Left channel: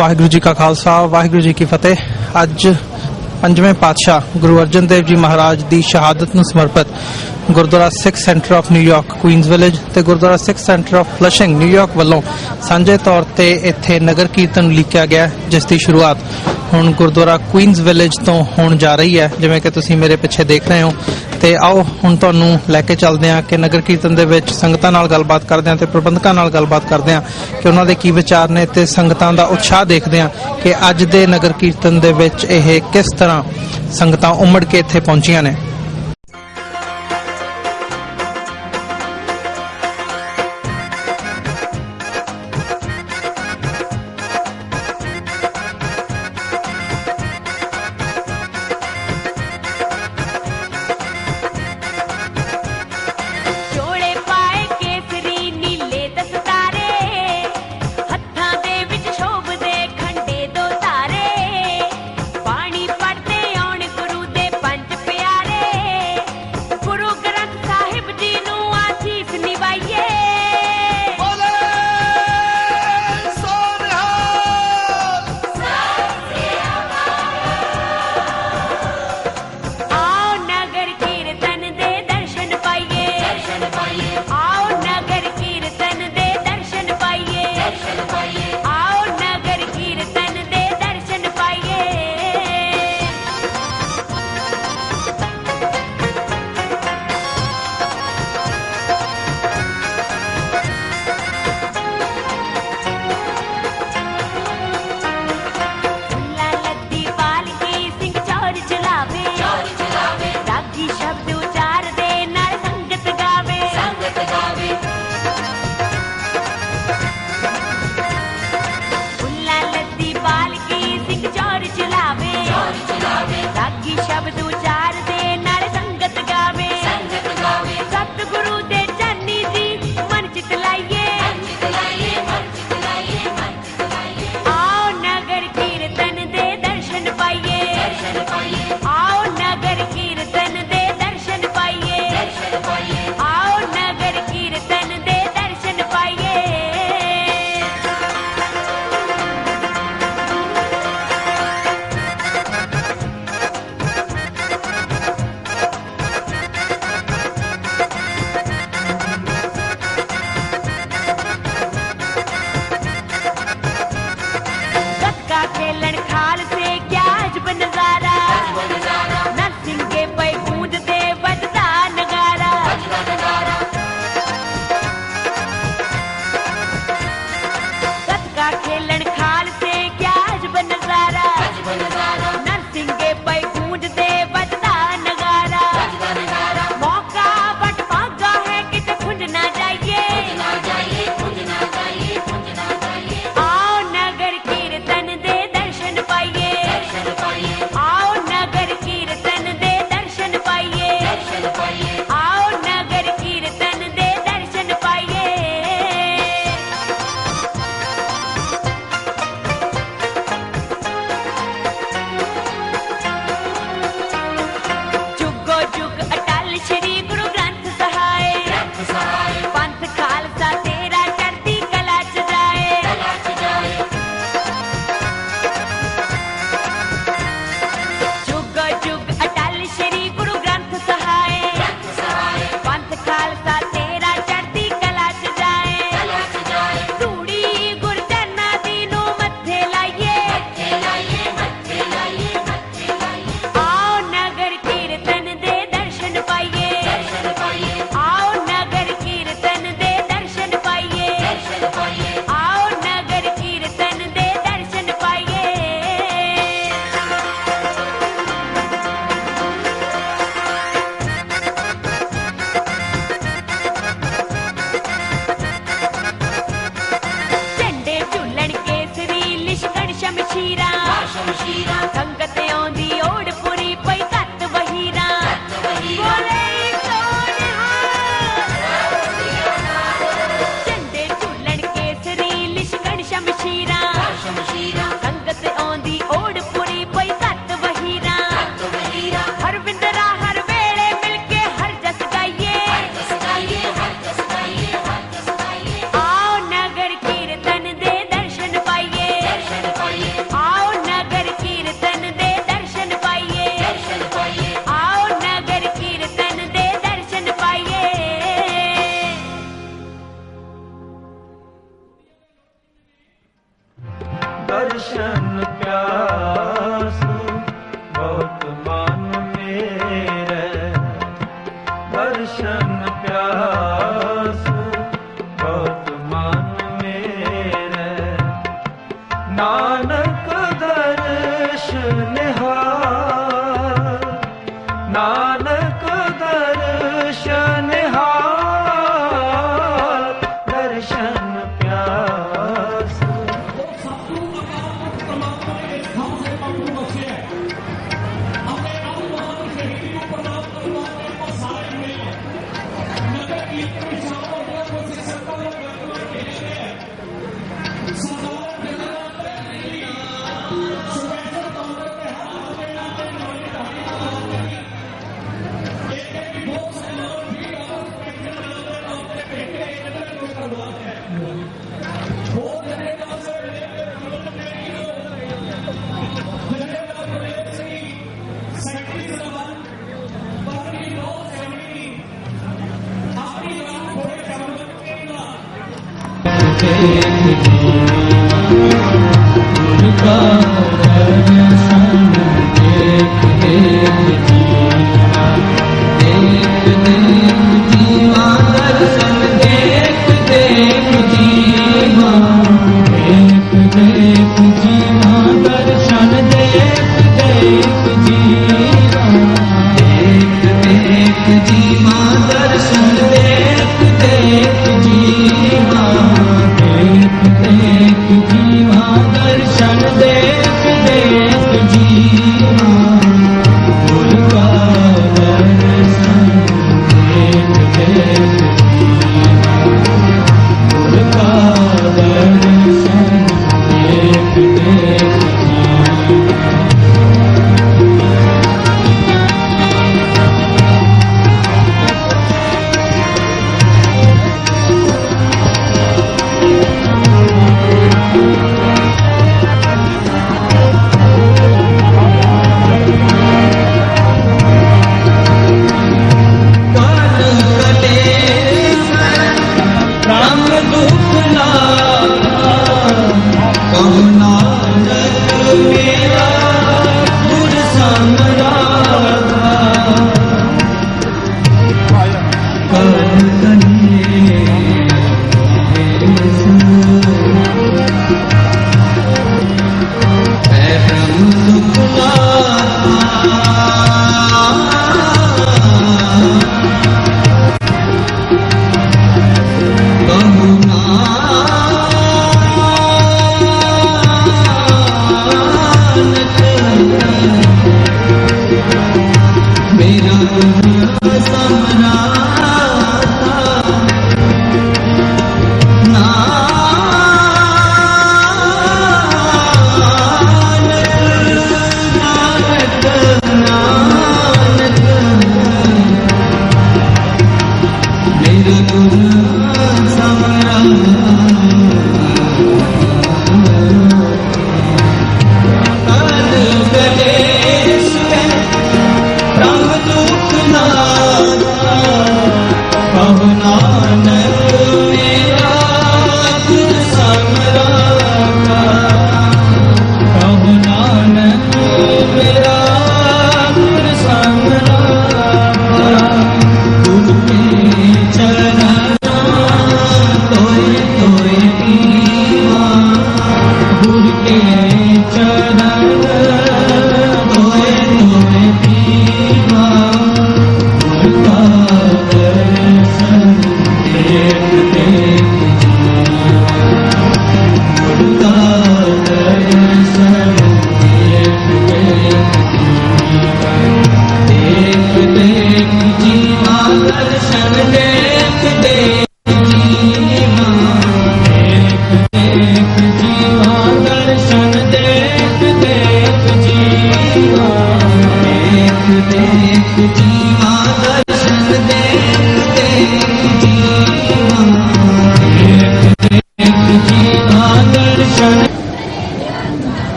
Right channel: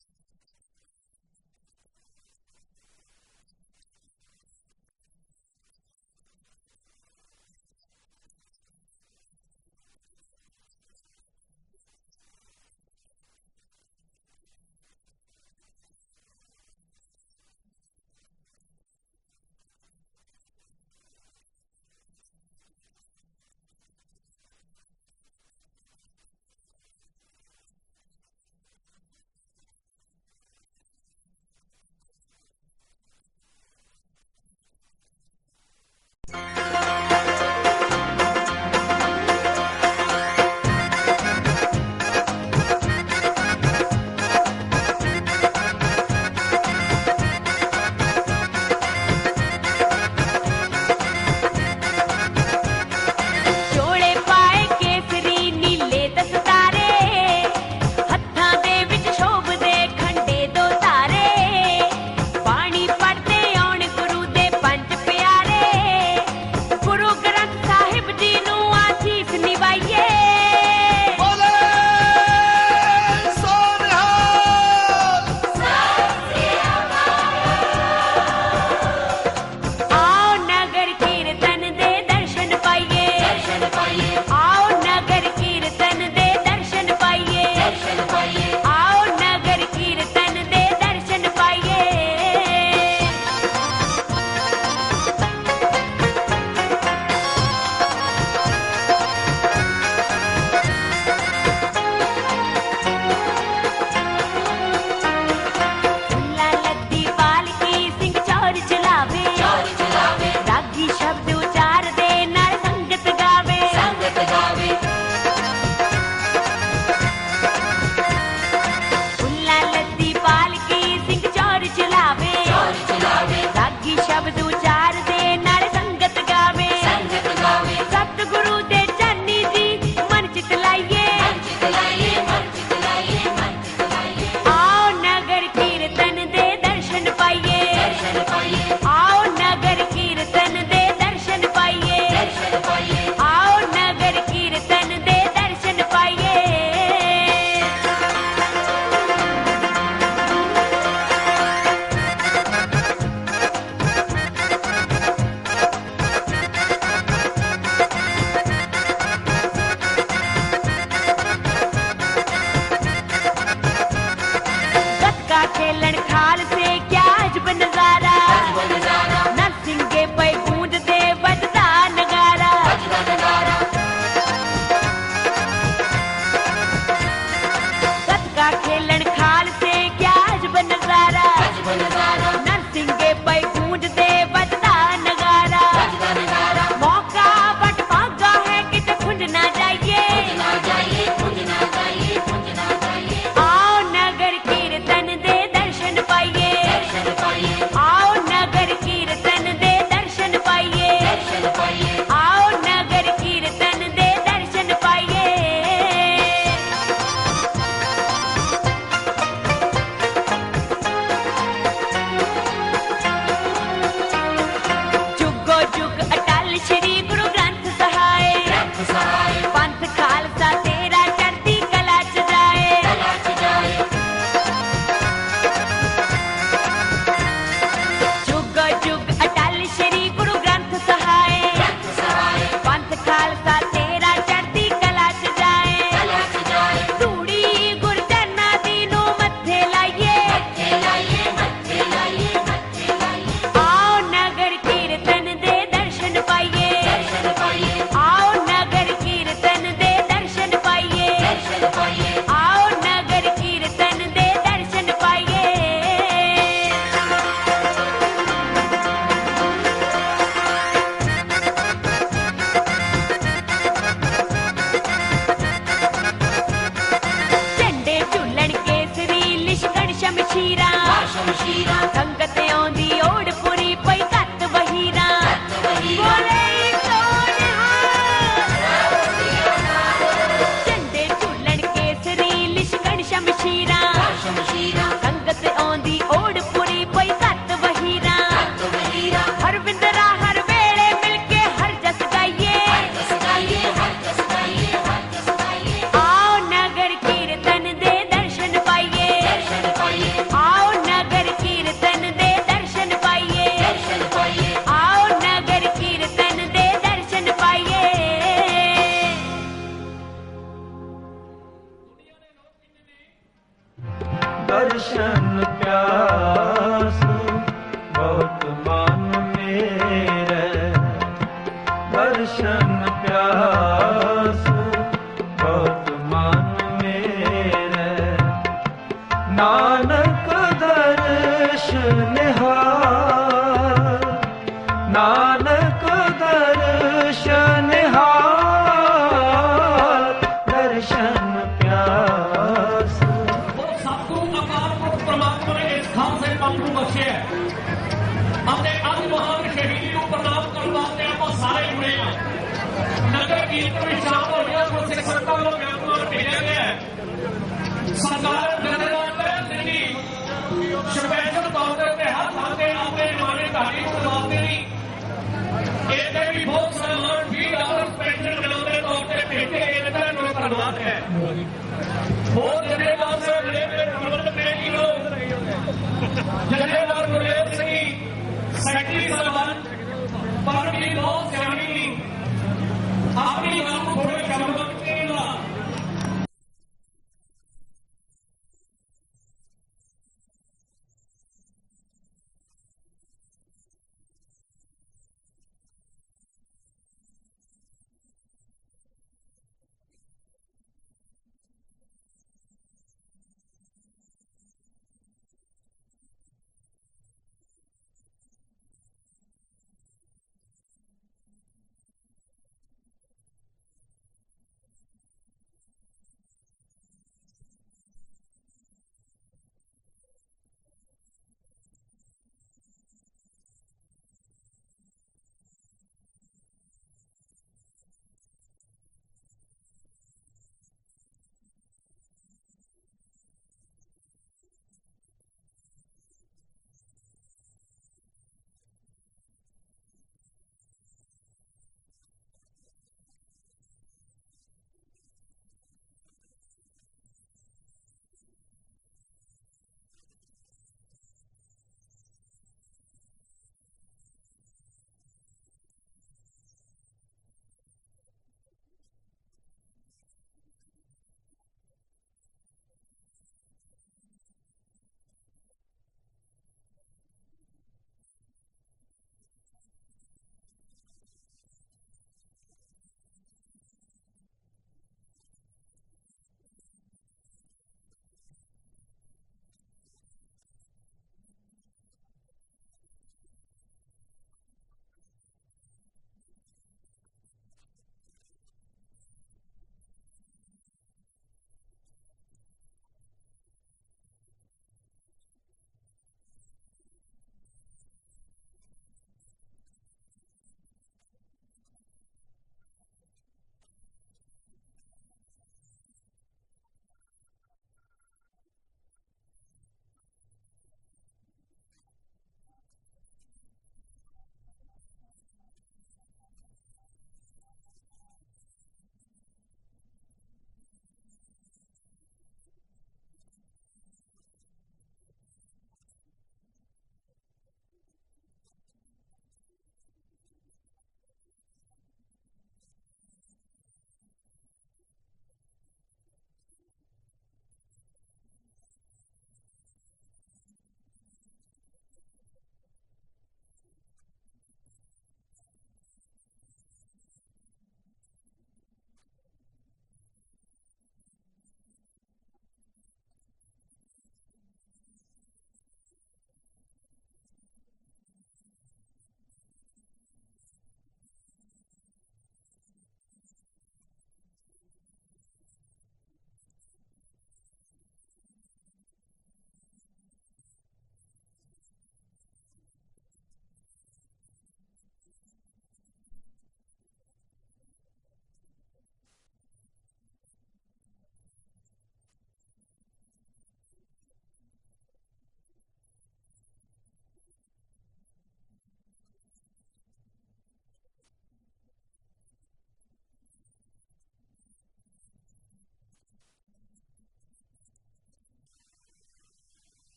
वाहिगुरू जी का खालसा वाहिगुरू जी की फतेह। अज पंजवें पातशाह गुरु अर्जन देव जी महाराज की शहादत नूं समर्पित Gurdwara Sikh center of New York Queens village ते Gurdwara Sikh center of Flushing New York वालों सांझे तौर पर इत्थे नगर कीर्तन लिखिया गया, जिसकी शुरुआत हुण गुरुद्वारा क्वीनस विलेज तो होण जा रही है, जिवें कि तुसीं मेरे पिछे देख रहे हो। ते आओ हुण तुहानूं लैके चलदे हां कि नगर कीर्तन दे विच संगतां नाल गलबात करदे हां ते प्रबंधकां नाल गलबात करदे हां कि उन्हां दे की विचार ने ते संगतां दा उत्साह देखदे हां कि अज दे नगर कीर्तन दे विच इह किस तरह संगतां उमड़ के इत्थे पहुंचीआं ने। पानी पड़ते आउण गुरु दे पंज प्यारे।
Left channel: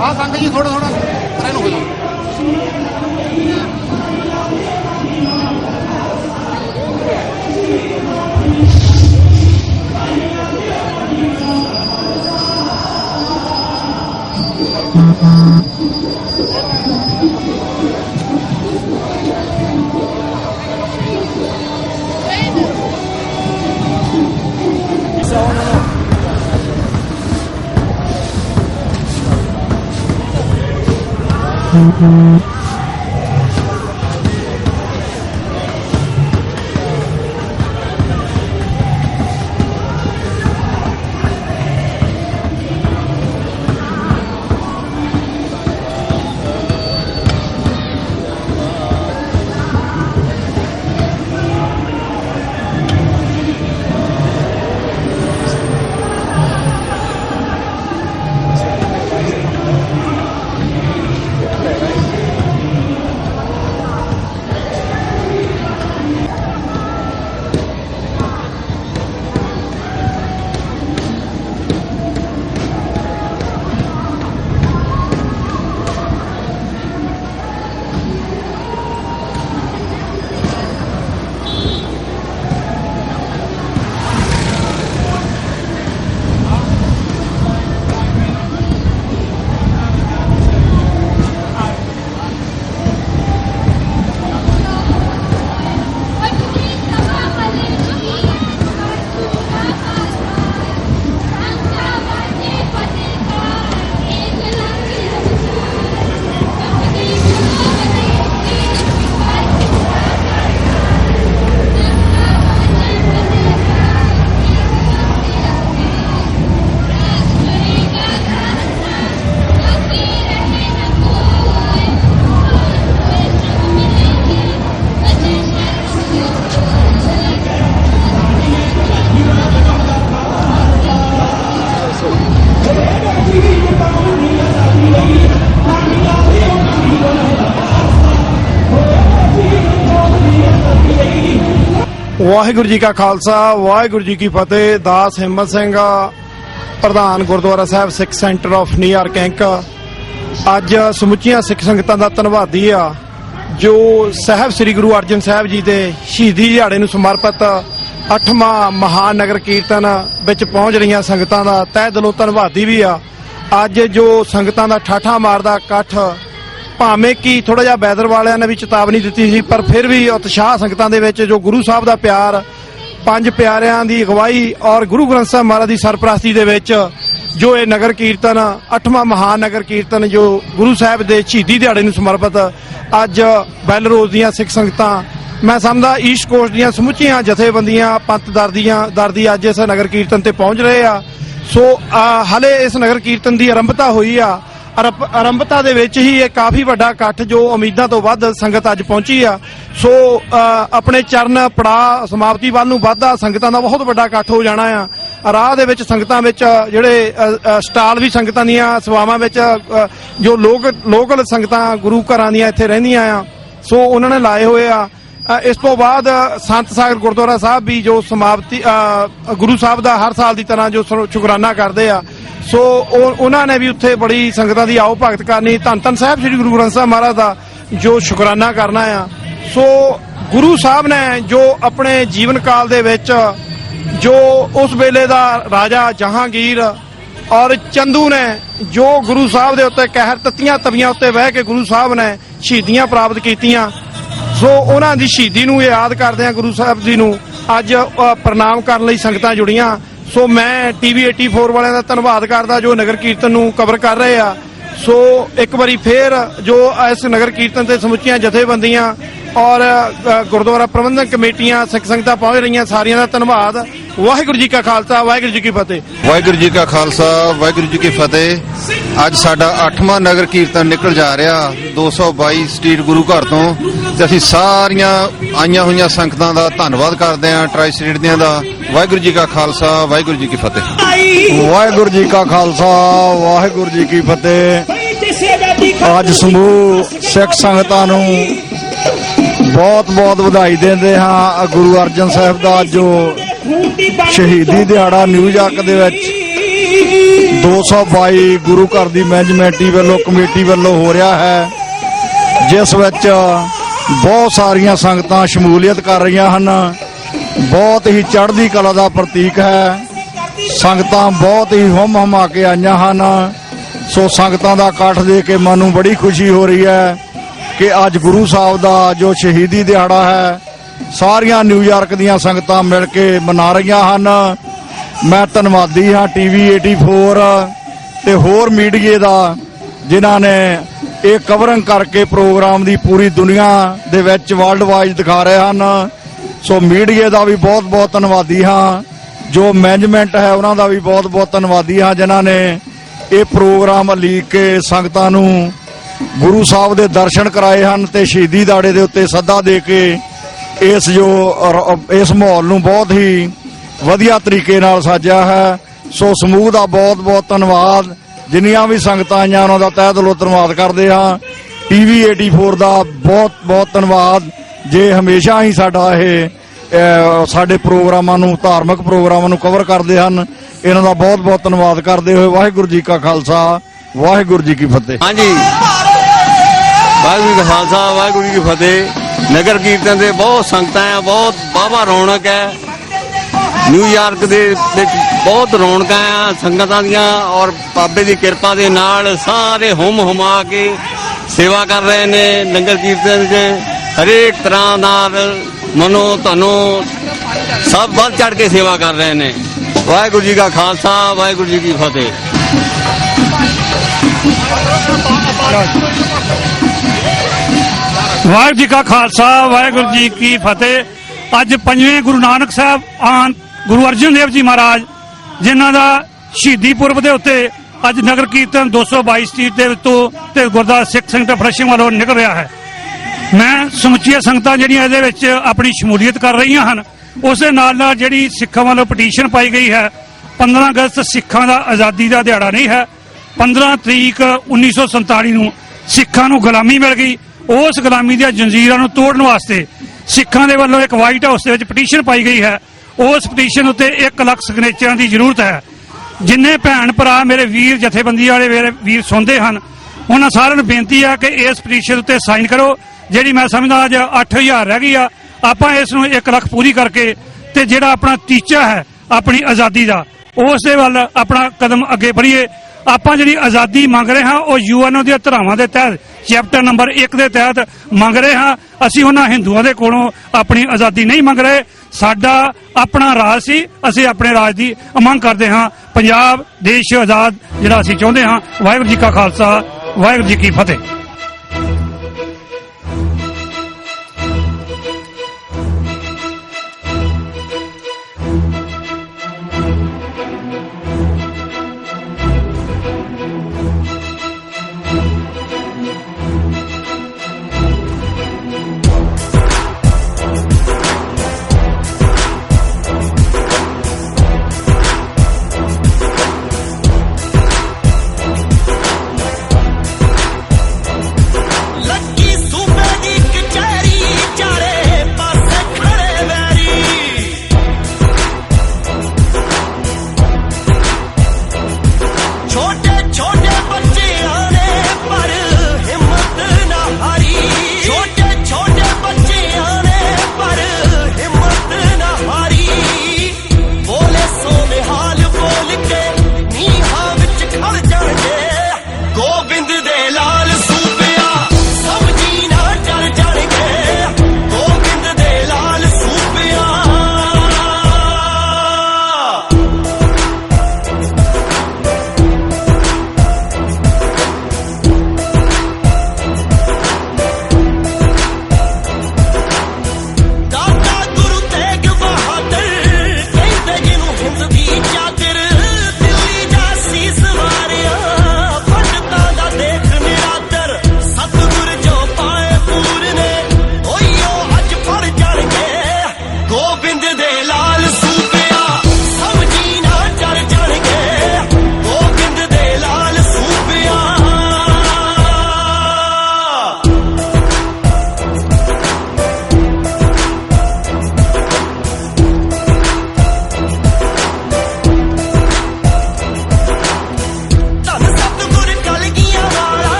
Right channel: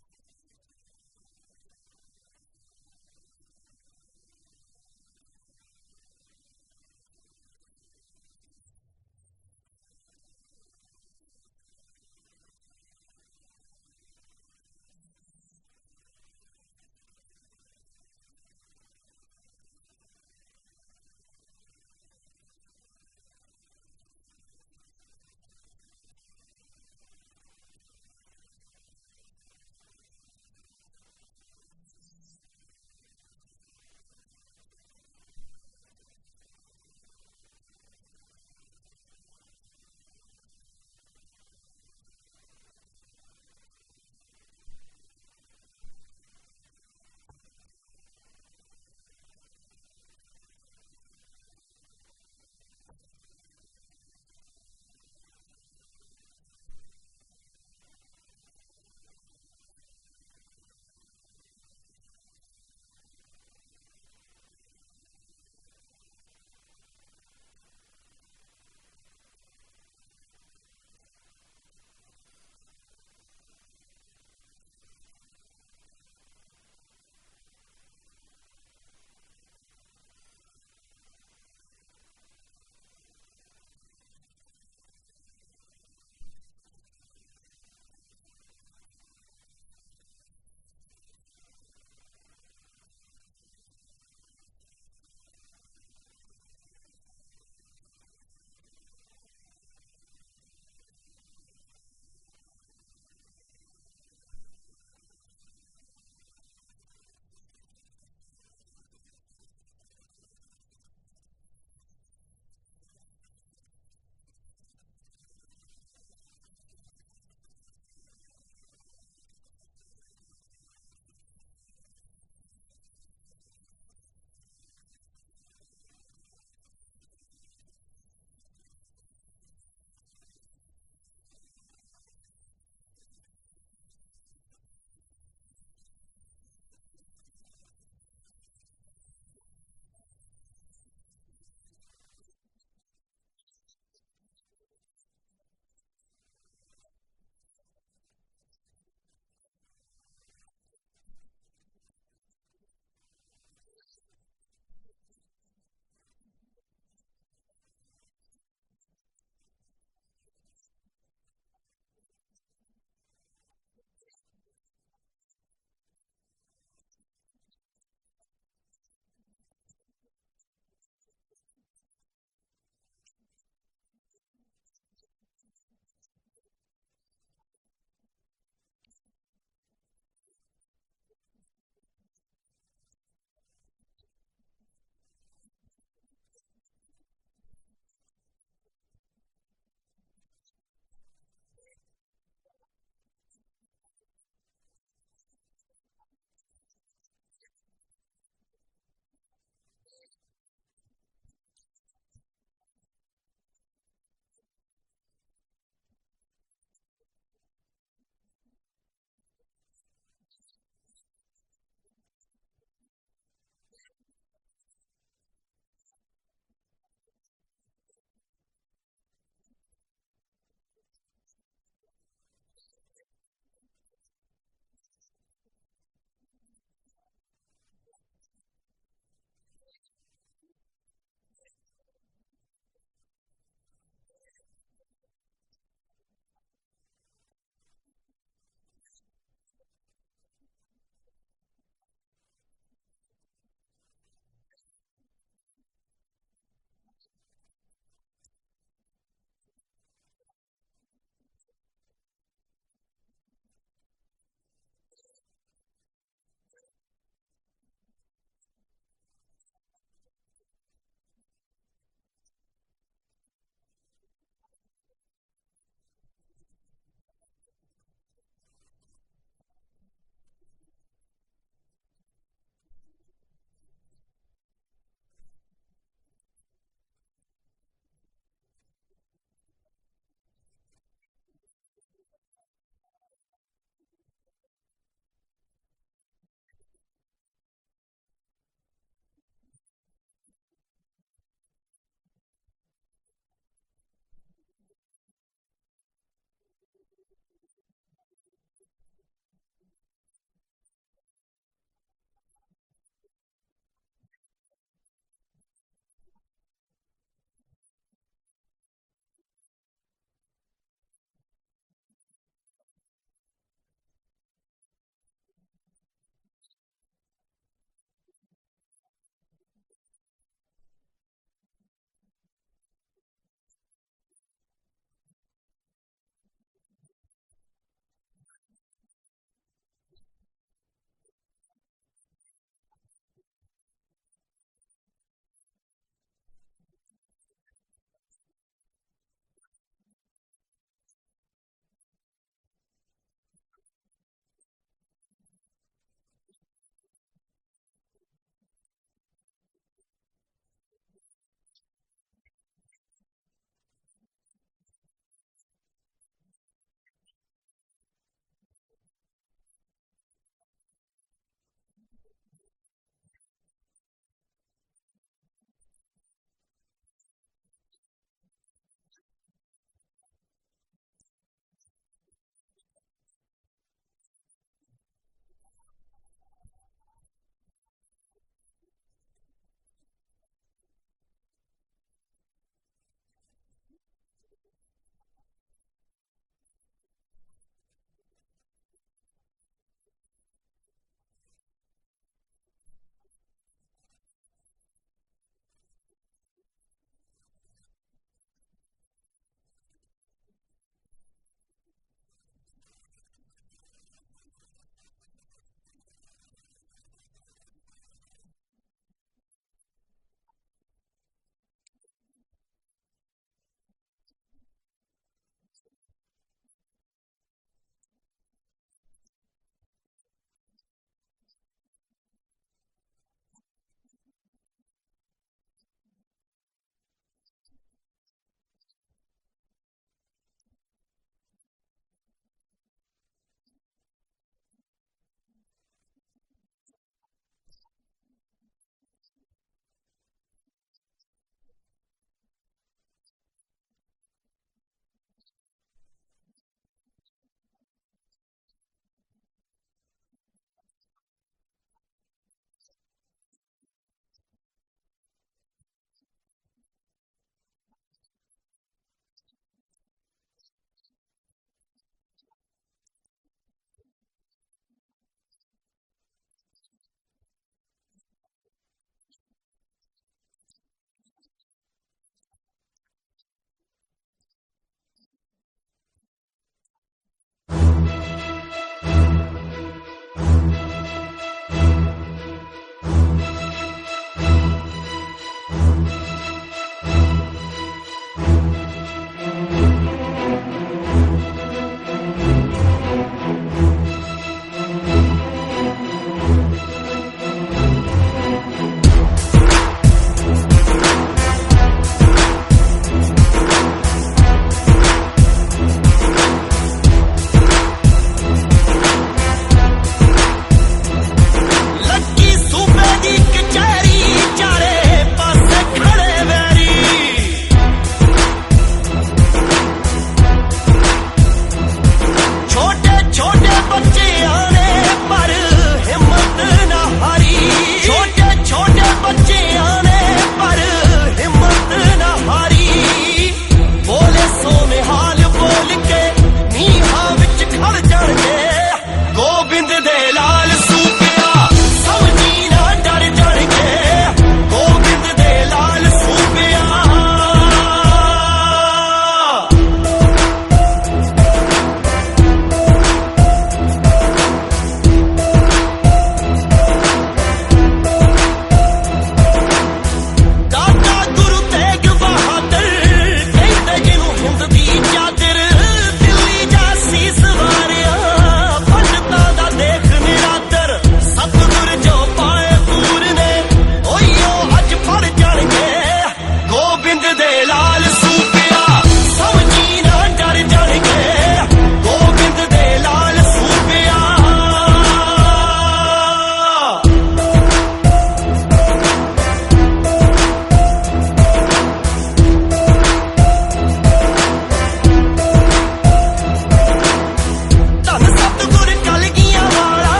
हाँ संग जी थोड़ा थोड़ा परे नु हो जाओ ਵਾਹਿਗੁਰੂ ਜੀ ਕਾ ਖਾਲਸਾ ਵਾਹਿਗੁਰੂ ਜੀ ਕੀ ਫਤਿਹ। ਦਾਸ ਹਿੰਮਤ ਸਿੰਘ ਪ੍ਰਧਾਨ ਗੁਰਦੁਆਰਾ ਸਾਹਿਬ ਸਿੱਖ ਸੈਂਟਰ ਆਫ ਨਿਊਯਾਰਕ ਇੰਕ ਅੱਜ ਸਮੁੱਚੀਆਂ ਸਿੱਖ ਸੰਗਤਾਂ ਦਾ ਧੰਨਵਾਦੀ ਆ ਜੋ ਸਾਹਿਬ ਸ੍ਰੀ ਗੁਰੂ ਅਰਜਨ ਸਾਹਿਬ ਜੀ ਦੇ ਸ਼ਹੀਦੀ ਦਿਹਾੜੇ ਨੂੰ ਸਮਰਪਿਤ 8ਵਾਂ ਮਹਾਨ ਨਗਰ ਕੀਰਤਨ ਵਿੱਚ ਪਹੁੰਚ ਰਹੀਆਂ ਸੰਗਤਾਂ ਦਾ ਤਹਿ ਦਿਲੋਂ ਧੰਨਵਾਦੀ ਵੀ ਆ। ਅੱਜ ਜੋ ਸੰਗਤਾਂ ਦਾ ਠਾਠਾ ਮਾਰਦਾ ਇਕੱਠ, ਭਾਵੇਂ ਕਿ ਥੋੜਾ ਜਿਹਾ ਵੈਦਰ ਵਾਲਿਆਂ ਨੇ ਵੀ ਚੇਤਾਵਨੀ ਦਿੱਤੀ ਸੀ, ਪਰ ਫਿਰ ਵੀ ਉਤਸ਼ਾਹ ਸੰਗਤਾਂ ਦੇ ਵਿੱਚ ਜੋ ਗੁਰੂ ਸਾਹਿਬ ਦਾ ਪਿਆਰ, ਪੰਜ ਪਿਆਰਿਆਂ ਦੀ ਅਗਵਾਈ ਔਰ ਗੁਰੂ ਗ੍ਰੰਥ ਸਾਹਿਬ ਮਹਾਰਾਜ ਦੀ ਸਰਪ੍ਰਸਤੀ ਦੇ ਵਿੱਚ ਜੋ ਇਹ ਨਗਰ ਕੀਰਤਨ 8ਵਾਂ ਮਹਾਨ ਨਗਰ ਕੀਰਤਨ ਜੋ ਗੁਰੂ ਸਾਹਿਬ ਦੇ ਸ਼ਹੀਦੀ ਦਿਹਾੜੇ ਨੂੰ ਸਮਰਪਿਤ ਅੱਜ ਬੈਲਰੋਜ਼ ਦੀਆਂ ਸਿੱਖ ਸੰਗਤਾਂ, ਮੈਂ ਸਮਝਦਾ ਈਸਟ ਕੋਸਟ ਦੀਆਂ ਸਮੁੱਚੀਆਂ ਜਥੇਬੰਦੀਆਂ, ਪੰਥ ਦਰਦੀ ਅੱਜ ਇਸ ਨਗਰ ਕੀਰਤਨ ਤੇ ਪਹੁੰਚ ਰਹੇ ਆ। ਸੋ ਹਲੇ ਇਸ ਨਗਰ ਕੀਰਤਨ ਦੀ ਆਰੰਭਤਾ ਹੋਈ ਆ। ਆਰੰਭਤਾ ਦੇ ਵਿੱਚ ਹੀ ਇਹ ਕਾਫੀ ਵੱਡਾ ਇਕੱਠ ਜੋ ਉਮੀਦਾਂ ਤੋਂ ਵੱਧ ਸੰਗਤ ਅੱਜ ਪਹੁੰਚੀ ਆ। ਸੋ ਆਪਣੇ ਚਰਨ ਪੜਾ ਸਮਾਪਤੀ ਵੱਲ ਨੂੰ ਵੱਧਦਾ ਸੰਗਤਾਂ ਦਾ ਬਹੁਤ ਵੱਡਾ ਇਕੱਠ ਹੋ ਜਾਣਾ ਆ। ਰਾਹ ਦੇ ਵਿੱਚ ਸੰਗਤਾਂ ਵਿੱਚ ਜਿਹੜੇ ਸਟਾਲ ਵੀ ਸੰਗਤਾਂ ਦੀਆਂ ਸੇਵਾਵਾਂ ਵਿੱਚ ਜੋ ਲੋਕਲ ਸੰਗਤਾਂ ਗੁਰੂ ਘਰਾਂ ਦੀਆਂ ਇੱਥੇ ਰਹਿੰਦੀਆਂ ਆ, ਸੋ ਉਹਨਾਂ ਨੇ ਲਾਏ ਹੋਏ ਆ। ਇਸ ਤੋਂ ਬਾਅਦ ਸੰਤ ਸਾਗਰ ਗੁਰਦੁਆਰਾ ਸਾਹਿਬ ਵੀ ਜੋ ਸਮਾਪਤੀ ਗੁਰੂ ਸਾਹਿਬ ਦਾ ਹਰ ਸਾਲ ਦੀ ਤਰ੍ਹਾਂ ਜੋ ਸ਼ੁਕਰਾਨਾ ਕਰਦੇ ਆ, ਸੋ ਉਹਨਾਂ ਨੇ ਵੀ ਉੱਥੇ ਬੜੀ ਸੰਗਤਾਂ ਦੀ ਆਓ ਭਗਤ ਕਰਨੀ, ਧੰਨ ਧੰਨ ਸਾਹਿਬ ਸ੍ਰੀ ਗੁਰੂ ਗ੍ਰੰਥ ਸਾਹਿਬ ਮਹਾਰਾਜ ਦਾ ਜੋ ਸ਼ੁਕਰਾਨਾ ਕਰਨਾ ਆ। ਸੋ ਗੁਰੂ ਸਾਹਿਬ ਨੇ ਜੋ ਆਪਣੇ ਜੀਵਨ ਕਾਲ ਦੇ ਵਿੱਚ ਜੋ ਉਸ ਵੇਲੇ ਦਾ ਰਾਜਾ ਜਹਾਂਗੀਰ ਔਰ ਚੰਦੂ ਨੇ ਜੋ ਗੁਰੂ ਸਾਹਿਬ ਦੇ ਉੱਤੇ ਕਹਿਰ ਤੱਤੀਆਂ ਤਵੀਆਂ ਉੱਤੇ ਬਹਿ ਕੇ ਗੁਰੂ ਸਾਹਿਬ ਨੇ ਸ਼ਹੀਦੀਆਂ ਪ੍ਰਾਪਤ ਕੀਤੀਆਂ, ਸੋ ਉਹਨਾਂ ਦੀ ਸ਼ਹੀਦੀ ਨੂੰ ਯਾਦ ਕਰਦੇ ਆ ਗੁਰੂ ਸਾਹਿਬ ਜੀ ਨੂੰ ਅੱਜ ਪ੍ਰਣਾਮ ਕਰਨ ਲਈ ਸੰਗਤਾਂ ਜੁੜੀਆਂ। ਸੋ ਮੈਂ ਟੀਵੀ 84 ਵਾਲਿਆਂ ਦਾ ਧੰਨਵਾਦ ਕਰਦਾ ਜੋ ਨਗਰ ਕੀਰਤਨ ਨੂੰ ਕਵਰ ਕਰ ਰਹੇ ਆ। ਸੋ ਇੱਕ ਵਾਰੀ ਫੇਰ ਜੋ ਇਸ ਨਗਰ ਕੀਰਤਨ ਤੇ ਸਮੁੱਚੀਆਂ ਜਥੇਬੰਦੀਆਂ ਔਰ ਗੁਰਦੁਆਰਾ ਪ੍ਰਬੰਧਕ ਕਮੇਟੀਆਂ ਸਿੱਖ ਸੰਗਤਾਂ ਪਹੁੰਚ ਰਹੀਆਂ, ਸਾਰਿਆਂ ਦਾ ਧੰਨਵਾਦ। ਵਾਹਿਗੁਰੂ ਜੀ ਕਾ ਖਾਲਸਾ ਵਾਹਿਗੁਰੂ ਜੀ ਕੀ ਫਤਿਹ। ਵਾਹਿਗੁਰੂ ਜੀ ਕਾ ਖਾਲਸਾ ਵਾਹਿਗੁਰੂ ਜੀ ਕੀ ਫਤਿਹ। ਅੱਜ ਸਾਡਾ 8ਵਾਂ ਨਗਰ ਕੀਰਤਨ ਨਿਕਲ ਜਾ ਰਿਹਾ 222 ਸਟਰੀਟ ਗੁਰੂ ਘਰ ਤੋਂ, ਤੇ ਅਸੀਂ ਸਾਰੀਆਂ ਆਈਆਂ ਹੋਈਆਂ ਸੰਗਤਾਂ ਦਾ ਧੰਨਵਾਦ ਕਰਦੇ ਹਾਂ, ਟਰਾਈ ਸਟਰੀਟ ਦੀਆਂ ਦਾ। ਵਾਹਿਗੁਰੂ ਜੀ ਕਾ ਖਾਲਸਾ ਵਾਹਿਗੁਰੂ ਜੀ ਕੀ ਫਤਿਹ। ਵਾਹਿਗੁਰੂ ਜੀ ਕਾ ਖਾਲਸਾ ਵਾਹਿਗੁਰੂ ਜੀ ਕੀ ਫਤਿਹ। ਅੱਜ ਸਮੂਹ ਸਿੱਖ ਸੰਗਤਾਂ ਨੂੰ ਬਹੁਤ ਬਹੁਤ ਵਧਾਈ ਦਿੰਦੇ ਹਾਂ। ਗੁਰੂ ਅਰਜਨ ਸਾਹਿਬ ਦਾ ਜੋ ਸ਼ਹੀਦੀ ਦਿਹਾੜਾ ਨਿਊਯਾਰਕ ਦੇ ਵਿੱਚ 222 ਗੁਰੂ ਘਰ ਦੀ ਮੈਨੇਜਮੈਂਟ ਵੱਲੋਂ ਕਮੇਟੀ ਵੱਲੋਂ ਹੋ ਰਿਹਾ ਹੈ, ਜਿਸ ਵਿੱਚ ਬਹੁਤ ਸਾਰੀਆਂ ਸੰਗਤਾਂ ਸ਼ਮੂਲੀਅਤ ਕਰ ਰਹੀਆਂ ਹਨ। ਬਹੁਤ ਹੀ ਚੜ੍ਹਦੀ ਕਲਾ ਦਾ ਪ੍ਰਤੀਕ ਹੈ। ਸੰਗਤਾਂ ਬਹੁਤ ਹੀ ਹੁਮ-ਹੁਮਾ ਕੇ ਆਈਆਂ ਹਨ। ਸੋ ਸੰਗਤਾਂ ਦਾ ਇਕੱਠ ਦੇਖ ਕੇ ਮਨ ਨੂੰ ਬੜੀ ਖੁਸ਼ੀ ਹੋ ਰਹੀ ਹੈ ਕਿ ਅੱਜ ਗੁਰੂ ਸਾਹਿਬ ਦਾ ਜੋ ਸ਼ਹੀਦੀ ਦਿਹਾੜਾ ਹੈ ਸਾਰੀਆਂ ਨਿਊਯਾਰਕ ਦੀਆਂ ਸੰਗਤਾਂ ਮਿਲ ਕੇ ਮਨਾ ਰਹੀਆਂ ਹਨ। ਮੈਂ ਧੰਨਵਾਦੀ ਹਾਂ ਟੀਵੀ 84 ਤੇ ਹੋਰ ਮੀਡੀਏ ਦਾ ਜਿਨ੍ਹਾਂ ਨੇ ਇਹ ਕਵਰਿੰਗ ਕਰਕੇ ਪ੍ਰੋਗਰਾਮ ਦੀ ਪੂਰੀ ਦੁਨੀਆ ਦੇ ਵਿੱਚ ਵਰਲਡ ਵਾਈਡ ਦਿਖਾ ਰਹੇ ਹਨ। ਸੋ ਮੀਡੀਏ ਦਾ ਵੀ ਬਹੁਤ ਬਹੁਤ ਧੰਨਵਾਦੀ ਹਾਂ। ਜੋ ਮੈਨੇਜਮੈਂਟ ਹੈ ਉਹਨਾਂ ਦਾ ਵੀ ਬਹੁਤ ਬਹੁਤ ਧੰਨਵਾਦੀ ਹਾਂ ਜਿਨ੍ਹਾਂ ਨੇ ਇਹ ਪ੍ਰੋਗਰਾਮ ਲੀਕ ਕੇ ਸੰਗਤਾਂ ਨੂੰ ਗੁਰੂ ਸਾਹਿਬ ਦੇ ਦਰਸ਼ਨ ਕਰਾਏ ਹਨ ਤੇ ਸ਼ਹੀਦੀ ਦਿਹਾੜੇ ਦੇ ਉੱਤੇ ਸੱਦਾ ਦੇ ਕੇ ਇਸ ਮਾਹੌਲ ਨੂੰ ਬਹੁਤ ਹੀ ਵਧੀਆ ਤਰੀਕੇ ਨਾਲ ਸਾਜਿਆ ਹੈ। ਸੋ ਸਮੂਹ ਦਾ ਬਹੁਤ ਬਹੁਤ ਧੰਨਵਾਦ। ਜਿੰਨੀਆਂ ਵੀ ਸੰਗਤਾਂ ਆਈਆਂ ਉਹਨਾਂ ਦਾ ਤਹਿ ਦਿਲੋਂ ਧੰਨਵਾਦ ਕਰਦੇ ਹਾਂ। ਟੀਵੀ 84 ਦਾ ਬਹੁਤ ਬਹੁਤ ਧੰਨਵਾਦ। ਜੇ ਹਮੇਸ਼ਾ ਹੀ ਸਾਡੇ ਪ੍ਰੋਗਰਾਮਾਂ ਨੂੰ, ਧਾਰਮਿਕ ਪ੍ਰੋਗਰਾਮਾਂ ਨੂੰ ਕਵਰ ਕਰਦੇ ਹਨ, ਇਹਨਾਂ ਦਾ ਬਹੁਤ ਬਹੁਤ ਧੰਨਵਾਦ ਕਰਦੇ ਹੋਏ ਵਾਹਿਗੁਰੂ ਜੀ ਕਾ ਖਾਲਸਾ ਵਾਹਿਗੁਰੂ ਜੀ ਕੀ ਫਤਿਹ। ਹਾਂਜੀ, ਵਾਹਿਗੁਰੂ ਜੀ ਕਾ ਖਾਲਸਾ ਵਾਹਿਗੁਰੂ ਜੀ ਕੀ ਫਤਿਹ। ਨਗਰ ਕੀਰਤਨ ਦੇ ਬਹੁਤ ਸੰਗਤਾਂ ਆ, ਬਹੁਤ ਵਾਹਵਾ ਰੌਣਕ ਹੈ। ਨਿਊਯਾਰਕ ਦੇ ਵਿੱਚ ਬਹੁਤ ਰੌਣਕਾਂ ਆ ਸੰਗਤਾਂ ਦੀਆਂ, ਔਰ ਬਾਬੇ ਦੀ ਕਿਰਪਾ ਦੇ ਨਾਲ ਸਾਰੇ ਹੁਮਾ ਕੇ ਸੇਵਾ ਕਰ ਰਹੇ ਨੇ। ਨਗਰ ਕੀਰਤਨ 'ਚ ਹਰੇਕ ਤਰ੍ਹਾਂ ਨਾਲ ਮਨੋ ਧਨੋ ਸਭ ਵੱਧ ਚੜ ਕੇ ਸੇਵਾ ਕਰ ਰਹੇ ਨੇ। ਵਾਹਿਗੁਰੂ ਜੀ ਕਾ ਖਾਲਸਾ ਵਾਹਿਗੁਰੂ ਜੀ ਕੀ ਫਤਿਹ। ਵਾਹਿਗੁਰੂ ਜੀ ਕਾ ਖਾਲਸਾ ਵਾਹਿਗੁਰੂ ਜੀ ਕੀ ਫਤਿਹ। ਅੱਜ ਪੰਜਵੇਂ ਗੁਰੂ ਨਾਨਕ ਸਾਹਿਬ ਗੁਰੂ ਅਰਜਨ ਦੇਵ ਜੀ ਮਹਾਰਾਜ ਜਿਨ੍ਹਾਂ ਦਾ ਸ਼ਹੀਦੀ ਪੁਰਬ ਦੇ ਉੱਤੇ ਅੱਜ ਨਗਰ ਕੀਰਤਨ 222 ਸਟਰੀਟ ਦੇ ਉੱਤੋਂ ਤੇ ਗੁਰਦੁਆਰਾ ਸਿੱਖ ਸੰਗਤ ਫਰਸ਼ਿੰਗ ਵੱਲੋਂ ਨਿਕਲ ਰਿਹਾ ਹੈ। ਮੈਂ ਸਮੁੱਚੀਆਂ ਸੰਗਤਾਂ ਜਿਹੜੀਆਂ ਇਹਦੇ ਵਿੱਚ ਆਪਣੀ ਸ਼ਮੂਲੀਅਤ ਕਰ ਰਹੀਆਂ ਹਨ, ਉਸ ਦੇ ਨਾਲ ਨਾਲ ਜਿਹੜੀ ਸਿੱਖਾਂ ਵੱਲੋਂ ਪਟੀਸ਼ਨ ਪਾਈ ਗਈ ਹੈ 15 ਅਗਸਤ ਸਿੱਖਾਂ ਦਾ ਆਜ਼ਾਦੀ ਦਾ ਦਿਹਾੜਾ ਨਹੀਂ ਹੈ। 15 ਤਰੀਕ 1947 ਨੂੰ ਸਿੱਖਾਂ ਨੂੰ ਗੁਲਾਮੀ ਮਿਲ ਗਈ। ਉਸ ਗੁਲਾਮੀ ਦੀਆਂ ਜੰਜੀਰਾਂ ਨੂੰ ਤੋੜਨ ਵਾਸਤੇ ਸਿੱਖਾਂ ਦੇ ਵੱਲੋਂ ਇੱਕ ਵਾਈਟ ਹਾਊਸ ਦੇ ਵਿੱਚ ਪਟੀਸ਼ਨ ਪਾਈ ਗਈ ਹੈ। ਉਸ ਪਟੀਸ਼ਨ ਉੱਤੇ 1 ਲੱਖ ਸਿਗਨੇਚਰਾਂ ਦੀ ਜ਼ਰੂਰਤ ਹੈ। ਜਿੰਨੇ ਭੈਣ ਭਰਾ ਮੇਰੇ ਵੀਰ ਜਥੇਬੰਦੀ ਵਾਲੇ ਮੇਰੇ ਵੀਰ ਸੁਣਦੇ ਹਨ, ਉਹਨਾਂ ਸਾਰਿਆਂ ਨੂੰ ਬੇਨਤੀ ਹੈ ਕਿ ਇਸ ਪਟੀਸ਼ਨ ਉੱਤੇ ਸਾਈਨ ਕਰੋ, ਜਿਹੜੀ ਮੈਂ ਸਮਝਦਾ ਅੱਜ 8000 ਰਹਿ ਗਈ ਆ। ਆਪਾਂ ਇਸ ਨੂੰ 1 ਲੱਖ ਪੂਰੀ ਕਰਕੇ ਤੇ ਜਿਹੜਾ ਆਪਣਾ ਟੀਚਾ ਹੈ ਆਪਣੀ ਆਜ਼ਾਦੀ ਦਾ, ਉਸ ਦੇ ਵੱਲ ਆਪਣਾ ਕਦਮ ਅੱਗੇ बढ़िए। ਆਪਾਂ ਜਿਹੜੀ ਆਜ਼ਾਦੀ ਮੰਗ ਰਹੇ ਹਾਂ ਉਹ ਯੂਐਨਓ ਦੀਆਂ ਧਾਰਾਵਾਂ ਦੇ ਤਹਿਤ ਚੈਪਟਰ ਨੰਬਰ 1 ਦੇ ਤਹਿਤ ਮੰਗ ਰਹੇ ਹਾਂ। ਅਸੀਂ ਉਹਨਾਂ ਹਿੰਦੂਆਂ ਦੇ ਕੋਲੋਂ ਆਪਣੀ ਆਜ਼ਾਦੀ ਨਹੀਂ ਮੰਗ ਰਹੇ। ਸਾਡਾ ਆਪਣਾ ਰਾਜ ਸੀ, ਅਸੀਂ ਆਪਣੇ ਰਾਜ ਦੀ ਮੰਗ ਕਰਦੇ ਹਾਂ। ਪੰਜਾਬ ਦੇਸ਼ ਆਜ਼ਾਦ ਜਿਹੜਾ ਅਸੀਂ ਚਾਹੁੰਦੇ ਹਾਂ। ਵਾਹਿਗੁਰੂ ਜੀ ਕਾ ਖਾਲਸਾ, ਵਾਹਿਗੁਰੂ ਜੀ ਕੀ ਫਤਿਹ।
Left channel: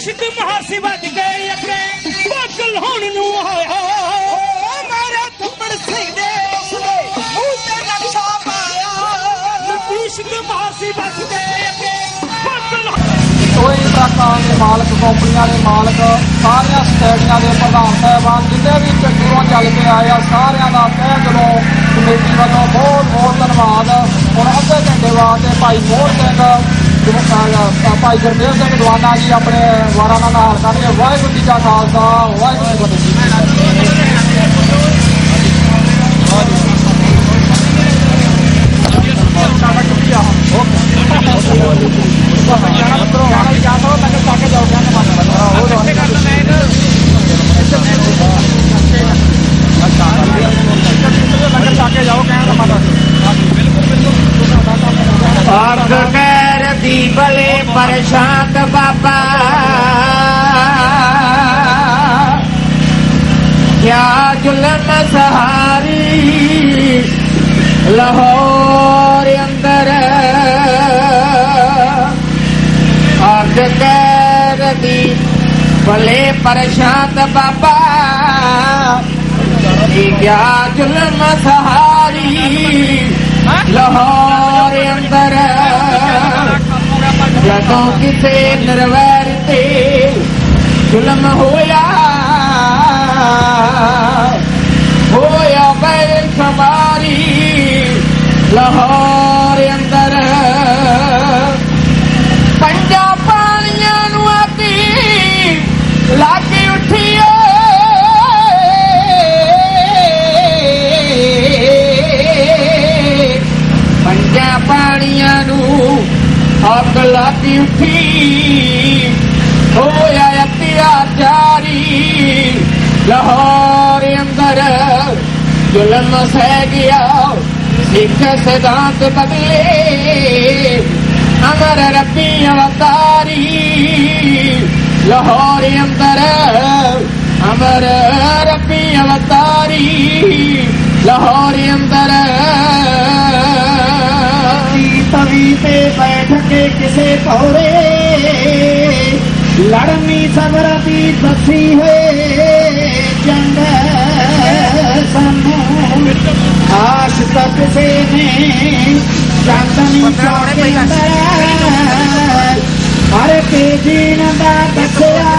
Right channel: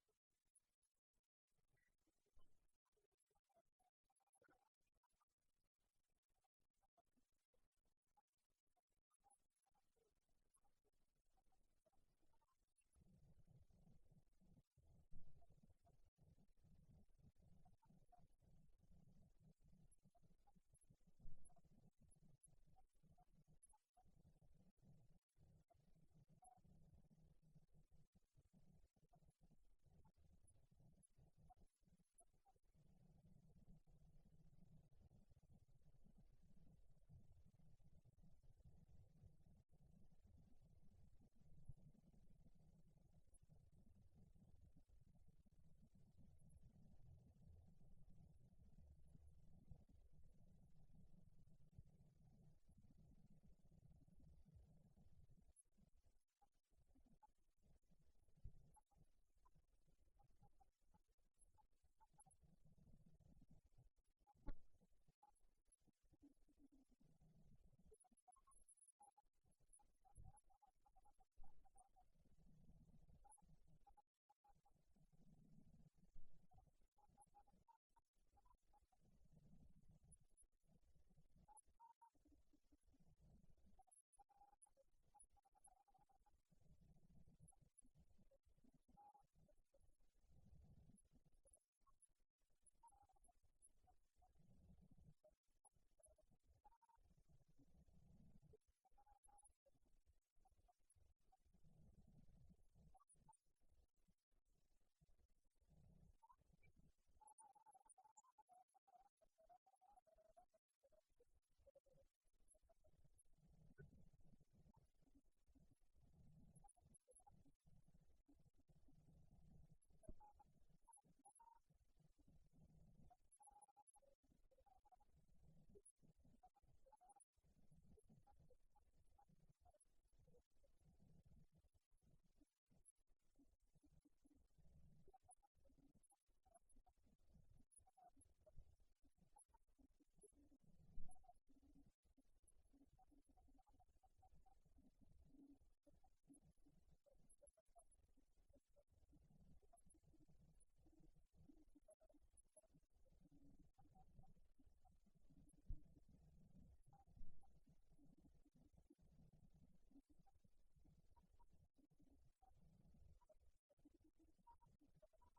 ਇਸ਼ਕ ਮਹਾਸੀ ਵੱਜ ਗਏ ਅੱਗੇ ਪਾਗਲ ਹੋਣ ਨੂੰ ਹੋਇਆ ਮਾਰਾ ਥੱਪੜ ਸੈਂਦੇ ਉਸਨੇ ਮੂੰਹ ਤੇ ਨਕਸ਼ਾ ਪਾਇਆ ਇਸ਼ਕ ਮਹਾਸੀ ਵੱਜ ਗਏ ਅੱਗੇ ਪਾਗਲ ਟੋਇੰਗ ਟਰੱਕਾਂ ਦੇ ਮਾਲਕ, ਕੰਪਨੀਆਂ ਦੇ ਮਾਲਕ, ਸਾਰੀਆਂ ਸਟੇਡੀਆਂ ਦੇ ਪ੍ਰਧਾਨ ਸਾਹਿਬਾਨ, ਜਿੰਨੇ ਵੀ ਦੂਰੋਂ ਚੱਲ ਕੇ ਆਏ ਆ, ਸਾਰਿਆਂ ਦਾ ਤਹਿ ਦਿਲੋਂ ਕਮੇਟੀ ਵੱਲੋਂ ਬਹੁਤ ਬਹੁਤ ਧੰਨਵਾਦ। ਹੁਣ ਅੱਧੇ ਘੰਟੇ ਬਾਅਦ ਭਾਈ ਮੋਹਨ ਸਿੰਘ, ਭਾਈ ਗੁਰਮੇਲ ਸਿੰਘ ਦਵਾਨਾ ਜੀ ਆਪਣੇ ਵਾਰਾਂ ਦਾ ਨਾਲ ਕਰਨਗੇ। ਵਾਹਿਗੁਰੂ ਜੀ ਕਾ ਖਾਲਸਾ, ਵਾਹਿਗੁਰੂ ਜੀ ਕੀ अर्घ कर दी भले प्रशांत बाबा, क्या जुल्म सहारी लाहौर अंदर। अर्घ कर दी भले प्रशांत बाबा, क्या जुल्म सहारी लाहौर अंदर। जदों किसे निर्वैर ते जुल्म होया बेशुमारी लाहौर अंदर। पंजा पानियां नूं आती लागे उठिए, पानियां नूं अग लागी उठी, होया अत्याचारी लाहौर अंदर। जुल्म सह गया सिख सिद्धांत बदले, अमर रब्बी अवतारी लाहौर अंदर। अमर रब्बी अवतारी लाहौर अंदर। तवी पे बैठ के किसे पौरे, लड़नी सबर की बसी है जंग आश तक से ने चांदनी चौक अंदर। हर के जीन दा दसिया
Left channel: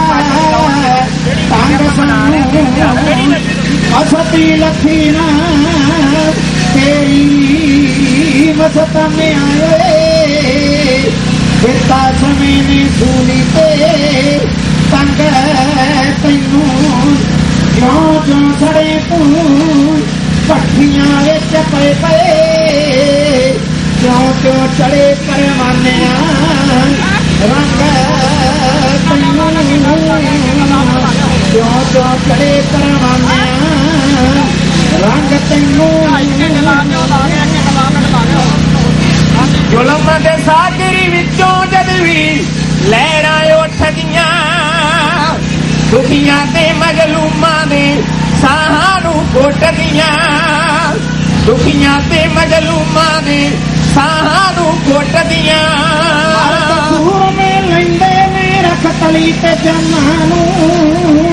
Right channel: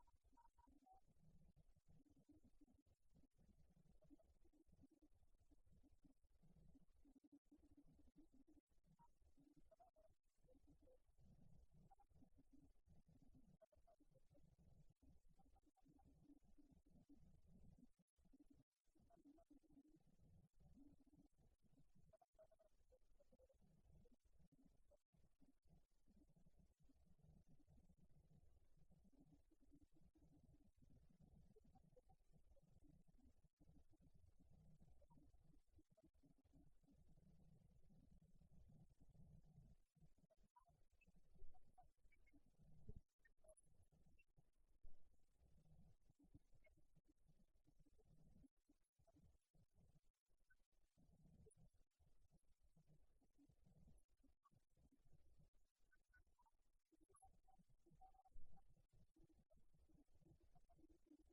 तंग सानू असती लखी ना तेरी मसत में आए। फिरता समय ने सूली पे तंग तैनू क्यों जो सड़े तू पट्ठियां विच पे पे। क्यों क्यों चढ़े परवाने रंग तैनू, क्यों क्यों चढ़े परवाने रंग तैनू। जुल्म दे सागरी विचों जद भी लहरां उठदियां, दुखियां ते मजलूमां दे साहां नूं घोटदियां। दुखियां ते मजलूमां दे साहां नूं घोटदियां। सूर में लैंदे ने रख तली ते जन्मां नूं,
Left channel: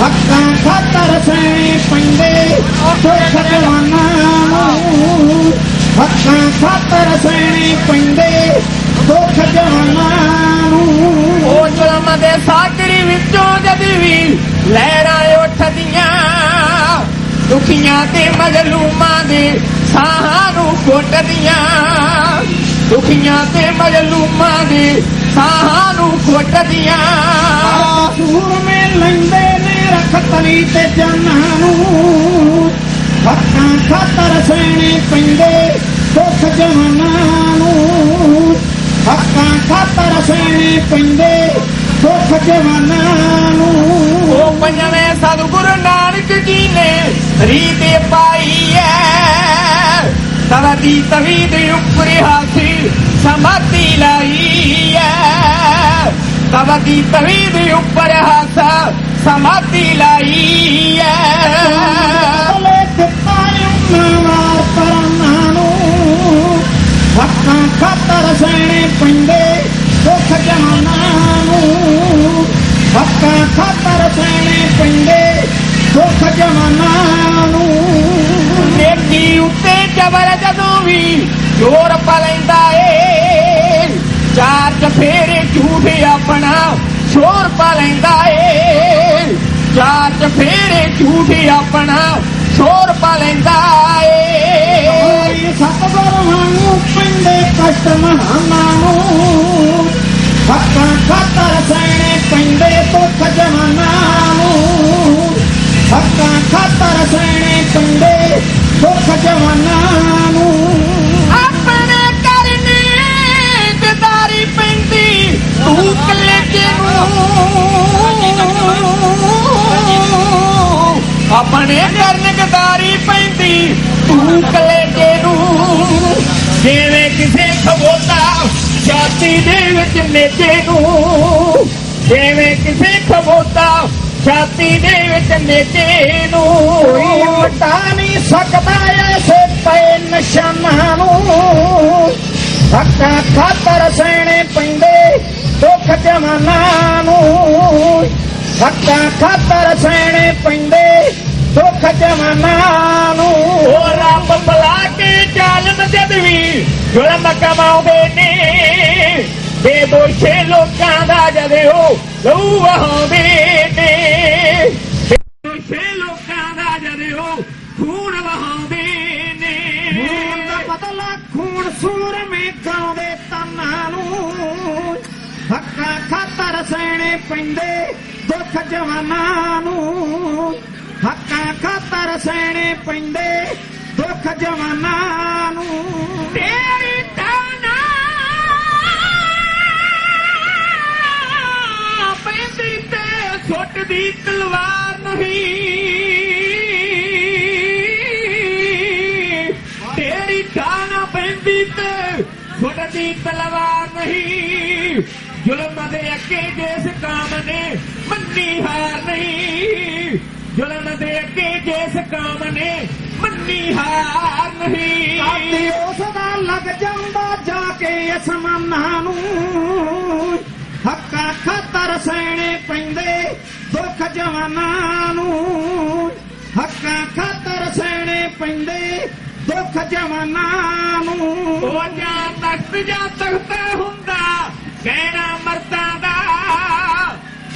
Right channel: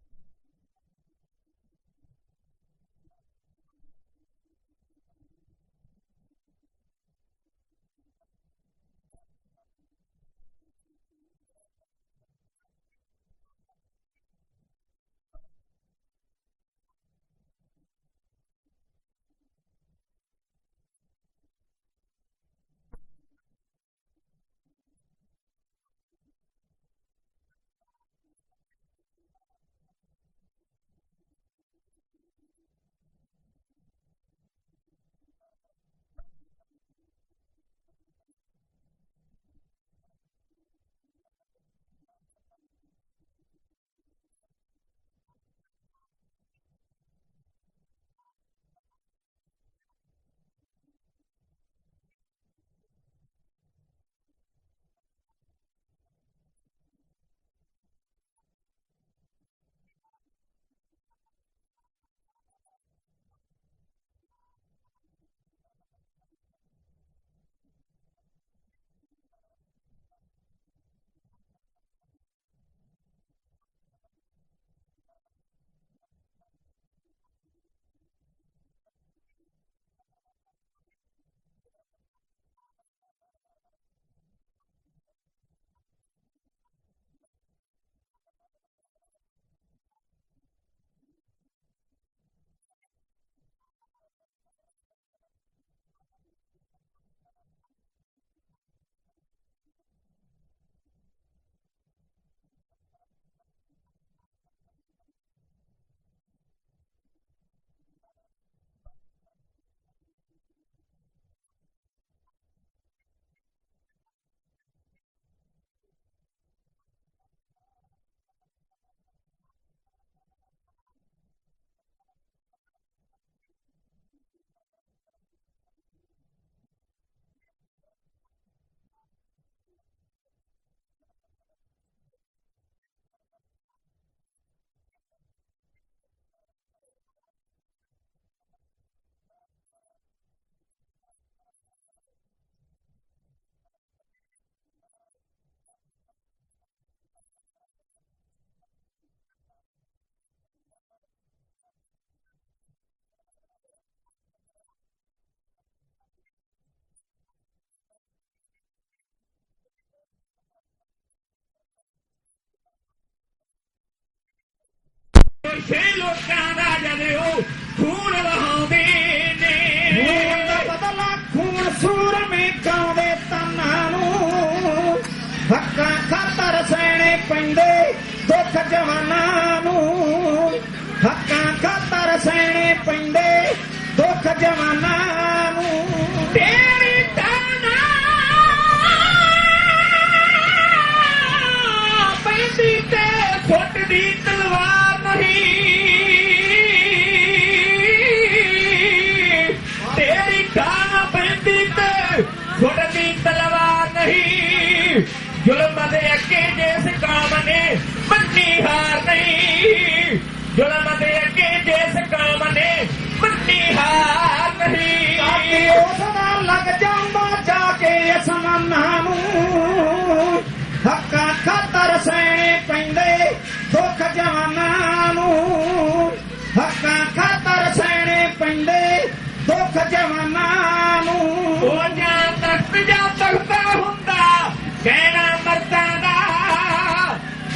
हक्कां खातर सैणे पैंदे सुख जवानां नूं। हक्कां खातर सैणे पैंदे दुख जवानां नूं। ओ जुल्म दे सागरी विचों जद भी लहरां उठदियां, दुखियां ते मजलूमां दे साहां नूं घोटदियां। दुखियां ते मजलूमां दे साहां नूं घोटदियां। सूर में लैंदे ने रख तली ते जानां नूं, हक्कां खातर सैणे पैंदे दुख जवानां नूं। हक्कां खातर सैणे पैंदे दुख जवानां नूं। ओ पंजवें सतगुरु नानक जी ने रीत पाई है, तवदी तवीद उपर हाथी समाधि लाई है। तवदी तवीद उपर हाथा समाधि लाई है। हक्कां खातर सैणे पैंदे दुख जवानां नूं। हक्कां खातर सैणे पैंदे दुख जवानां नूं। नेकी उत्ते जबर जदों भी जोर पलैंदा ए, ਚਾਰ ਚਫੇਰੇ ਝੂਠ ਆਪਣਾ ਸ਼ੋਰ ਪਾ ਲੈਂਦਾ ਏ ਚਾਰ ਚਫੇਰੇ ਝੂਠ ਆਪਣਾ ਸ਼ੋਰ ਪਾ ਲੈਂਦਾ ਏ ਸਤਿਗੁਰਾਂ ਨੂੰ ਪੈਂਦੇ ਕਸ਼ਟ ਮਹਾਨਾਂ ਨੂੰ ਹੱਕਾਂ ਖਾਤਰ ਸਹਿਣੇ ਪੈਂਦੇ ਦੁੱਖ ਜਮਾਨਾਂ ਨੂੰ ਹੱਕਾਂ ਖਾਤਰ ਸਹਿਣੇ ਪੈਂਦੇ ਦੁੱਖ ਜਮਾਨਾਂ ਨੂੰ ਆਪਣੇ ਕਰਨੀ ਗਦਾਰੀ ਪੈਂਦੀ ਤੂੰ ਕਲੇਜੇ ਨੂੰ ਆਪਣੇ ਕਰਨ ਗਦਾਰੀ ਪੈਂਦੀ ਤੂੰ ਕਲੇਜੇ ਨੂੰ ਜਿਵੇਂ ਕਿਸੇ ਖਬੋਤਾ ਛਾਤੀ ਦੇ ਵਿੱਚ ਨੇਜੇ ਨੂੰ ਜਿਵੇਂ ਕਿਸੇ ਖਬੋਤਾ ਛਾਤੀ ਦੇ ਵਿੱਚ ਨੇਜੇ ਨੂੰ ਕੋਈ ਮਿਟਾ ਨਹੀਂ ਸਕਦਾ ਐਸੇ ਪਏ ਨਿਸ਼ਾਨਾਂ ਨੂੰ ਹੱਕਾਂ ਖਾਤਰ ਸਹਿਣੇ ਪੈਂਦੇ ਦੁੱਖ ਜਮਾਨਾਂ ਨੂੰ ਹੱਕਾਂ ਖਾਤਰ ਸਹਿਣੇ ਪੈਂਦੇ ਦੁੱਖ ਜਮਾਨਾਂ ਨੂੰ ਉਹ ਰੱਬ ਬੁਲਾ ਕੇ ਜ਼ਾਲਮ ਜਦ ਵੀ ਜ਼ੁਲਮ ਕਮਾਉਂਦੇ ਨੇ ਬੇਦੋਸ਼ੇ ਲੋਕਾਂ ਦਾ ਜਦ ਉਹ ਲਹੂ ਵਹਾਉਂਦੇ ਨੇ ਬੇਦੋਸ਼ੇ ਲੋਕਾਂ ਦਾ ਜਦ ਉਹ ਖੂਨ ਵਹਾਉਂਦੇ ਨੇ ਖੂਨ ਦਾ ਬਦਲਾ ਖੂਨ ਸੂਰਮੇ ਗਾਉਂਦੇ ਤਾਨਾਂ ਨੂੰ ਹੱਕਾਂ ਖਾਤਰ ਸਹਿਣੇ ਪੈਂਦੇ ਦੁੱਖ ਜਵਾਨਾਂ ਨੂੰ ਹੱਕਾਂ ਖਾਤਰ ਸਹਿਣੇ ਪੈਂਦੇ ਦੁੱਖ ਜਵਾਨਾਂ ਨੂੰ ਤੇਰੀ ਤਾਨਾ ਪੈਂਦੀ ਤੇ ਛੁੱਟਦੀ ਤਲਵਾਰ ਨਹੀਂ ਤੇਰੀ ਤਾਨਾ ਪੈਂਦੀ ਤੇ ਛੁੱਟਦੀ ਤਲਵਾਰ ਨਹੀਂ ਜ਼ੁਲਮ ਦੇ ਅੱਗੇ ਜਿਸ ਕਾਮ ਨੇ ਮੰਨੀ ਹਾਰ ਨਹੀਂ ਜ਼ੁਲਮ ਦੇ ਅੱਗੇ ਜਿਸ ਕਾਮ ਨੇ ਮੰਨੀ ਹਾਰ ਨਹੀਂ ਕਾਤੀ ਉਸ ਦਾ ਲੱਗ ਜਾਂਦਾ ਜਾ ਕੇ ਅਸਮਾਨਾਂ ਨੂੰ ਹੱਕਾਂ ਖਾਤਰ ਸਹਿਣੇ ਪੈਂਦੇ ਦੁੱਖ ਜਵਾਨਾਂ ਨੂੰ ਹੱਕਾਂ ਖਾਤਰ ਸਹਿਣੇ ਪੈਂਦੇ ਦੁੱਖ ਜਵਾਨਾਂ ਨੂੰ ਉਹ ਜਾਂ ਤਖਤ ਜਾਂ ਤਖਤਾ ਹੁੰਦਾ ਕਹਿਣਾ ਮਰਦਾਂ ਦਾ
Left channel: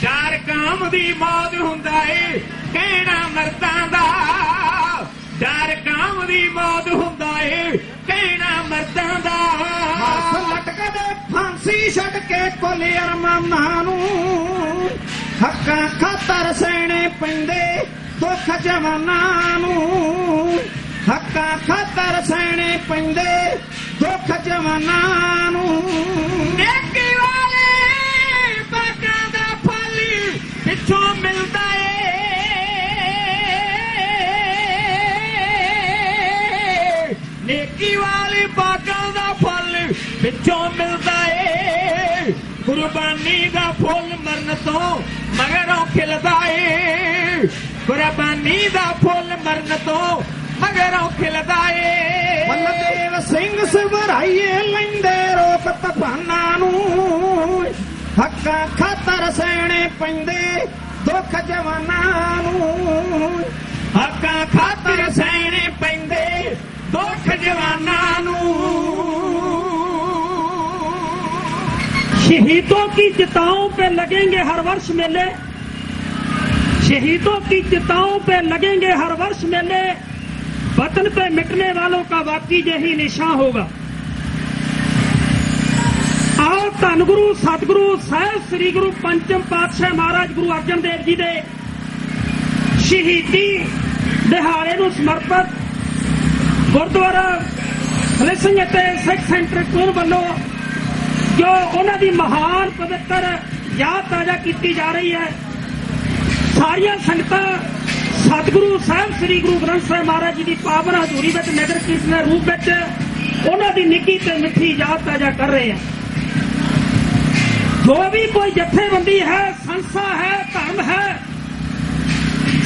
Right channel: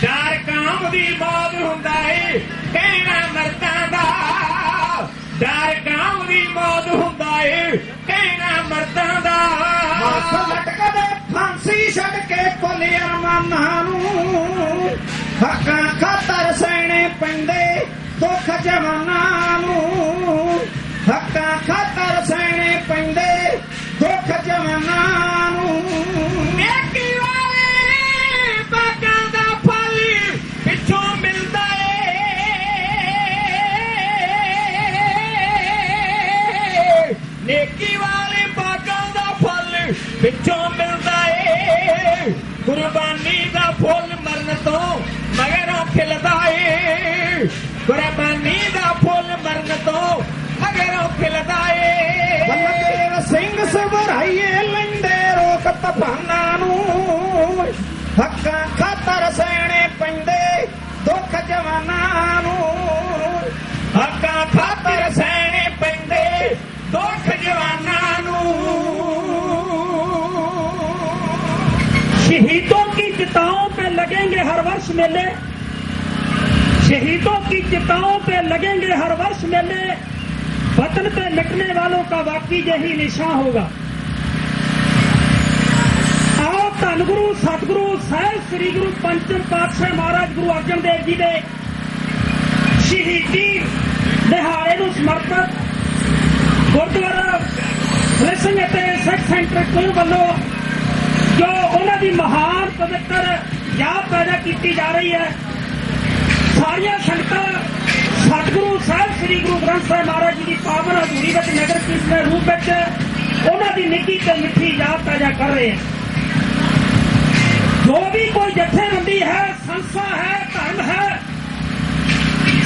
ਡਰ ਕਾਮ ਦੀ ਮੌਤ ਹੁੰਦਾ ਏ ਕਹਿਣਾ ਮਰਦਾਂ ਦਾ ਡਰ ਕਾਮ ਦੀ ਮੌਤ ਹੁੰਦਾ ਏ ਕਹਿਣਾ ਮਰਦਾਂ ਦਾ ਹੱਥ ਲਟਕਦੇ ਫਾਂਸੀ ਛੱਡ ਕੇ ਕੁੱਲ ਅਰਮਾਨਾਂ ਨੂੰ ਹੱਕਾਂ ਖਾਤਰ ਸਹਿਣੇ ਪੈਂਦੇ ਦੁੱਖ ਜਵਾਨਾਂ ਨੂੰ ਹੱਕਾਂ ਖਾਤਰ ਸਹਿਣੇ ਪੈਂਦੇ ਦੁੱਖ ਜਵਾਨਾਂ ਨੂੰ ਨੇਕੀ ਵਾਲੇ ਬਾਗਾਂ ਦਾ ਫਲ ਪਿੱਛੋਂ ਮਿਲਦਾ ਏ ਨੇਕੀ ਵਾਲੇ ਬਾਗਾਂ ਦਾ ਫਲ ਪਿੱਛੋਂ ਮਿਲਦਾ ਏ ਕੁਰਬਾਨੀ ਦਾ ਫੁੱਲ ਮਰਨ ਤੋਂ ਮਗਰੋਂ ਖਿਲਦਾ ਏ ਕੁਰਬਾਨੀ ਦਾ ਫੁੱਲ ਮਰਨ ਤੋਂ ਮਗਰੋਂ ਖਿਲਦਾ ਏ ਬਲਦੇਵ ਸਿੰਘ ਸਵਰਾਈਏ ਲੈਂਦੇ ਰੋਕ ਤੂਫਾਨਾਂ ਨੂੰ ਹੱਕਾਂ ਖਾਤਰ ਸਹਿਣੇ ਪੈਂਦੇ ਦੁੱਖ ਜਵਾਨਾਂ ਨੂੰ ਹੱਕਾਂ ਖਾਤਰ ਸਹਿਣੇ ਪੈਂਦੇ ਦੁੱਖ ਜਵਾਨਾਂ ਨੂੰ शहीदों की चिताओं पे लगेंगे हर वर्ष मेले शहीदों की चिताओं पे लगेंगे हर वर्ष मेले वतन पे मिटने वालों का वाकई यही निशान होगा आओ धन गुरु सतगुरु साहिब श्री गुरु पंचम पातशाह महाराज गुरु अर्जन देव जी दे शहीदी दिहाड़े ਨੂੰ ਸਮਰਪਿਤ ਗੁਰਦੁਆਰਾ ਸਿੰਘ ਅਤੇ ਸਿੱਖ ਸੈਂਟਰ ਕੋਲ ਵੱਲੋਂ ਜੋ ਉਹਨਾਂ ਦੀ ਮਹਾਨ ਪਵਿੱਤਰ ਯਾਦ ਪੈਦਾ ਕੀਤੀ ਜਾ ਰਹੀ ਹੈ ਸਾਰੀਆਂ ਸੰਗਤਾਂ ਸਤਿਗੁਰੂ ਸਾਹਿਬ ਸ੍ਰੀ ਗੁਰੂ ਗ੍ਰੰਥ ਸਾਹਿਬ ਮਹਾਰਾਜ ਜੀ ਦੀ ਪਾਵਨ ਹਜ਼ੂਰੀ ਵਿੱਚ ਨਗਰ ਕੀਰਤਨ ਦੇ ਰੂਪ ਵਿੱਚ ਉਹਨਾਂ ਦੀ ਨਿੱਘੀ ਤੇ ਮਿੱਠੀ ਯਾਦ ਪੈਦਾ ਕਰ ਰਹੇ ਹਨ ਜੋ ਵੀ ਕੋਈ ਜਥੇਬੰਦੀ ਹੈ ਸੰਸਥਾ ਹੈ ਧਰਮ ਹੈ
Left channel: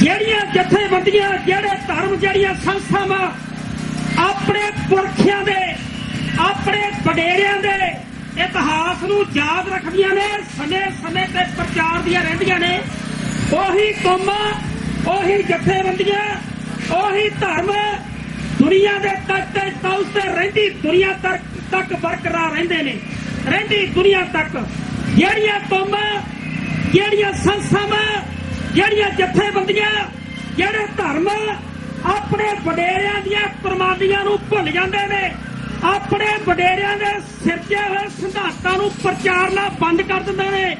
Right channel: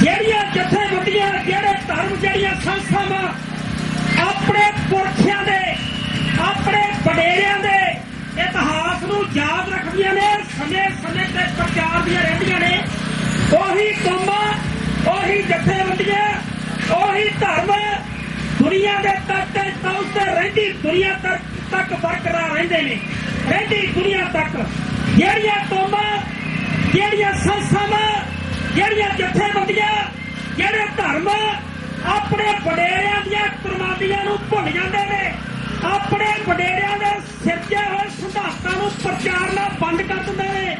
ਜਿਹੜੀਆਂ ਜਥੇਬੰਦੀਆਂ ਜਿਹੜੇ ਧਰਮ ਜਿਹੜੀਆਂ ਸੰਸਥਾਵਾਂ ਆਪਣੇ ਪੁਰਖਿਆਂ ਦੇ ਆਪਣੇ ਵਡੇਰਿਆਂ ਦੇ ਇਤਿਹਾਸ ਨੂੰ ਯਾਦ ਰੱਖਦੀਆਂ ਨੇ ਸਮੇਂ-ਸਮੇਂ ਤੇ ਪ੍ਰਚਾਰ ਦੀਆਂ ਰਹਿੰਦੀਆਂ ਨੇ ਉਹੀ ਕੌਮਾਂ ਉਹੀ ਜਥੇਬੰਦੀਆਂ ਉਹੀ ਧਰਮ ਦੁਨੀਆ ਦੇ ਤੱਕ ਤੇ ਪਹੁੰਚਦੇ ਰਹਿੰਦੀ ਦੁਨੀਆ ਤੱਕ ਬਰਕਰਾਰ ਰਹਿੰਦੇ ਨੇ ਰਹਿੰਦੀ ਦੁਨੀਆ ਤੱਕ ਜਿਹੜੀਆਂ ਕੌਮਾਂ, ਜਿਹੜੀਆਂ ਸੰਸਥਾਵਾਂ, ਜਿਹੜੀਆਂ ਜਥੇਬੰਦੀਆਂ, ਜਿਹੜੇ ਧਰਮ ਆਪਣੇ ਵਡੇਰਿਆਂ ਦੀਆਂ ਕੁਰਬਾਨੀਆਂ ਨੂੰ ਭੁੱਲ ਜਾਂਦੇ ਨੇ, ਆਪਣੇ ਵਡੇਰਿਆਂ ਦੇ ਸਿਰਜੇ ਹੋਏ ਸਿਧਾਂਤਾਂ ਨੂੰ ਪ੍ਰਚਾਰਨਾ ਬੰਦ ਕਰ ਦਿੰਦੇ ਨੇ,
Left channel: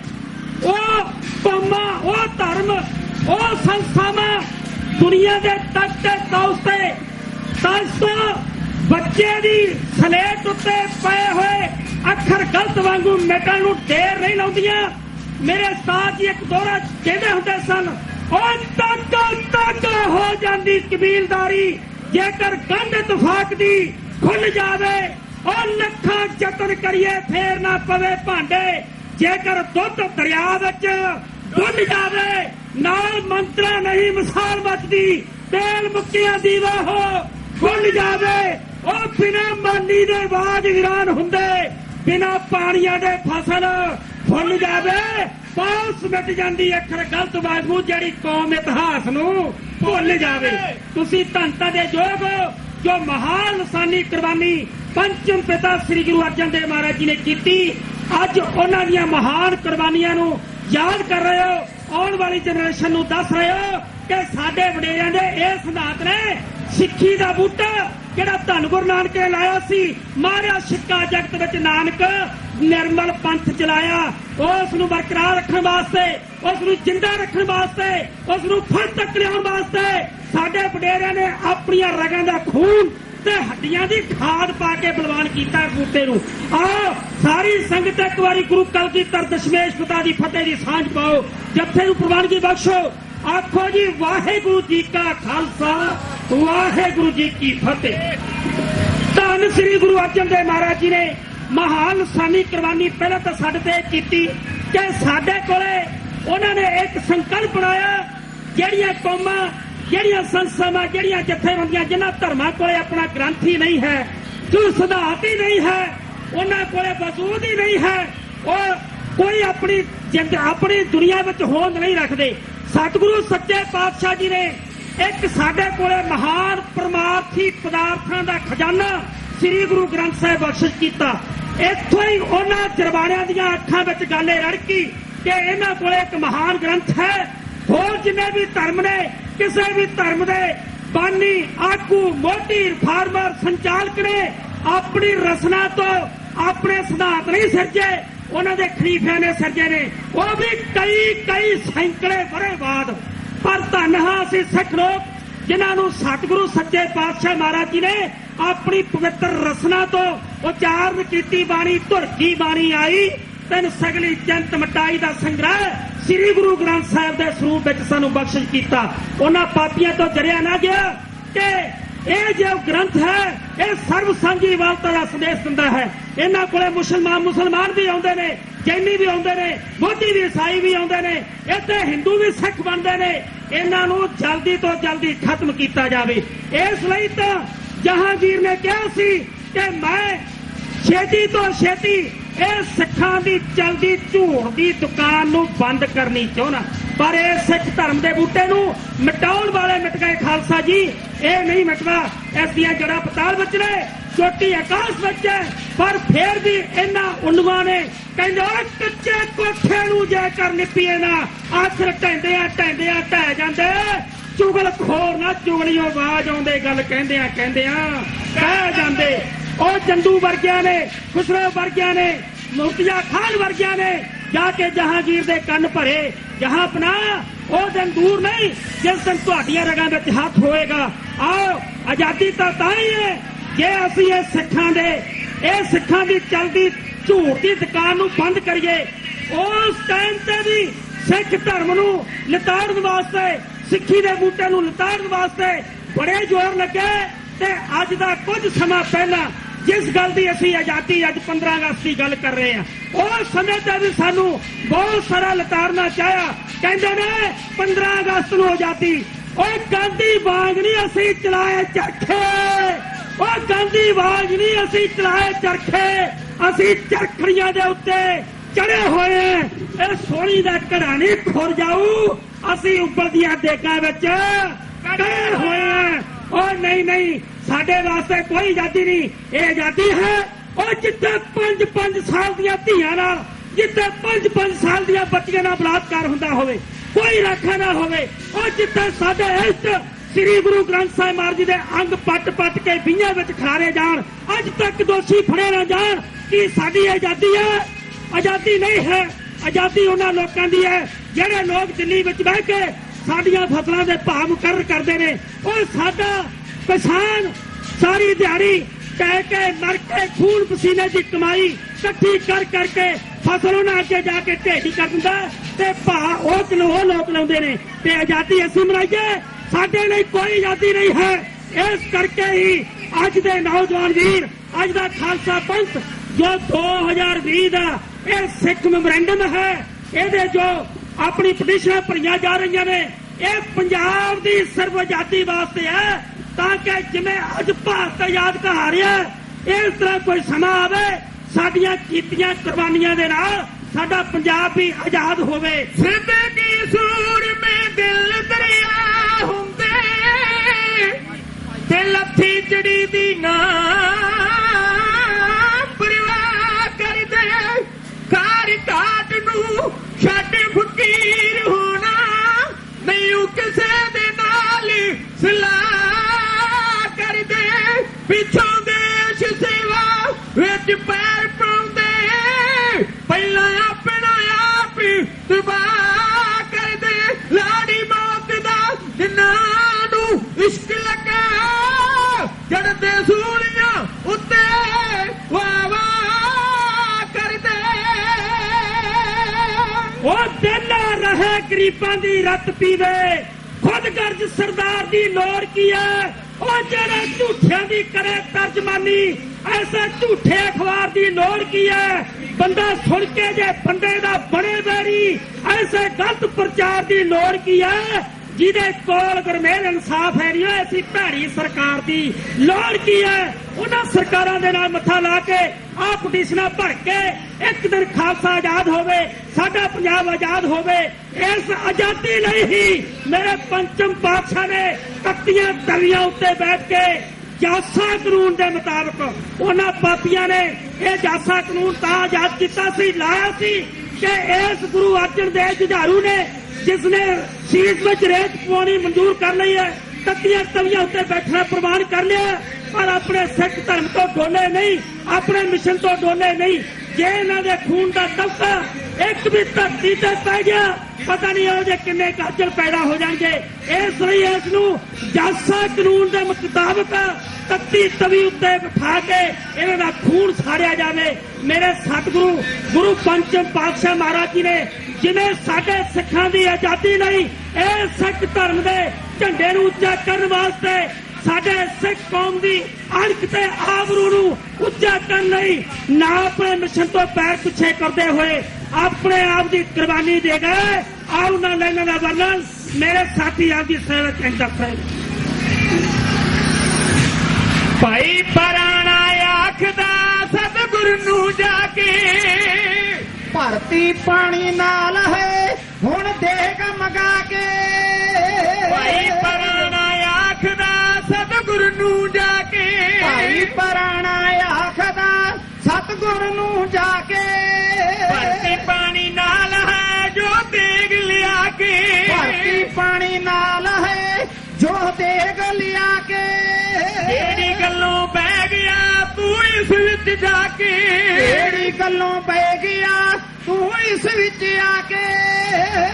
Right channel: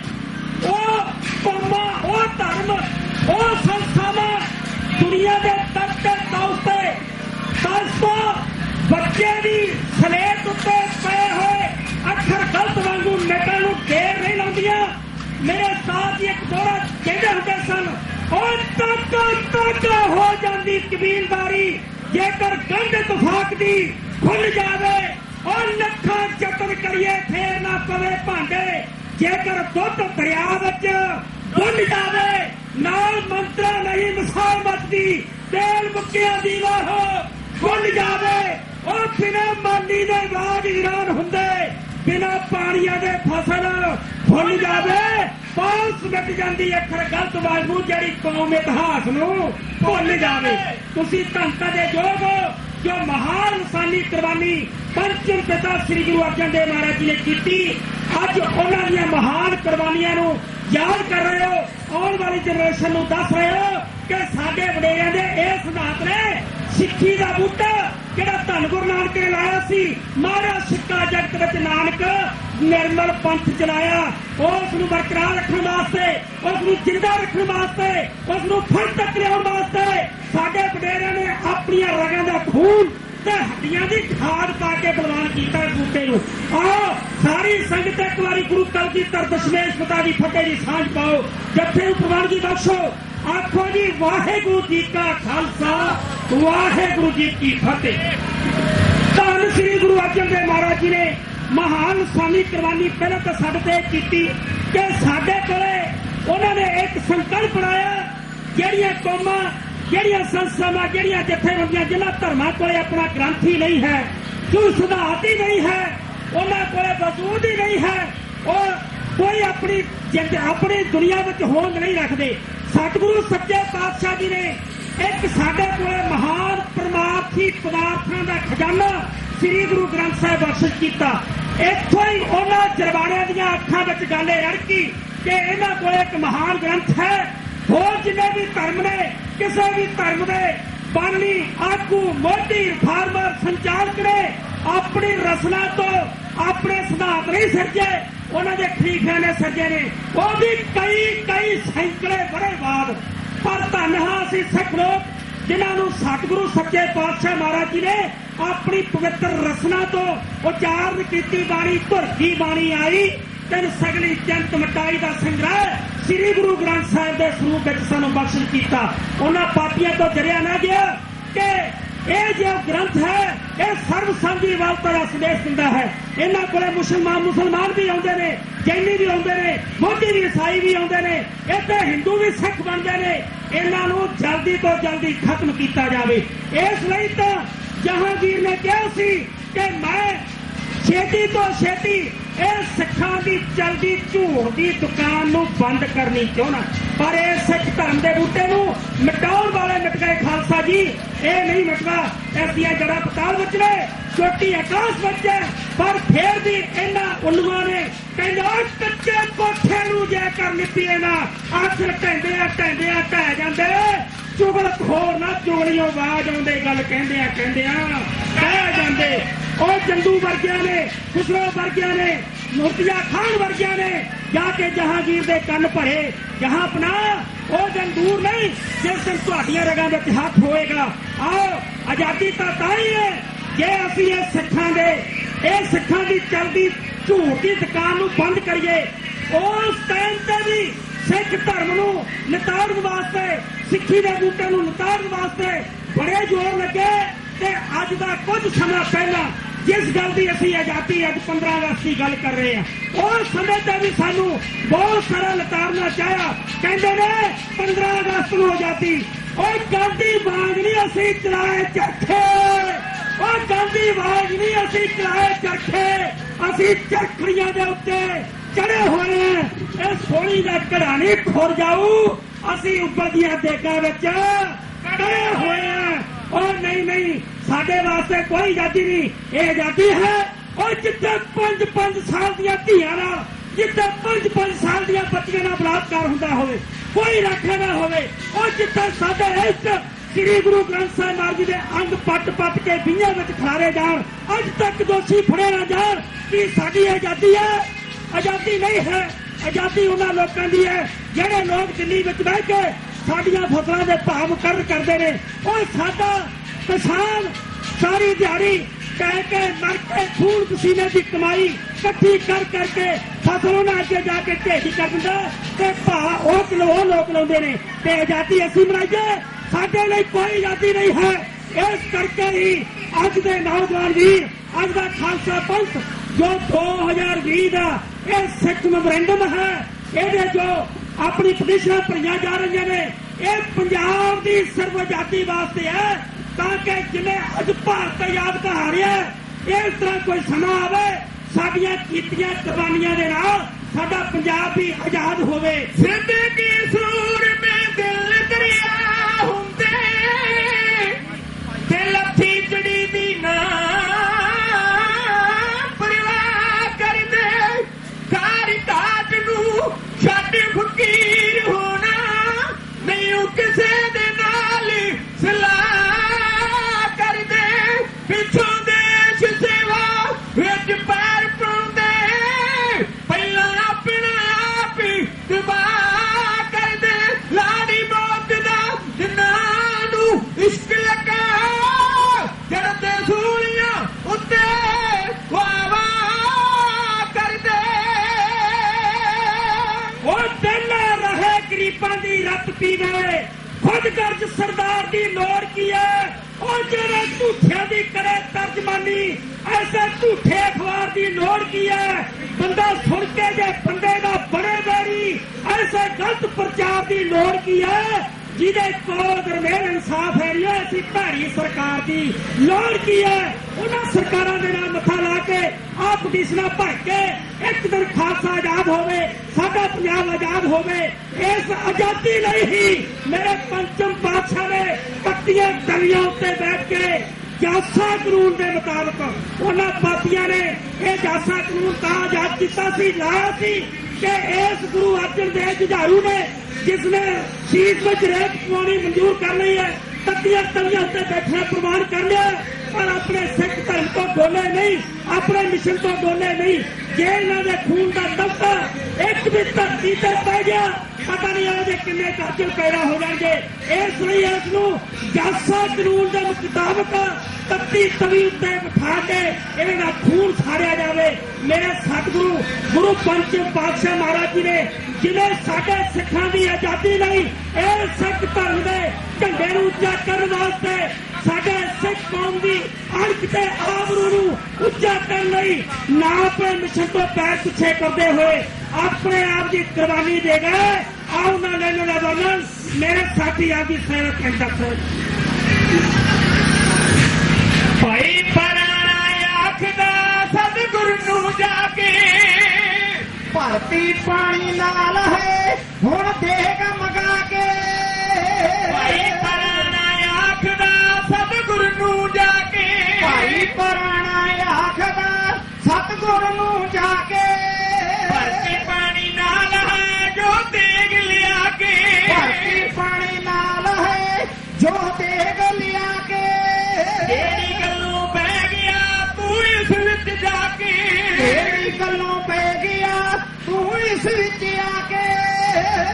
ਉਹ ਕੌਮਾਂ, ਉਹ ਧਰਮ, ਉਹ ਸੰਸਥਾਵਾਂ ਦੁਨੀਆ ਦੇ ਤੱਕ ਤੇ ਦੋਸਤੇ ਬੱਚੇ ਦੀ ਸਲੇਟ ਉੱਤੇ ਪਏ ਹੋਏ ਅੱਖਰ ਗਲਤ ਵਾਂਗੂ ਮਿਟਣ ਨੂੰ ਦੇਰ ਨਹੀਂ ਲਾਉਂਦੀਆਂ। ਮੇਰੇ ਸਾਥ ਜੀ ਇੱਕ ਦੌਰਾ ਕਹਿੰਦੇ ਹੁੰਦੇ ਸਨ, ਓਏ ਤਾਕਾ ਹੋ ਜਾਂਦੀ ਕਬੀਲਦਾਰੀ ਜੇਕਰ ਗੰਢ ਇਤਫਾਕ ਦੀ ਖੁੱਲ ਜਾਵੇ, ਉਹ ਲੱਖਾਂ ਯਤਨ ਕਰੀਏ ਫੇਰ ਨਾ ਪਵੇ ਭਾਂਡੇ, ਜੇਕਰ ਦੁੱਧ ਦਰਿਆ ਵਿੱਚ ਡੁੱਬ ਜਾਵੇ ਨਾਲ ਮੰਤਰਾ ਨਹੀਂ ਮਿਸਾਲ ਬਚਦੀ, ਤੇਲ ਮੁੱਕਿਆ ਦੀਵਾ ਹੋ ਖੁੱਲ ਜਾਵੇ, ਉਹ ਬਿਨਾਂ ਮਾਲੀ ਦੇ ਬਾਗ ਵੀਰਾਨ ਹੁੰਦੇ, ਬਿਨਾਂ ਪਾਣੀਆਂ ਦੇ ਫਸਲ ਫੁੱਲ ਜਾਵੇ, ਪਾਸ ਮਿਟ ਜਾਂਦੀ ਅੱਖਰ ਗਲਤ ਵਾਂਗੂ ਜਿਹੜੀ ਕੌਮ ਇਤਿਹਾਸ ਨੂੰ ਭੁੱਲ ਜਾਵੇ। ਤੁਸੀਂ ਧੰਨਤਾ ਦੇ ਯੋਗ ਹੋ ਜੋ ਮਹਾਨ ਇਨਸਾਨੀ ਕੁਰਬਾਨੀ ਪੰਚਮ ਪਿਤਾ ਸ੍ਰੀ ਗੁਰੂ ਅਰਜਨ ਦੇਵ ਮਹਾਰਾਜ ਜੀ ਨੇ ਕੀਤੀ, ਅੱਜ ਉਹਨਾਂ ਦੀਆਂ ਮਹਾਨ ਕੁਰਬਾਨੀਆਂ ਨੂੰ ਯਾਦ ਕਰ ਰਹੇ ਹੋ, ਆਉਣ ਵਾਲੀ ਜਨਰੇਸ਼ਨ ਨੂੰ ਦੱਸ ਰਹੇ ਹੋ ਕਿ ਸਾਡੇ ਵਡੇਰਿਆਂ ਦੇ ਇਹ ਸਿਧਾਂਤ ਨੇ। ਸਿੱਖੀ ਦਾ ਬੂਟਾ ਜਿਹੜਾ ਧੰਨ ਗੁਰੂ ਨਾਨਕ ਨੇ ਲਾਇਆ ਸੀ, ਮਾਰਿਆ ਸਿੱਕਾ ਜਗਤ ਵਿੱਚ ਨਾਨਕ ਨਿਰਮਲ ਪੰਥ ਚਲਾਇਆ, ਉਸ ਨੂੰ ਬਰਕਰਾਰ ਰੱਖਣ ਵਾਸਤੇ, ਉਸ ਨੂੰ ਜਿੰਦਾ ਰੱਖਣ ਵਾਸਤੇ, ਉਸ ਨੂੰ ਫਲ ਤੱਕ ਲਿਆਉਣ ਵਾਸਤੇ ਸਾਡੇ ਵਡੇਰਿਆਂ ਨੇ ਆਪਣੀਆਂ ਰਗਾਂ ਦਾ ਖੂਨ ਤੇ ਹੱਡੀਆਂ ਦੀ ਖਾਦ ਪਾ ਕੇ ਬਲਵਾਨ ਕੀਤਾ ਇਸ ਬੂਟੇ ਨੂੰ। ਆਓ ਸਾਰੀ ਸੰਗਤ ਇੱਕ ਵਾਰੀ ਗੁਰੂ ਕਲਗੀਧਰ ਦਸ਼ਮੇਸ਼ ਪਿਤਾ ਦੀ ਫਤਿਹ ਦੀ ਸਾਂਝ ਪਾਓ, ਜੱਥੇ ਨੂੰ ਪ੍ਰਵਾਨਗੀ ਬਖਸ਼ੋ, ਆਖੋ ਜੀ ਵਾਹਿਗੁਰੂ ਜੀ ਕਾ ਖਾਲਸਾ, ਵਾਹਿਗੁਰੂ ਜੀ ਕੀ ਫਤਿਹ। ਧੰਨ ਸ੍ਰੀ ਗੁਰੂ ਅਰਜਨ ਦੇਵ ਮਹਾਰਾਜ ਜੀ ਨੇ ਮਹਾਨ ਇਨਸਾਨੀ ਕੁਰਬਾਨੀ ਪਹਿਲਾਂ ਤਾਂ ਸਾਡੇ ਤੇ ਕੀਤੀ ਕਿ ਸਾਡੇ ਕੋਲੇ ਉਹਨਾਂ ਨੇ ਇੱਕ ਸੰਕਲਪ ਬਣਾਇਆ, ਜਿਹੜੀਆਂ ਕੌਮਾਂ, ਜਿਹੜੀਆਂ ਸੰਸਥਾਵਾਂ, ਜਿਹੜੀਆਂ ਜਥੇਬੰਦੀਆਂ ਜਿਨ੍ਹਾਂ ਧਰਮਾਂ ਕੋਲੇ ਆਪਣਾ ਗ੍ਰੰਥ ਹੀ ਨਹੀਂ ਹੈ, ਕੋਈ ਸਿਧਾਂਤ ਹੀ ਨਹੀਂ ਹੈ, ਉਹਨਾਂ ਕੋਲੇ ਵਜੂਦ ਹੀ ਨਹੀਂ ਹੈ, ਉਹ ਕੋਈ ਆਪਣੀ ਦੁਨੀਆ ਵਿੱਚ ਹੋਂਦ ਨਹੀਂ ਰੱਖਦੇ। ਸਤਿਗੁਰੂ ਸੱਚੇ ਪਾਤਸ਼ਾਹ ਜੀ ਨੇ ਇੱਕ ਸਾਡੇ ਕੋਲੇ ਮਹਾਨ ਪਰਮਾਰਥੀ ਪਦਾਰਥਾਂ ਦਾ ਖਜ਼ਾਨਾ ਸ੍ਰੀ ਗੁਰੂ ਗ੍ਰੰਥ ਸਾਹਿਬ ਬਖਸ਼ਿਸ਼ ਕੀਤਾ। ਇੱਥੋਂ ਹੀ ਉਹਨਾਂ ਜਰਵਾਣਿਆਂ ਦੀਆਂ ਅੱਖਾਂ ਵਿੱਚ ਗੱਲ ਰੜਕੀ ਕਿ ਇਹਨਾਂ ਕੋਲੇ ਇੱਕ ਮਹਾਨ ਗ੍ਰੰਥ ਹੈ। ਹੋਰ ਜਿੰਨੇ ਵੀ ਧਰਮ ਨੇ, ਕਿਸੇ ਵੀ ਧਰਮ ਦੇ ਬਾਨੀ, ਆਗੂ, ਮੋਢੀ, ਰਿਫਾਰਮਰ, ਸੰਚਾਲਕ ਨੇ ਆਪਣੀ ਰਸਨਾ ਤੋਂ ਆਪਣੇ ਸਿਧਾਂਤ ਨਹੀਂ ਸਿਰਜੇ, ਉਹਨਾਂ ਦੇ ਖਲੀਫਿਆਂ ਨੇ ਸਿਰਜੇ ਨੇ, ਉਹ ਵੀ ਕਈ ਸੈਂਕੜੇ ਵਰ੍ਹੇ ਬਾਅਦ। ਪਰ ਧੰਨ ਹਾਂ ਅਸੀਂ ਸਿੱਖ ਲੋਕ ਜਿਨ੍ਹਾਂ ਨੂੰ ਸਤਿਗੁਰੂ ਸੱਚੇ ਪਾਤਸ਼ਾਹ ਮਹਾਰਾਜ ਜੀ ਨੇ ਆਪਣੀ ਪਵਿੱਤਰ ਰਸਨਾ ਤੋਂ ਉਚਾਰਨ ਕੀਤੀ ਬਾਣੀ, ਧੁਰਕੀ ਬਾਣੀ ਆਈ, ਤਿੰਨ ਸਗਲੀ ਜੰਤ ਮਟਾਈ ਦਾ ਸੰਗ੍ਰਹਿ ਸ੍ਰੀ ਗੁਰੂ ਗ੍ਰੰਥ ਸਾਹਿਬ ਦੇ ਸਰੂਪ ਵਿੱਚ ਸਾਨੂੰ ਬਖਸ਼ਿਸ਼ ਕੀਤਾ। ਉਹਨਾਂ ਪਾਪੀਆਂ ਤੋਂ ਜਰਿਆ ਨਾ ਗਿਆ ਕਿ ਇਹ ਜੋ ਗ੍ਰੰਥ ਹੈ ਇਹ ਸਰਬ ਸਾਂਝੀ ਵਾਲਤਾ ਦਾ ਸੰਦੇਸ਼ ਦਿੰਦਾ ਹੈ। ਇਹਨਾਂ ਕੋਲੇ ਮੁਸਲਮਾਨ ਵੀ ਆਉਂਦੇ ਨੇ, ਜੈਨੀ ਵੀ ਆਉਂਦੇ ਨੇ, ਮੋਦੀ ਵੀ, ਈਸਾਈ ਵੀ ਆਉਂਦੇ ਨੇ, ਇੱਥੇ ਹਿੰਦੂ ਵੀ ਸਿੱਖ ਬਣਦੇ ਨੇ। ਇਹਨਾਂ ਨੂੰ ਜਲਦੀ ਤੋਂ ਜਲਦੀ ਖਤਮ ਕੀਤਾ ਜਾਵੇ। ਇਸ ਲਈ ਤਾਂ ਜਹਾਂਗੀਰ ਨੇ ਕਿਹਾ ਸੀ ਕਿ ਮੈਂ ਛੇਤੀ ਤੋਂ ਛੇਤੀ ਇਹ ਸਿੱਖਾਂ ਦੀ ਚਲਦੀ ਝੂਠ ਦੀ ਦੁਕਾਨ ਨੂੰ ਬੰਦ ਕਰਨੀ ਚਾਹੁੰਦਾ, ਪਰ ਇਹ ਸਿੱਖ ਧਰਮ ਦੇ ਬੂਟੇ ਨੂੰ ਮਿਟਾਉਣ ਵਾਲੇ ਮਿਟ ਗਏ ਖਾਲਸਾ ਜੀ, ਇਹ ਨਹੀਂ ਮਿਟਦਾ। ਇਸ ਦੀਆਂ ਜੜ੍ਹਾਂ ਪਤਾਲ ਵਿੱਚ ਨੇ, ਚੋਟੀ ਆਕਾਸ਼ ਵਿੱਚ ਹੈ, ਪਰ ਫੇਰ ਵੀ ਇਹਨਾਂ ਉਲਮਾ ਨੇ ਕਹਿੰਦਾ ਕੱਚੇ ਕੋਠੇ ਨੂੰ ਜੇਕਰ ਨਿੱਪੀਏ ਨਾ, ਆਖਰ ਢਹਿੰਦੇ ਆ ਢਹਿ ਜਾਂਦੇ। ਚੁਗਲ ਖੋਰ ਨਾ ਚੁਗਲੀਓ ਆਵਾਜ਼ ਆਉਂਦੇ, ਗੱਲ ਕਹਿੰਦੇ ਆ ਕਹਿ ਜਾਂਦੇ। ਉਹ ਚੰਦੂ ਵਰਗਿਆਂ ਨੇ, ਖੁਸਰੋ ਵਰਗਿਆਂ ਨੇ, ਮੁਰਤਜ਼ਾ ਖਾਨ ਵਰਗਿਆਂ ਨੇ ਜਾ ਕੇ ਜਹਾਂਗੀਰ ਦੇ ਕੰਨ ਭਰੇ। ਜਹਾਂਪਨਾ ਉਹ ਦਿਨ ਦੂਰ ਨਹੀਂ ਜਿਸ ਦਿਨ ਤੁਹਾਡੀਆਂ ਰਗਾਂ ਵਿੱਚ ਹੱਥ ਹੋਏਗਾ। ਆਓ ਆਜ਼ਾਦੀ ਤਾਂ ਹੀ ਹੈ ਜੇ ਅਸੀਂ ਇਹ ਸਿੱਖਾਂ ਦੀ ਚਲਦੀ ਝੂਠ ਦੀ ਦੁਕਾਨ ਨੂੰ ਬੰਦ ਕਰੀਏ। ਉਸ ਟਾਈਮ ਤੇ ਵੀ ਸਿੱਖ ਧਰਮ ਨੂੰ ਲਿਤਾੜਨ ਵਾਸਤੇ, ਸਿੱਖੀ ਦੇ ਬੂਟੇ ਨੂੰ ਲਿਤਾੜਨ ਵਾਸਤੇ ਬੜੇ ਜ਼ੋਰ ਲੱਗੇ ਤੇ ਅੱਜ ਦਾ ਕੁਝ ਸਮਾਂ ਪਹਿਲਾਂ ਜਿਸ ਗੱਲ ਦੀ ਅਸੀਂ ਆਜ਼ਾਦੀ ਅੱਜ 15 ਅਗਸਤ ਦੀ ਗੱਲ ਕਰ ਰਹੇ ਹਾਂ, ਉਸ ਸਮੇਂ ਤੇ ਵੀ ਸਾਨੂੰ ਬਹੁਤ ਸਾਰਾ ਲਿਤਾੜਨਾ ਚਾਹਿਆ। ਕਹਿੰਦੇ ਨੇ 15 ਅਗਸਤ ਨੂੰ ਆਜ਼ਾਦੀ, ਓਏ ਗਾਂਧੀ ਬਾਗ ਨਹੀਂ ਅਸੀਂ ਚਲਾਏ ਚਰਖੇ, ਓਏ ਗਾਂਧੀ ਬਾਗ ਨਹੀਂ ਅਸੀਂ ਚਲਾਏ ਚਰਖੇ, ਅਸੀਂ ਚਰਖੜੀਆਂ ਦੇ ਉੱਤੇ ਚੜੇ ਹੋਏ। ਇਹ ਸੋਹਣੀ ਦਾ ਘੜਾ ਨਹੀਂ ਖੁਰ ਜਾਊ, ਅਸੀਂ ਉੱਪਰਦੀਆਂ ਦੇਗਾਂ ਵਿੱਚ ਖੜੇ ਹੋਏ। ਉਹ ਨਹੀਂ, ਸਾਡੇ ਵਾਸਤੇ ਕੋਈ ਆਜ਼ਾਦੀ ਨਹੀਂ। ਇਹ ਆਜ਼ਾਦੀ ਹੈ ਉਹ ਜਿੱਥੇ 5-5 ਸਾਲ ਦੀਆਂ ਧੀਆਂ ਨਾਲ, ਜਿੱਥੇ 5-5 ਸਾਲ ਦੀਆਂ ਬੱਚੀਆਂ ਨਾਲ ਬਲਾਤਕਾਰ ਹੁੰਦਾ ਹੋਵੇ, ਕੋਈ ਰਾਖਾ ਨਾ ਹੋਵੇ, ਉਹ ਜਿੱਥੇ ਸਾਡੇ ਇਸ ਸ੍ਰੀ ਗੁਰੂ ਗ੍ਰੰਥ ਸਾਹਿਬ ਮਹਾਰਾਜ ਜੀ ਦੇ ਅੰਗ ਪੱਟ ਕੇ ਵਿੰਨ੍ਹਾਂ ਵਿੱਚ ਖਿਲਾਰੇ ਜਾਣ, ਅੱਜ ਤੱਕ ਦੋਸ਼ੀ ਫੜੇ ਨਾ ਜਾਣ। ਕੀ ਸਾਡੀ ਆਜ਼ਾਦੀ ਹੈ? ਆਜ਼ਾਦੀ ਨਹੀਂ ਹੈ। ਆਜ਼ਾਦੀ ਉਹਨਾਂ ਲੋਕਾਂ ਦੀ ਹੈ ਜਿਹੜੇ ਲੋਕ ਦਿੱਲੀ ਵਿੱਚ ਬਹਿ ਕੇ ਸਾਡੀਆਂ ਫਸਲਾਂ ਦੇ ਭਾਅ ਮੁਕਰਰ ਕਰਦੇ ਨੇ। ਉਹ ਸਾਡਾ ਕਿਸਾਨ ਸਾਰੀ ਦਿਹਾੜੀ ਕਹਿ ਕੇ ਮਰ ਕੇ ਖੂਨ ਪਸੀਨੇ ਦੀ ਕਮਾਈ ਇਕੱਠੀ ਕਰਕੇ ਫਸਲ ਉਹਨਾਂ ਅੱਗੇ ਜਾ ਕੇ ਢੇਡੀ ਕਰ ਦਿੰਦਾ ਤੇ ਭਾਅ ਉਹ ਲੋਕ ਲਾਉਂਦੇ ਨੇ। ਤੇ ਆਜ਼ਾਦੀ ਅਸੀਂ ਬਣਾਈਏ? ਸਾਡੇ ਲਈ ਕੋਈ ਆਜ਼ਾਦੀ ਨਹੀਂ ਹੈ। ਇਸ ਕਰਕੇ ਹੀ ਅੱਜ ਦੇ ਨੌਜਵਾਨ ਵੀਰ, ਅੱਜ ਦਾ ਖਾਲਸਾ ਪੰਥ ਜੋ 2020 ਦਾ ਇਹ ਸਿੱਖ ਮੈਮੋਰੈਂਡਮ ਹੈ, ਇਹਦੇ ਜੋ ਆਪਣੀ ਪਟੀਸ਼ਨਾਂ ਭਰੀਆਂ ਜਾ ਰਹੀਆਂ ਨੇ, ਇਹ ਪੰਜਾਬ ਦੀ ਸਿਰਫ ਆਜ਼ਾਦੀ ਵਾਸਤੇ ਹੈ, ਤਾਂ ਕਿ ਜਿਵੇਂ ਅੱਜ ਭਾਰਤ ਆਜ਼ਾਦ ਕਹਾ ਰਿਹਾ, ਇਸ ਤਰ੍ਹਾਂ ਕੋਈ ਸਮਾਂ ਆਵੇ ਸਾਡੀਆਂ ਕੀਤੀਆਂ ਕੁਰਬਾਨੀਆਂ ਦੇ ਨਾਲ ਸਾਡਾ ਪੰਜਾਬ ਵੀ ਆਜ਼ਾਦ ਹੋਵੇ। ਜ਼ਿੰਦਗੀ ਸੂਰ ਮੇ ਦਿਲ ਦਰਿਆ ਹੁੰਦੇ ਤੇ ਲੱਥੀ ਚੜੀ ਦੀ ਨਾ ਪਰਵਾਹ ਕਰਦੇ, ਘਰ ਘਾਟ ਨੂੰ ਛੱਡ ਫਕੀਰ ਹੋਣਾ, ਨਹੀਂ ਕਿਸੇ ਦੇ ਨਾਲ ਸਲਾਹ ਕਰਦੇ, ਪਿੱਛੋਂ ਦੇਸ਼ ਸੇਵਾ ਵਿੱਚ ਪੈਰ ਪਾਉਂਦੇ, ਪਹਿਲਾਂ ਆਪਣਾ ਆਪ ਤਬਾਹ ਕਰਦੇ, ਲਾੜੀ ਮੌਤ ਦਾ ਜਿਨ੍ਹਾਂ ਨੂੰ ਇਸ਼ਕ ਲੱਗਾ, ਚੜ੍ਹਦੇ ਸੂਲੀਆਂ ਉੱਤੇ ਵਾਵਾ ਕਰਦੇ। ਉਹ ਦਿਨ ਰਹੇ ਗਰੀਬਾਂ ਦੀ ਰੱਤ ਪੀਵੇ, ਖੁਦ ਗਰਜ ਸਰਦਾਰ ਦੀ ਲੋੜ ਕੀ ਹੈ? ਉਹ ਜਿਹੜੇ ਝੂਠਿਆਂ ਦੀ ਕਰੇ ਤਰਜਮਾਨੀ, ਐਸੇ ਝੂਠੇ ਅਖਬਾਰ ਦੀ ਲੋੜ ਕੀ ਹੈ? ਬੰਦਾ ਸੁਣ ਕੇ ਜੇ ਬੰਦੇ ਦਾ ਬੜੇ ਬੈਰੀ, ਐਸੇ ਗਲਤ ਪ੍ਰਚਾਰ ਦੀ ਲੋੜ ਕੀ ਹੈ? ਜਿਹਦੇ ਕੋਲ ਗੁਰਮੇਲ ਇਨਸਾਫ ਹੈ ਨਹੀਂ, ਐਸੀ ਭੈੜੀ ਸਰਕਾਰ ਦੀ ਲੋੜ ਕੀ ਹੈ? ਉਹਨਾਂ ਸਰਕਾਰਾਂ ਦੇ ਨਾਲ ਮੱਥਾ ਲਾ ਕੇ ਆਹ ਪਟੀਸ਼ਨਾਂ ਭਰ ਕੇ ਇੱਕ ਦਿਨ ਖਾਲਸਾ ਆਜ਼ਾਦ ਹੋਵੇ, ਸਾਡਾ ਪੰਜਾਬ ਆਜ਼ਾਦ ਹੋਵੇ। ਇਸ ਆਜ਼ਾਦੀ ਲਈ ਹੀ ਮੇਰੇ ਪੰਚਮ ਪਾਤਸ਼ਾਹ ਨੇ 31 ਤਵੀਆਂ ਉੱਤੇ ਬੈਠ ਕੇ ਜਾਸਾ ਕਾਨੂੰਨ ਦੇ ਮੁਤਾਬਕ ਉਹਨਾਂ ਪਾਪੀਆਂ ਨੇ ਇਹ ਜਾਸਾ ਕਾਨੂੰਨ ਤਾਂ ਆਜ਼ਾਦ ਕੀਤਾ ਸੀ, ਲਾਇਆ ਸੀ ਕਿ ਇਸ ਗੁਰੂ ਅਰਜਨ ਦੇਵ ਜੁਝਾਰੂ ਨੇ, ਜਿਸ ਨੇ ਸੀਸ ਵਿੱਚ ਰੇਤ ਪਾਉਣੀ ਮਨਜ਼ੂਰ ਕਰ ਲਈ ਹੈ, 31 ਤਵੀਆਂ ਉੱਤੇ ਬੈਠਣਾ ਪ੍ਰਵਾਨ ਕਰ ਲਿਆ, ਪਰ ਆਪਣੇ ਸਿੱਖ ਧਰਮ ਤੋਂ ਡੋਲੇ ਨਹੀਂ, ਆਪਣੇ ਮਿਸ਼ਨ ਤੋਂ ਡੋਲੇ ਨਹੀਂ। ਜੇ ਇਹਨਾਂ ਦੇ ਖੂਨ ਦਾ ਦਬਕਾ ਇੱਕ ਵੀ ਧਰਤੀ ਤੇ ਪੈ ਗਿਆ, ਪਤਾ ਨਹੀਂ ਇਹਦੇ ਕਿੰਨੇ ਕਾਜਲ ਪੈਦਾ ਹੋ ਜਾਣਗੇ। ਇਸ ਲਈ ਇਸ ਨੂੰ ਜਾਸਾ ਕਾਨੂੰਨ ਦੇ ਮੁਤਾਬਕ 31 ਤਵੀ ਉੱਤੇ ਬਿਠਾ ਕੇ ਇਹਨਾਂ ਦਾ ਖੂਨ ਸਾੜਿਆ ਜਾਵੇ। ਮੇਰੇ ਸਤਿਗੁਰੂ ਗੁਰੂ ਪੰਚਮ ਪਾਤਸ਼ਾਹ ਮਹਾਰਾਜ ਜੀ ਨੇ ਜਿਵੇਂ ਸਾਡੇ ਸਿੱਖਾਂ ਦੀ ਆਜ਼ਾਦੀ ਲਈ ਇਹ ਸਿੱਖ ਧਰਮ ਦੇ ਝੰਡੇ ਨੂੰ ਉੱਚਾ ਕਰਨ ਵਾਸਤੇ, ਸਾਡੇ ਸਿੱਖ ਕੌਮ ਦੀ ਅਣਖ ਤੇ ਆਬਰੂ ਨੂੰ ਉੱਚਾ ਕਰਨ ਲਈ ਨਾ ਆਪਣੇ ਮਿਸ਼ਨ ਤੋਂ ਪੈਰ ਪਿੱਛੇ ਕਰਦੇ ਹੋਏ ਆਪਣੇ ਆਪ ਦੀ ਕੁਰਬਾਨੀ ਦੇ ਗਏ। ਆਓ ਨਾ ਲੈਣ ਦਾ ਵਰਣਨ ਮੇਰੇ ਸਾਥੀ ਆਪ ਦੀ ਸੇਵਾ ਕਹਿੰਦਾ ਹੈ। ਭਾਈ ਪਰਾਣਾ ਆਖਦਾ ਸਤਿਗੁਰੂ ਨੂੰ ਜਾ ਕੇ, ਭਰਤੀ ਪਾਣੀ ਨਾਲ ਹੈ ਹੁਣ ਦੇਗ ਮਗਾ ਕੇ। ਭਾਈ ਪਰਾਣਾ ਆਖਦਾ ਸਤਿਗੁਰੂ ਨੂੰ ਜਾ ਕੇ, ਭਾਈ ਪਰਾਣਾ ਆਖਦਾ ਸਤਿਗੁਰੂ ਨੂੰ ਜਾ ਕੇ। ਭਰਤੀ ਪਾਣੀ ਨਾਲ ਹੈ ਜੋ ਦੇਗ ਲਿਆ ਕੇ, ਭਰਤੀ ਪਾਣੀ ਨਾਲ ਹੈ ਜੋ ਦੇਗ ਲਿਆ ਕੇ। ਕਿਹੜੀ ਗੱਲੋਂ ਬਹਿ ਗਿਆ ਤੂੰ ਇਸ ਵਿੱਚ ਜਾ ਕੇ, ਕਿਹੜੀ ਗੱਲੋਂ ਬਹਿ ਗਿਆ ਤੂੰ ਇਸ ਵਿੱਚ ਆ ਕੇ।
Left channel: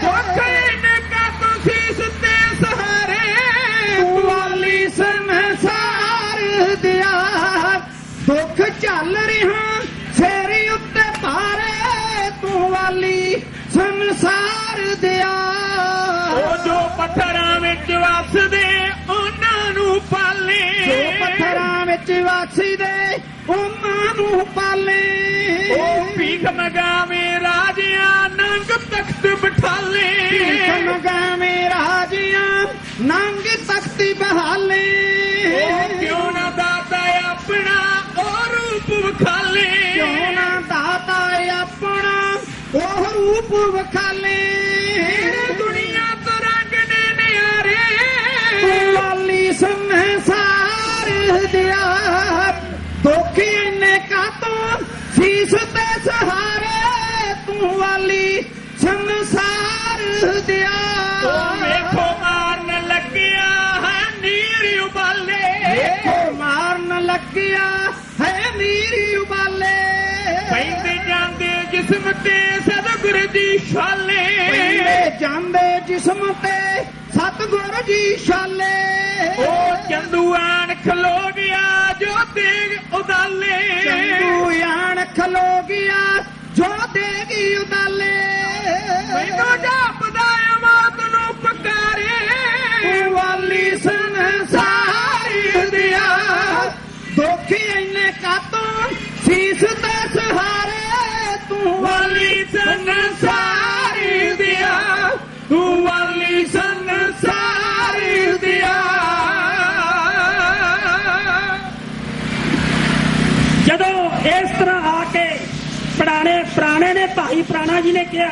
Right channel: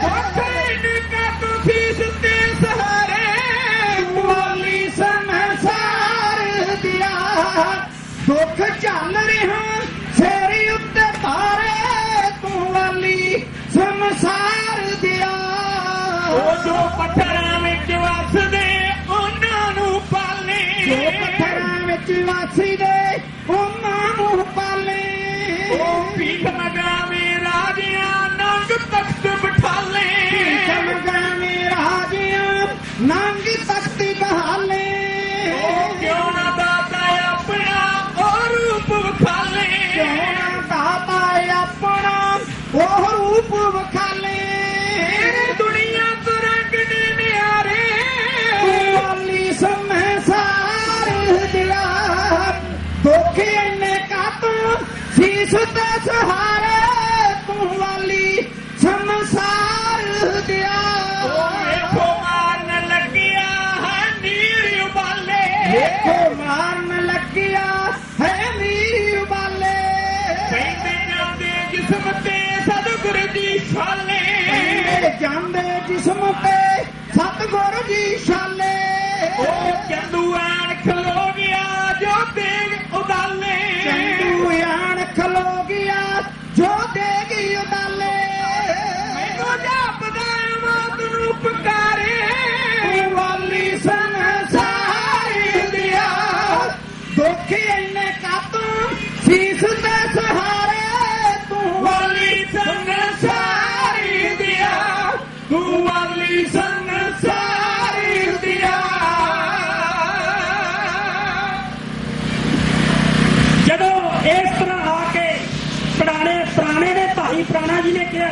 ਕੋਠੇ ਕਾ ਤੁਸੀਂ ਸੁੱਤੇ ਸਹਾਰੇ, ਵਾਲੀ ਸੰਸਾਰ ਦਿਆ ਦੁੱਖ ਚੱਲ ਰਿਹਾ ਫੇਰੀ ਉੱਤੇ ਭਾਰੇ, ਤੂੰ ਵਾਲੀ ਸੰਸਾਰ ਦਿਆ। ਉਹ ਜੋ ਪੱਥਰਾਂ ਵਿੱਚ ਵਸਦੇ ਉਹਨਾਂ ਨੂੰ ਪਾਲੇ, ਜੋ ਪੱਥਰਾਂ ਵਿੱਚ ਵਸਦੇ ਉਹਨਾਂ ਨੂੰ ਪਾਲੇ। ਉਹ ਭੀਖ ਮੰਗਾਵੇਂ ਰਾਜਿਆਂ ਨੰਗ ਤਖਤ ਬਿਠਾਲੇ, ਭੀਖ ਮੰਗਾਵੇਂ ਰਾਜਿਆਂ ਨੰਗ ਤਖਤ ਬਹਾਲੇ। ਉਹ ਕਿਉਂ ਨਾ ਦਾਤਾ ਆਪਣਾ ਉਹ ਰੂਪ ਵਿਖਾਲੇ, ਕਿਉਂ ਨਾ ਦਾਤਾ ਆਪਣਾ ਉਹ ਰੂਪ ਵਿਖਾਲੇ। ਦੁਨੀਆ ਤੋਂ ਰੰਗ ਨੇ ਨਿਆਰੇ, ਵਾਲੀ ਸੰਸਾਰ ਦਿਆ ਦੁੱਖ ਦੁਖੀ ਇੰਨੇ ਕਾਤੋਂ ਸੀਸ ਤੇ ਸਹਾਰੇ ਤੂੰ ਵਾਲੀ ਸੰਸਾਰ ਦਿਆ ਵੇਖੋ ਮਾਰਨ ਲੱਗਿਆ ਹੈ ਨੀਰ ਉਬਾਲੇ ਵੇਖੋ ਮਾਰਨ ਲੱਗਿਆ ਹੈ ਨੀਰ ਉਬਾਲੇ ਪੈਂਦੇ ਜਾਂਦੇ ਜਿਸਮ ਤੇ ਸਤਿਗੁਰ ਜੀ ਛਾਲੇ ਪੈਂਦੇ ਜਾਂਦੇ ਜਿਸਮ ਤੇ ਸਤਿਗੁਰ ਜੀ ਛਾਲੇ ਉਹ ਚੰਦੂ ਆਣ ਖਲੋ ਗਿਆ ਜੋ ਦੇਗ ਉਦਾਲੇ ਚੰਦੂ ਆਣ ਖਲੋ ਗਿਆ ਜੋ ਦੇਗੀ ਉਦਾਲੇ ਮੈਨੂੰ ਜਾਪਦਾ ਮੌਤ ਨੂੰ ਪੁਕਾਰੇ ਤੂੰ ਵਾਲੀ ਸੰਸਾਰ ਦਿਆ ਦੁੱਖ ਇੰਨੇ ਕਾਤੋਂ ਸੀਸ ਤੇ ਸਹਾਰੇ ਤੂੰ ਵਾਲੀ ਸੰਸਾਰ ਦਿਆ ਤੂੰ ਵਾਲੀ ਸੰਸਾਰ ਦਿਆ ਜਦੋਂ ਇਸ ਤਰ੍ਹਾਂ ਆ ਕੇ ਪੁਰਾਣੇ ਨੇ ਭਾਈ ਪੁਰਾਣਾ ਜੀ ਨੇ ਕਿਹਾ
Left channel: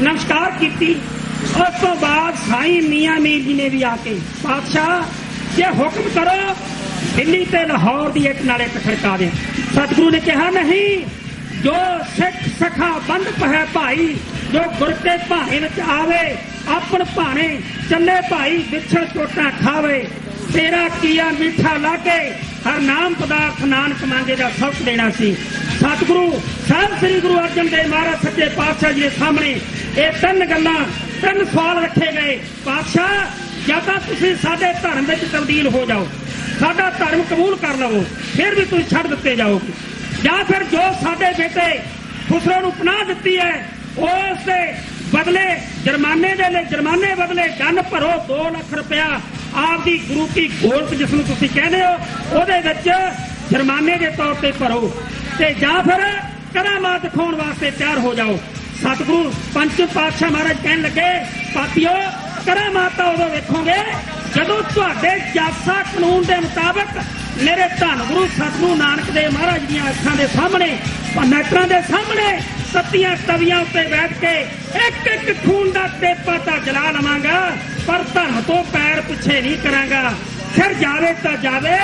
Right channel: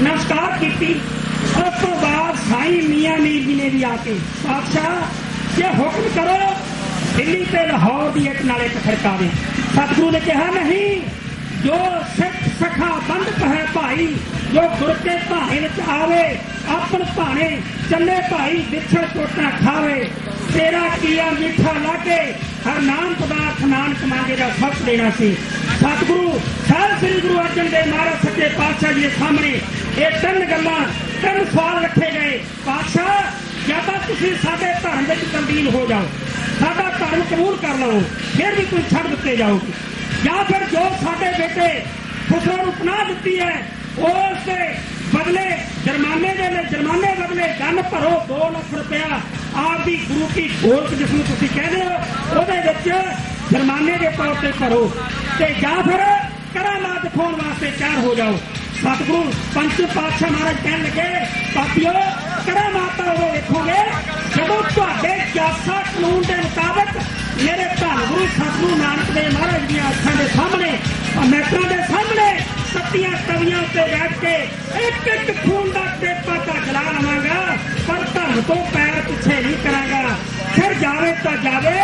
ਨਮਸਕਾਰ ਕੀਤੀ ਉਸ ਤੋਂ ਬਾਅਦ ਸਾਈਂ ਮੀਆਂ ਮੀਰ ਜੀ ਨੇ ਵੀ ਆ ਕੇ ਪਾਤਸ਼ਾਹ ਜੇ ਹੁਕਮ ਕਰੋ ਦਿੱਲੀ ਤੇ ਲਾਹੌਰ ਦੀ ਇੱਕ ਨਾਲ ਇੱਕ ਖੜਕਾ ਦੇ ਸਤਿਗੁਰੂ ਨੇ ਕਿਹਾ ਨਹੀਂ ਜੋ ਸਿੱਖ ਸਖਾ ਬੰਦ ਪਹਿ ਭਾਈ ਜੋ ਗੁਰ ਕੇ ਭਾਣੇ ਵਿੱਚ ਆਵੇ ਆਪਣ ਭਾਣੇ ਚੱਲੇ ਭਾਈ ਵਿਛੇ ਟੋਟਾ ਖਾਵੇ ਤੇਰਾ ਕੀਆ ਮਿੱਠਾ ਲਾਗੇ ਹਰ ਨਾਮ ਪਦਾਰਥ ਨਾਨਕ ਮੰਗੇ ਦਾ ਸਬਕ ਦੇਣਾ ਸੀ ਸਤਿਗੁਰੂ ਸਾਹਿਬ ਸ੍ਰੀ ਗੁਰੂ ਅਰਜਨ ਦੇਵ ਮਹਾਰਾਜ ਸੱਚੇ ਪਾਤਸ਼ਾਹ ਜੀ ਦੇ ਸਾਹਮਣੇ ਇਹ ਤਿੰਨ ਸਵਾਲ ਰੱਖੇ ਗਏ ਪਾਤਸ਼ਾਹ ਜਾਂ ਤਾਂ ਤੁਸੀਂ ਸਾਡੇ ਧਰਮ ਵਿੱਚ ਤਬਦੀਲ ਹੋ ਜਾਓ ਸਾਡਾ ਧਰਮ ਕਬੂਲ ਕਰ ਲਓ ਫਿਰ ਵੀ ਤੁਸੀਂ ਛੱਡ ਦਿੱਤੇ ਜਾਓਗੇ ਜਾਂ ਫਿਰ ਜੋ ਸਾਡੇ ਬੇਟੇ ਖੁਸਰੋ ਨੂੰ ਪਨਾਹ ਦਿੱਤੀ ਹੈ ਉਸ ਦੇ ਬਦਲੇ ਜੁਰਮਾਨੇ ਬਦਲੇ ਗੰਨ ਭਰੋ 2 ਲੱਖ ਰੁਪਇਆ ਆਪਦੀ ਗੁਰੂ ਕੀ ਗੋਲਕ ਜਿਸ ਨੂੰ ਤੁਸੀਂ ਕਹਿੰਦੇ ਹੋ ਉਹਦੇ ਵਿੱਚ ਜੁਰਮਾਨੇ ਦੇ ਤੌਰ ਤੇ ਭਰੋ ਤੇ ਜਾਂ ਫਿਰ ਕਰਾਮਾਤ ਦਿਖਾਉਣ ਵਾਸਤੇ ਤਿਆਰ ਹੋ ਜਾਓ ਸਤਿਗੁਰੂ ਪੰਜ ਪਾਤਸ਼ਾਹ ਮਹਾਰਾਜ ਕਹਿਣ ਲੱਗੇ ਪਾਪੀਓ ਕਰਾਮਾਤ ਉਦੋਂ ਵੇਖੋਗੇ ਜਦੋਂ ਤੁਹਾਡੇ ਜਾਸਾ ਕਾਨੂੰਨ ਦੇ ਮੁਤਾਬਕ ਮੇਰੇ ਧੰਨ ਗੁਰੂ ਸਤਿਗੁਰੂ ਨਾਨਕ ਦੇਵ ਮਹਾਰਾਜ ਦੀਆਂ ਅੱਖਾਂ ਦੇ ਸਾਹਮਣੇ ਮੈਟਰਾਂ ਦੇ ਸਾਹਮਣੇ ਸੱਤੀਆਂ ਤਵੀਆਂ ਉੱਤੇ ਬੈਠ ਕੇ ਇੱਕ ਖੂਨ ਦਾ ਟੇਪਾ ਤਾਂ ਜਲਾ ਲਵਾਂਗਾ ਪਰ ਧਰਮ ਤੋਂ ਪੈਰ ਪਿੱਛੇ ਨਹੀਂ ਕਰਾਂਗਾ ਫਿਰ ਜਾਵੇ ਤਾਂ ਜਾਵੇ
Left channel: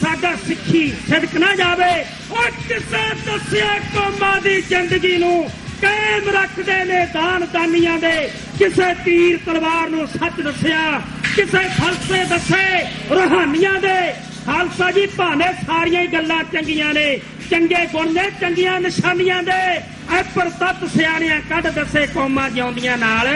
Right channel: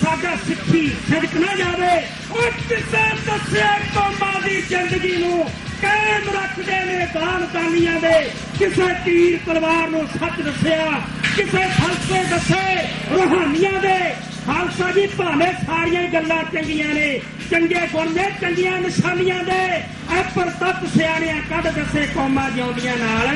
ਸਾਡਾ ਸਿੱਖੀ ਸਿਦਕ ਨਾ ਜਾਵੇ ਉਹ ਕਿਸੇ ਦੱਸਿਆ ਕੌਮਾਂ ਦੀ ਜ਼ਿੰਦਗੀ ਨੂੰ ਕਾਇਮ ਰੱਖਦੇ ਨੇ ਦਾਨੀਆਂ ਦੇ ਕਿਸੇ ਤੀਰ ਤਲਵਾਰ ਨੂੰ ਸੱਚ ਦੱਸਿਆ ਕਿਸੇ ਫਲਸਫੇ ਦੱਸੇ ਰੂਹਾਨੀਆਂ ਦੇ ਖਾਲਸਾ ਜੀ ਭਾਵੇਂ ਸਾਰੀਆਂ ਹੀ ਗੱਲਾਂ ਚੰਗੀਆਂ ਨੇ ਚੰਗੇ ਗੁਣ ਨੇ ਚੰਗੀਆਂ ਨਿਸ਼ਾਨੀਆਂ ਦੇ ਐ ਪਰ ਤਤ ਸਿਆਣਿਆਂ ਕੱਢ ਦੱਸੇ ਕੌਮਾਂ ਜਿਉਂਦੀਆਂ ਨਾਲ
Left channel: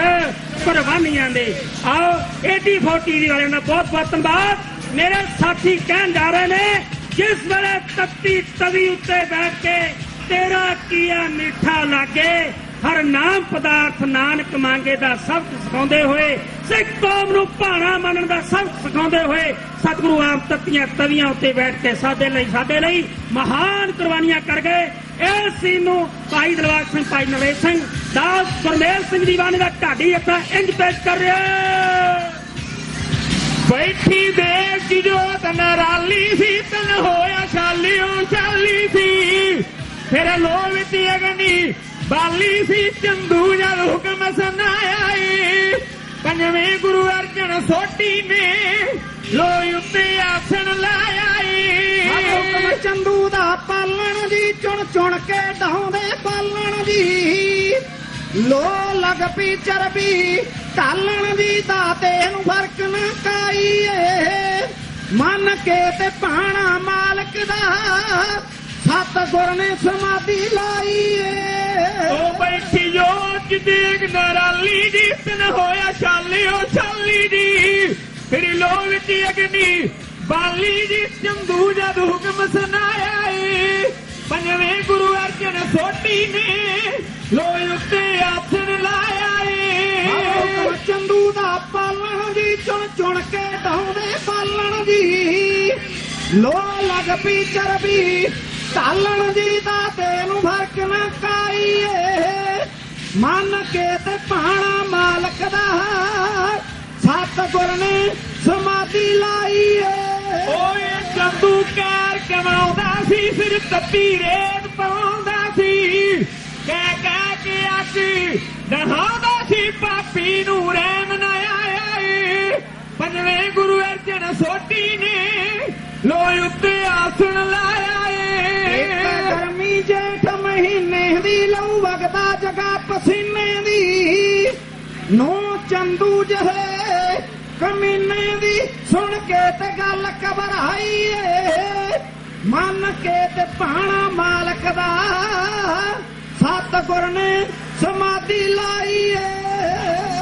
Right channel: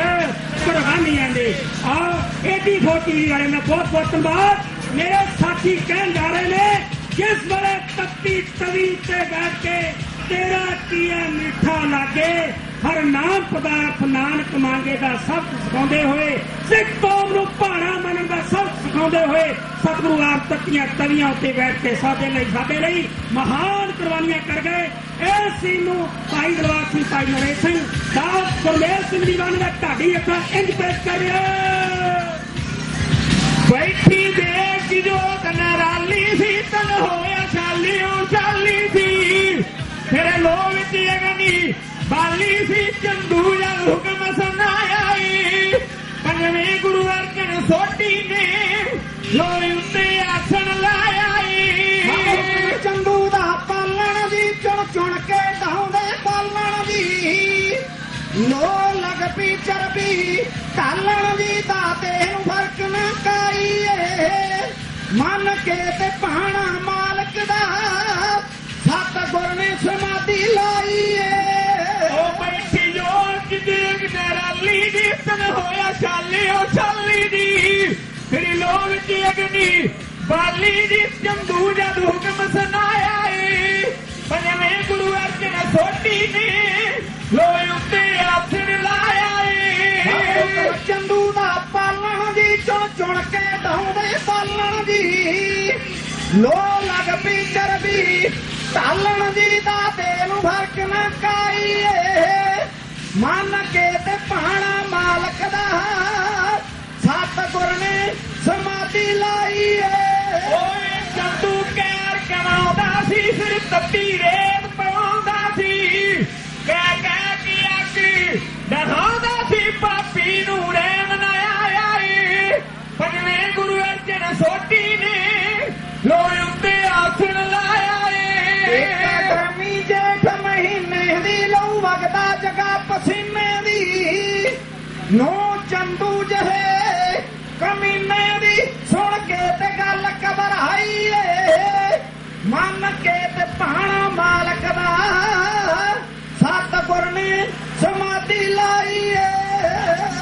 ਕੁਰਬਾਨੀਆਂ ਦੇ ਆਓ ਏਡੀ ਫੋਟੀ ਦੀ ਵਾਲੇ ਦਾ ਬਹੁਤ ਬਹੁਤ ਧੰਨਵਾਦ ਮੇਰੇ ਸਾਥੀ ਕਹਿਣ ਜਾ ਰਹੇ ਨੇ ਜਿਸ ਵੇਲੇ ਤੱਤੀ ਤਵੀ ਉੱਤੇ ਬੈਠ ਕੇ ਤੇਰਾ ਕੀਆ ਮਿੱਠਾ ਲਾਗੇ ਹਰ ਨਾਮ ਪਦਾਰਥ ਨਾਨਕ ਮੰਗੇ ਦਾ ਸਬਕ ਸਿਖਾਉਂਦੇ ਹੋਏ ਸਿੱਖ ਕੌਮ ਨੂੰ ਭਾਣਾ ਮੰਨਣ ਦਾ ਸਬਕ ਸਿਖਾਉਂਦੇ ਹੋਏ ਸਤਿਗੁਰੂ ਆਪ ਤੱਤੀਆਂ ਤਵੀਆਂ ਉੱਤੇ ਬੈਠ ਕੇ ਸਾਡੇ ਲਈ ਮਹਾਨ ਕੁਰਬਾਨੀਆਂ ਕਰ ਗਏ ਇਸ ਸੀਨ ਨੂੰ ਭਾਈ ਦਲਵਾਰ ਸਿੰਘ ਭਾਈ ਨਰੇਸ਼ ਸਿੰਘ ਦਾਸ ਗੁਰਮੇਲ ਸਿੰਘ ਦੀਵਾਨ ਦਾ ਢਾਡੀ ਆਪਣਾ ਇੰਜ ਪੇਸ਼ ਕਰ ਰਿਹਾ ਬੈਠੀ ਦੇਖ ਜੋ ਤਨਰਾਲੀ ਸੀ ਤਨ ਹੋਇਆ ਚਾਲੀ ਸੀ ਫਿਰ ਲੋਕ ਦੀ ਅਗਨੀ ਬਾਲੀ ਸੀ ਚੰਦੂ ਜਦ ਹੁਕਮ ਸੁਣਾਇਆ ਈ ਪੰਜਵੇਂ ਗੁਰੂ ਅਰਜਨ ਸੋਢੀ ਨੇ ਲੋਈ ਉੱਤੇ ਆਸਣ ਲਾਇਆ ਈ ਹੁਕਮ ਚੰਦੂ ਦਾ ਪਾਲਣ ਦੀ ਚੁਣ ਕੇ ਢਾਉਂਦੇ ਪਾਲਣ ਦੀ ਲੋ ਲੱਗ ਪੀ ਚਰਬੀ ਕਾਲਣ ਦੀ ਦਾਤੇ ਨੂੰ ਫਰਕ ਨਾ ਕਾਈਏ ਮੰਨ ਕੇ ਤੇ ਪਾਣਾ ਮਾਲਕ ਦਾ ਸਤਿਗੁਰ ਨੇ ਸਮਾਧੀ ਲਾਈ ਏ ਉਹ ਬੈਠੀ ਜੋਤ ਦੇਖ ਨਰਾਲੀ ਦੀ ਤਨ ਹੋਇਆ ਛਾਲੀ ਦੀ ਫਿਰ ਲੋਕ ਵਿੱਚ ਅਗਨੀ ਬਾਲੀ ਦੀ ਚੰਦੂ ਜਦ ਹੁਕਮ ਸੁਣਾਇਆ ਏ ਪੰਜਵੇਂ ਗੁਰੂ ਅਰਜਨ ਸੋਢੀ ਨੇ ਲੋਈ ਉੱਤੇ ਆਸਣ ਲਾਇਆ ਏ ਚੰਦੂ ਦਾ ਪਾਲਣ ਦੀ ਚੁਣ ਕੇ ਢਾਉਂਦੇ ਪਾਲਣ ਦੀ ਲੋ ਲੱਗ ਪੀ ਚਰਬੀ ਢਾਲਣ ਦੀ ਦਾਤੇ ਨੂੰ ਫਰਕ ਨਾ ਕਾਈਏ ਮੰਨ ਕੇ ਤੇ ਪਾਣਾ ਮਾਲਕ ਦਾ ਸਤਿਗੁਰ ਨੇ ਸਮਾਧੀ ਲਾਈ ਏ ਓਏ ਚੰਦੂ ਕਹਿਰ ਕਰਾਉਂਦਾ ਸੀ ਫਿਰ ਤੱਤੀ ਰੇਤ ਪਾਉਂਦਾ ਸੀ ਕਹਿ ਕੇ ਆਖੀ ਡਹਾਉਂਦਾ ਸੀ ਪਾਪੀ ਨੂੰ ਰਹਿਮ ਨਾ ਆਇਆ ਏ ਪੰਜਵੇਂ ਗੁਰੂ ਅਰਜਨ ਸੋਢੀ ਨੇ ਲੋਈ ਉੱਤੇ ਆਸਣ ਲਾਇਆ ਏ ਵਗਦਾ ਜਗਾ ਪਸੀਨੇ ਦੀ ਨੂੰ ਚੰਦੂ ਜਹੇ ਕਮੀਨੇ ਦੀ ਸੁਣ ਕੇ ਤੇ ਗੱਲ ਘਬਰਾਈ ਏ ਮੰਨ ਕੇ ਤੇ ਭਾਣਾ ਮਾਲਕ ਦਾ ਸਤਿਗੁਰ ਨੇ ਸਮਾਧੀ ਲਾਈ ਏ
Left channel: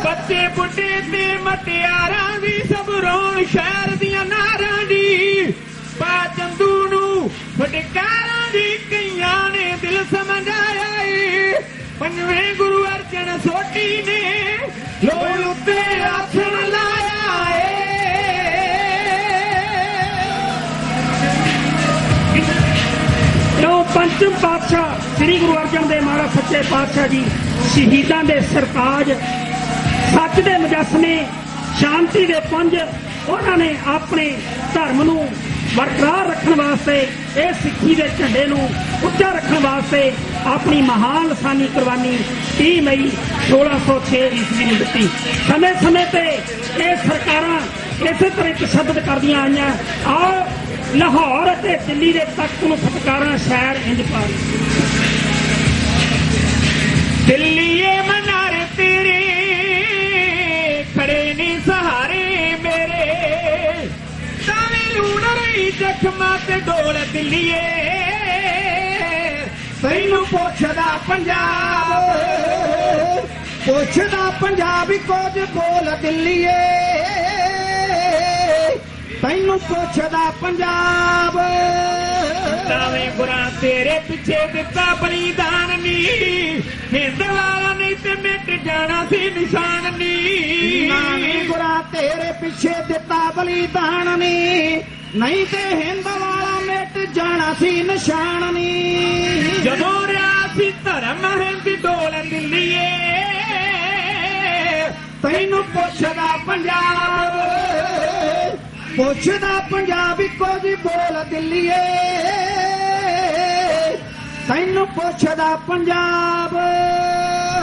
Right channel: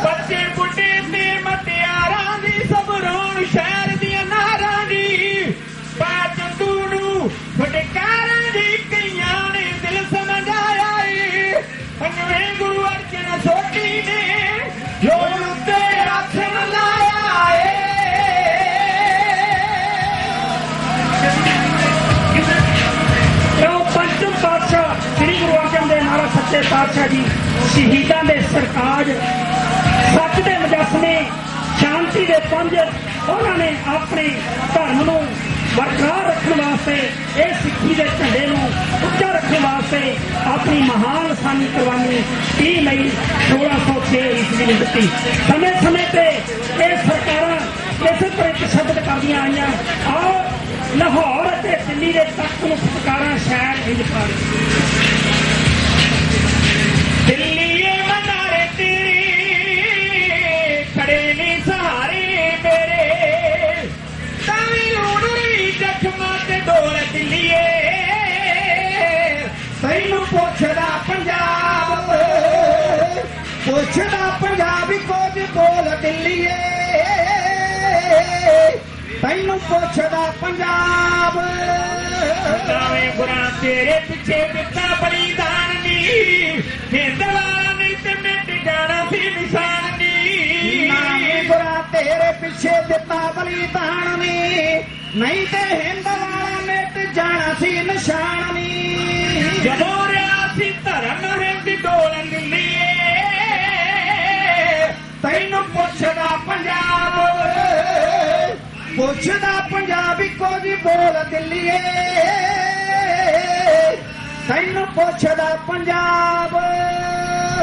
ਬੱਚੇ ਬੁੱਢੇ ਤੇ ਮਟਿਆਰਾਂ ਦੀ ਸਭ ਰੋਣ ਸ਼ਹਿਰ ਦੀਆਂ ਨਾਰਾਂ ਦੀ ਪਾ ਚੰਦੂ ਨੂੰ ਫਟਕਾਰਾਂ ਦੀ ਕਈਆਂ ਨੇ ਦਿਲ ਸਮਝਾਇਆ ਏ ਪੰਜਵੇਂ ਗੁਰੂ ਅਰਜਨ ਸੋਢੀ ਨੇ ਲੋੜ ਉੱਤੇ ਆਖਣ ਲਾਇਆ ਏ ਜੋ ਪੰਚਮ ਪਾਤਸ਼ਾਹ ਸ੍ਰੀ ਗੁਰੂ ਅਰਜਨ ਦੇਵ ਮਹਾਰਾਜ ਸੱਚੇ ਪਾਤਸ਼ਾਹ ਜੀ ਸ਼ਹੀਦਾਂ ਦੇ ਸਰਤਾਜ ਸੱਚ ਦੇ ਮੁਜੱਸਮੇ ਸ਼ਾਂਤੀ ਦੇ ਪੁੰਜ ਉਹਨਾਂ ਨੇ ਆਪਣੇ ਧਰਮ ਨੂੰ ਬਰਕਰਾਰ ਰੱਖਣ ਵਾਸਤੇ ਇਹ ਸਿੱਖੀ ਦੇ ਝੰਡੇ ਨੂੰ ਉੱਚਾ ਰੱਖਣ ਵਾਸਤੇ ਆਪਣੀ ਮਹਾਨ ਲਾਸਾਨੀ ਕੁਰਬਾਨੀ 30 ਮਈ 1606 ਈਸਵੀ ਨੂੰ ਦਿੱਤੀ। ਸਮੇਂ ਸਮੇਂ ਤੇ ਇਹ ਸਰਕਾਰਾਂ ਇਸੇ ਤਰ੍ਹਾਂ ਇੱਕ ਸ਼ਬਦ ਕਰਦੀਆਂ ਆਈਆਂ ਆਓ ਲਾਹੌਰ ਅਤੇ ਦਿੱਲੀ ਦੇ ਤਖਤ ਨੂੰ ਫਟਕਾਰਾਂ ਸ਼ਹਿਰ ਇੰਜ ਕਰ ਦਿੱਲੀਏ ਮਨਾਰੇ ਤੇਰੇ ਖੜੇ ਨੇ ਸਹਾਰੇ ਮੇਰੇ ਤਾਵੀ ਲੂਣ ਰਹੀ ਜ਼ਖਮਾਂ ਤੇ ਡੋਲ ਦਿੱਲੀਏ ਤੈਨੂੰ ਪੁੱਛਦਾ ਪੰਜਾਬ ਵੀ ਕੁਝ ਬੋਲ ਦਿੱਲੀਏ ਤੈਨੂੰ ਪੁੱਛਦਾ ਪੰਜਾਬ ਤਾਵੇਂ ਗੁਰਾਂ ਤੇਰੇ ਪਿੱਛੇ ਦਿੱਤਾ ਬਲੀਦਾਨ ਨੀ ਹਿੰਦ ਵਾਲਾ ਨਹੀਂ ਤੇ ਮਿਟ ਜਾਣਾ ਸੀ ਨਿਸ਼ਾਨ ਨੀ ਗੁਰਾਂ ਤੇਰੇ ਪਿੱਛੇ ਦਿੱਤਾ ਬਲੀਦਾਨ ਨੀ ਨਹੀਂ ਤੇ ਹਿੰਦ ਵਾਲਾ ਮਿਟ ਜਾਣਾ ਸੀ ਨਿਸ਼ਾਨ ਨੀ ਜਦੋਂ ਰਿਆ ਸੀ ਧਰਮ ਹਿੰਦ ਡੋਲ ਦਿੱਲੀਏ ਤੈਨੂੰ ਪੁੱਛਦਾ ਪੰਜਾਬ ਪੰਜਾਬੀ ਕੁਝ ਬੋਲ ਦਿੱਲੀਏ ਤੈਨੂੰ ਪੁੱਛਦਾ ਪੰਜਾਬ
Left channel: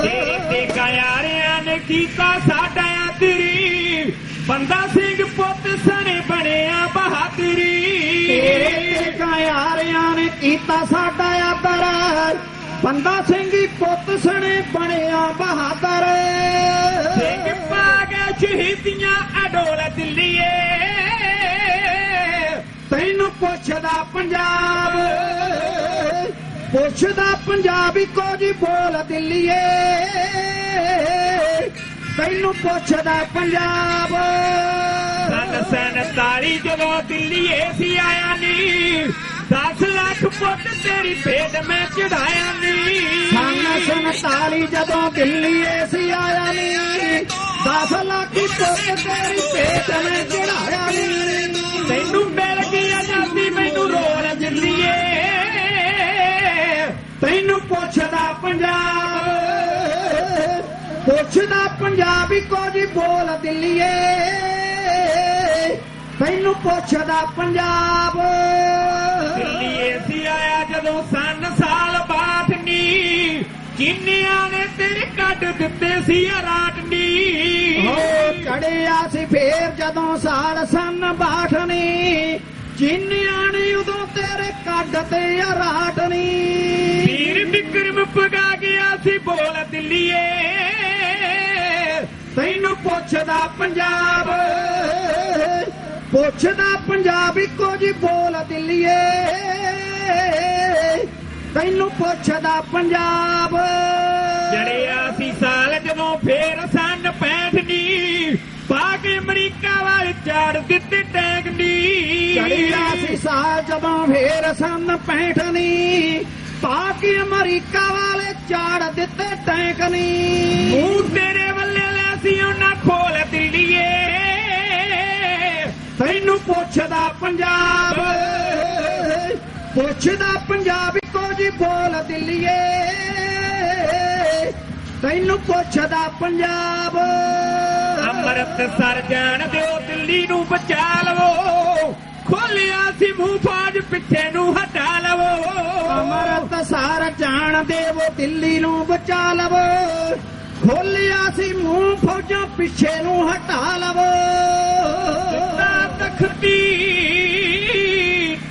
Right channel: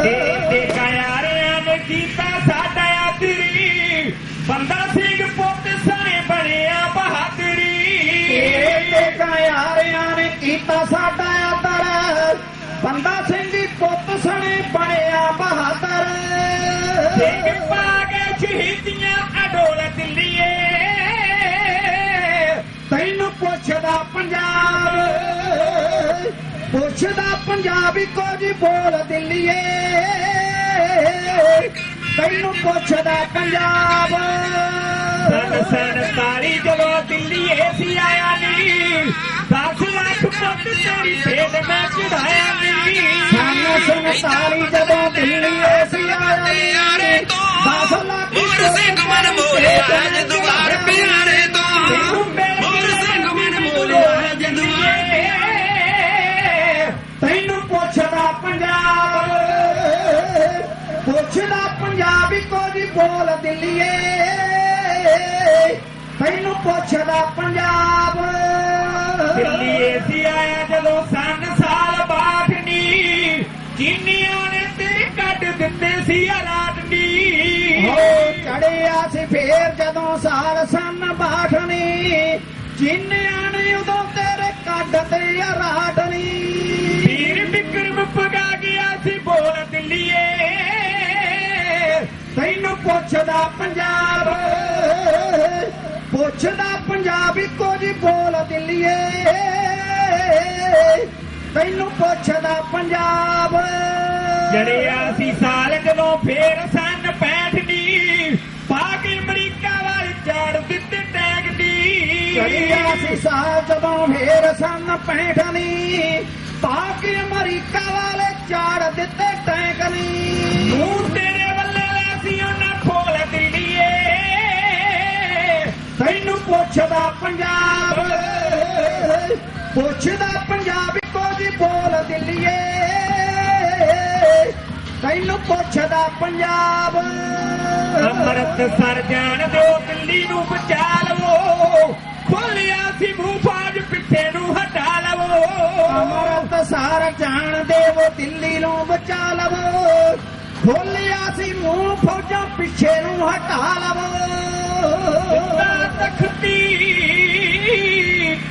ਦੇ ਕਾਇਆਰਿਆਂ ਨੇ ਕੀਤਾ ਸਾਡਾ ਆਦਰੀ ਬੰਦਾ ਸਿੰਘ ਪੁੱਤ ਸਣੇ ਬਣਿਆ ਬਹਾਦਰੀ ਤੇਰੇ ਕਾਇਆਰਿਆਂ ਨੇ ਕੀਤਾ ਸਾਡਾ ਆਦਰ ਬੰਦਾ ਸਿੰਘ ਪੁੱਤ ਸਣੇ ਬਣਿਆ ਬਹਾਦਰ ਸਿੰਘ ਪਾ ਕੇ ਸ਼ਹੀਦੀਆਂ ਅਡੋਲ ਦਿੱਲੀਏ ਤੈਨੂੰ ਪੁੱਛਦਾ ਪੰਜਾਬੀ ਕੁਝ ਬੋਲ ਦਿੱਲੀਏ ਤੈਨੂੰ ਪੁੱਛਦਾ ਪੰਜਾਬ ਸਨ 47 ਜਦੋਂ ਦਿੱਲੀਏ ਸੀ ਆਇਆ ਨੀ 10 ਲੱਖ ਪੁੱਤ ਤੇਰੀ ਭੇਟ ਮੈਂ ਚੜਾਇਆ ਨੀ ਸਨ 47 ਜਦੋਂ ਦਿੱਲੀਏ ਸੀ ਆਇਆ ਨੀ 10 ਲੱਖ ਪੁੱਤ ਤੇਰੀ ਭੇਟ ਮੈਂ ਚੜਾਇਆ ਨੀ ਤੈਨੂੰ ਮਿਲ ਕੇ ਲੱਗਦੀ ਮੈਨੂੰ ਰੋਣ ਦਿੱਲੀਏ ਤੈਨੂੰ ਪੁੱਛਦਾ ਪੰਜਾਬੀ ਕੁਝ ਬੋਲ ਦਿੱਲੀਏ ਤੈਨੂੰ ਪੁੱਛਦਾ ਪੰਜਾਬ ਦਿੱਲੀਏ ਸੀ ਆਇਆ ਜਦੋਂ ਸਨ ਸਾਲ 62 ਨੀ ਚੀਨੀਆਂ ਨੇ ਤੇਰੇ ਕੱਢ ਦਿੱਤੇ ਸੀ ਰਾਟ ਨੀ ਹੋ ਚੜਿਆ ਸੀ ਫੇਰ ਜਦੋਂ ਸਾਲ ਸਨ 62 ਨੀ ਚੀਨੀਆਂ ਨੇ ਉਦੋਂ ਤੇਰੇ ਕੱਢ ਤੇ ਰਾਟ ਨੀ ਵੀਰ ਵਿਕਰਮ ਪਗਾ ਗਿਆ ਸੀ ਬੋਲ ਦਿੱਲੀਏ ਤੈਨੂੰ ਪੁੱਛਦਾ ਪੰਜਾਬੀ ਕੁਝ ਬੋਲ ਦਿੱਲੀਏ ਤੈਨੂੰ ਪੁੱਛਦਾ ਪੰਜਾਬ ਜੜਿਆ ਸੀ ਸਾਲ ਜਦੋਂ ਫੇਰ ਸਨ 65 ਨੀ ਪਾ ਕੇ ਅਮਰੀਕਾ ਵਾਲ ਚਾੜ ਦਿੱਤੇ ਟੈਗ ਨੀ ਚੜਿਆ ਸੀ ਸਾਲ ਜਦੋਂ ਫੇਰ ਸਨ 65 ਨੀ ਪਾ ਕੇ ਅਮਰੀਕਾ ਵਾਲੇ ਚਾੜ ਦਿੱਤੇ ਟੈਂਕ ਨੀ ਮੂੰਹ ਤੇਰੇ ਵੱਲੇ ਲੈ ਸੀ ਉਹਨਾਂ ਖੋਲ ਦਿੱਲੀਏ ਤੈਨੂੰ ਪੁੱਛਦਾ ਪੰਜਾਬੀ ਕੁਝ ਬੋਲ ਦਿੱਲੀਏ ਤੈਨੂੰ ਪੁੱਛਦਾ ਪੰਜਾਬ ਅੰਮ੍ਰਿਤਸਰ ਜਾਣ ਦਿਓ ਦਿੱਲੀ ਨੂੰ ਬਚਾ ਲਵੋ ਖੋਲਿਆ ਸੀ ਮੂੰਹ ਫੌਜ ਪਿੱਛੇ ਨੂੰ ਹਟਾ ਲਵੋ ਅੰਮ੍ਰਿਤਸਰ ਜਾਣ ਦੇਵੋ ਦਿੱਲੀ ਨੂੰ ਬਚਾ ਲਵੋ ਖੋਲਿਆ ਸੀ ਮੂੰਹ ਫੌਜਾਂ ਪਿੱਛੇ ਨੂੰ ਹਟਾ ਲਵੋ ਤਖਤੀ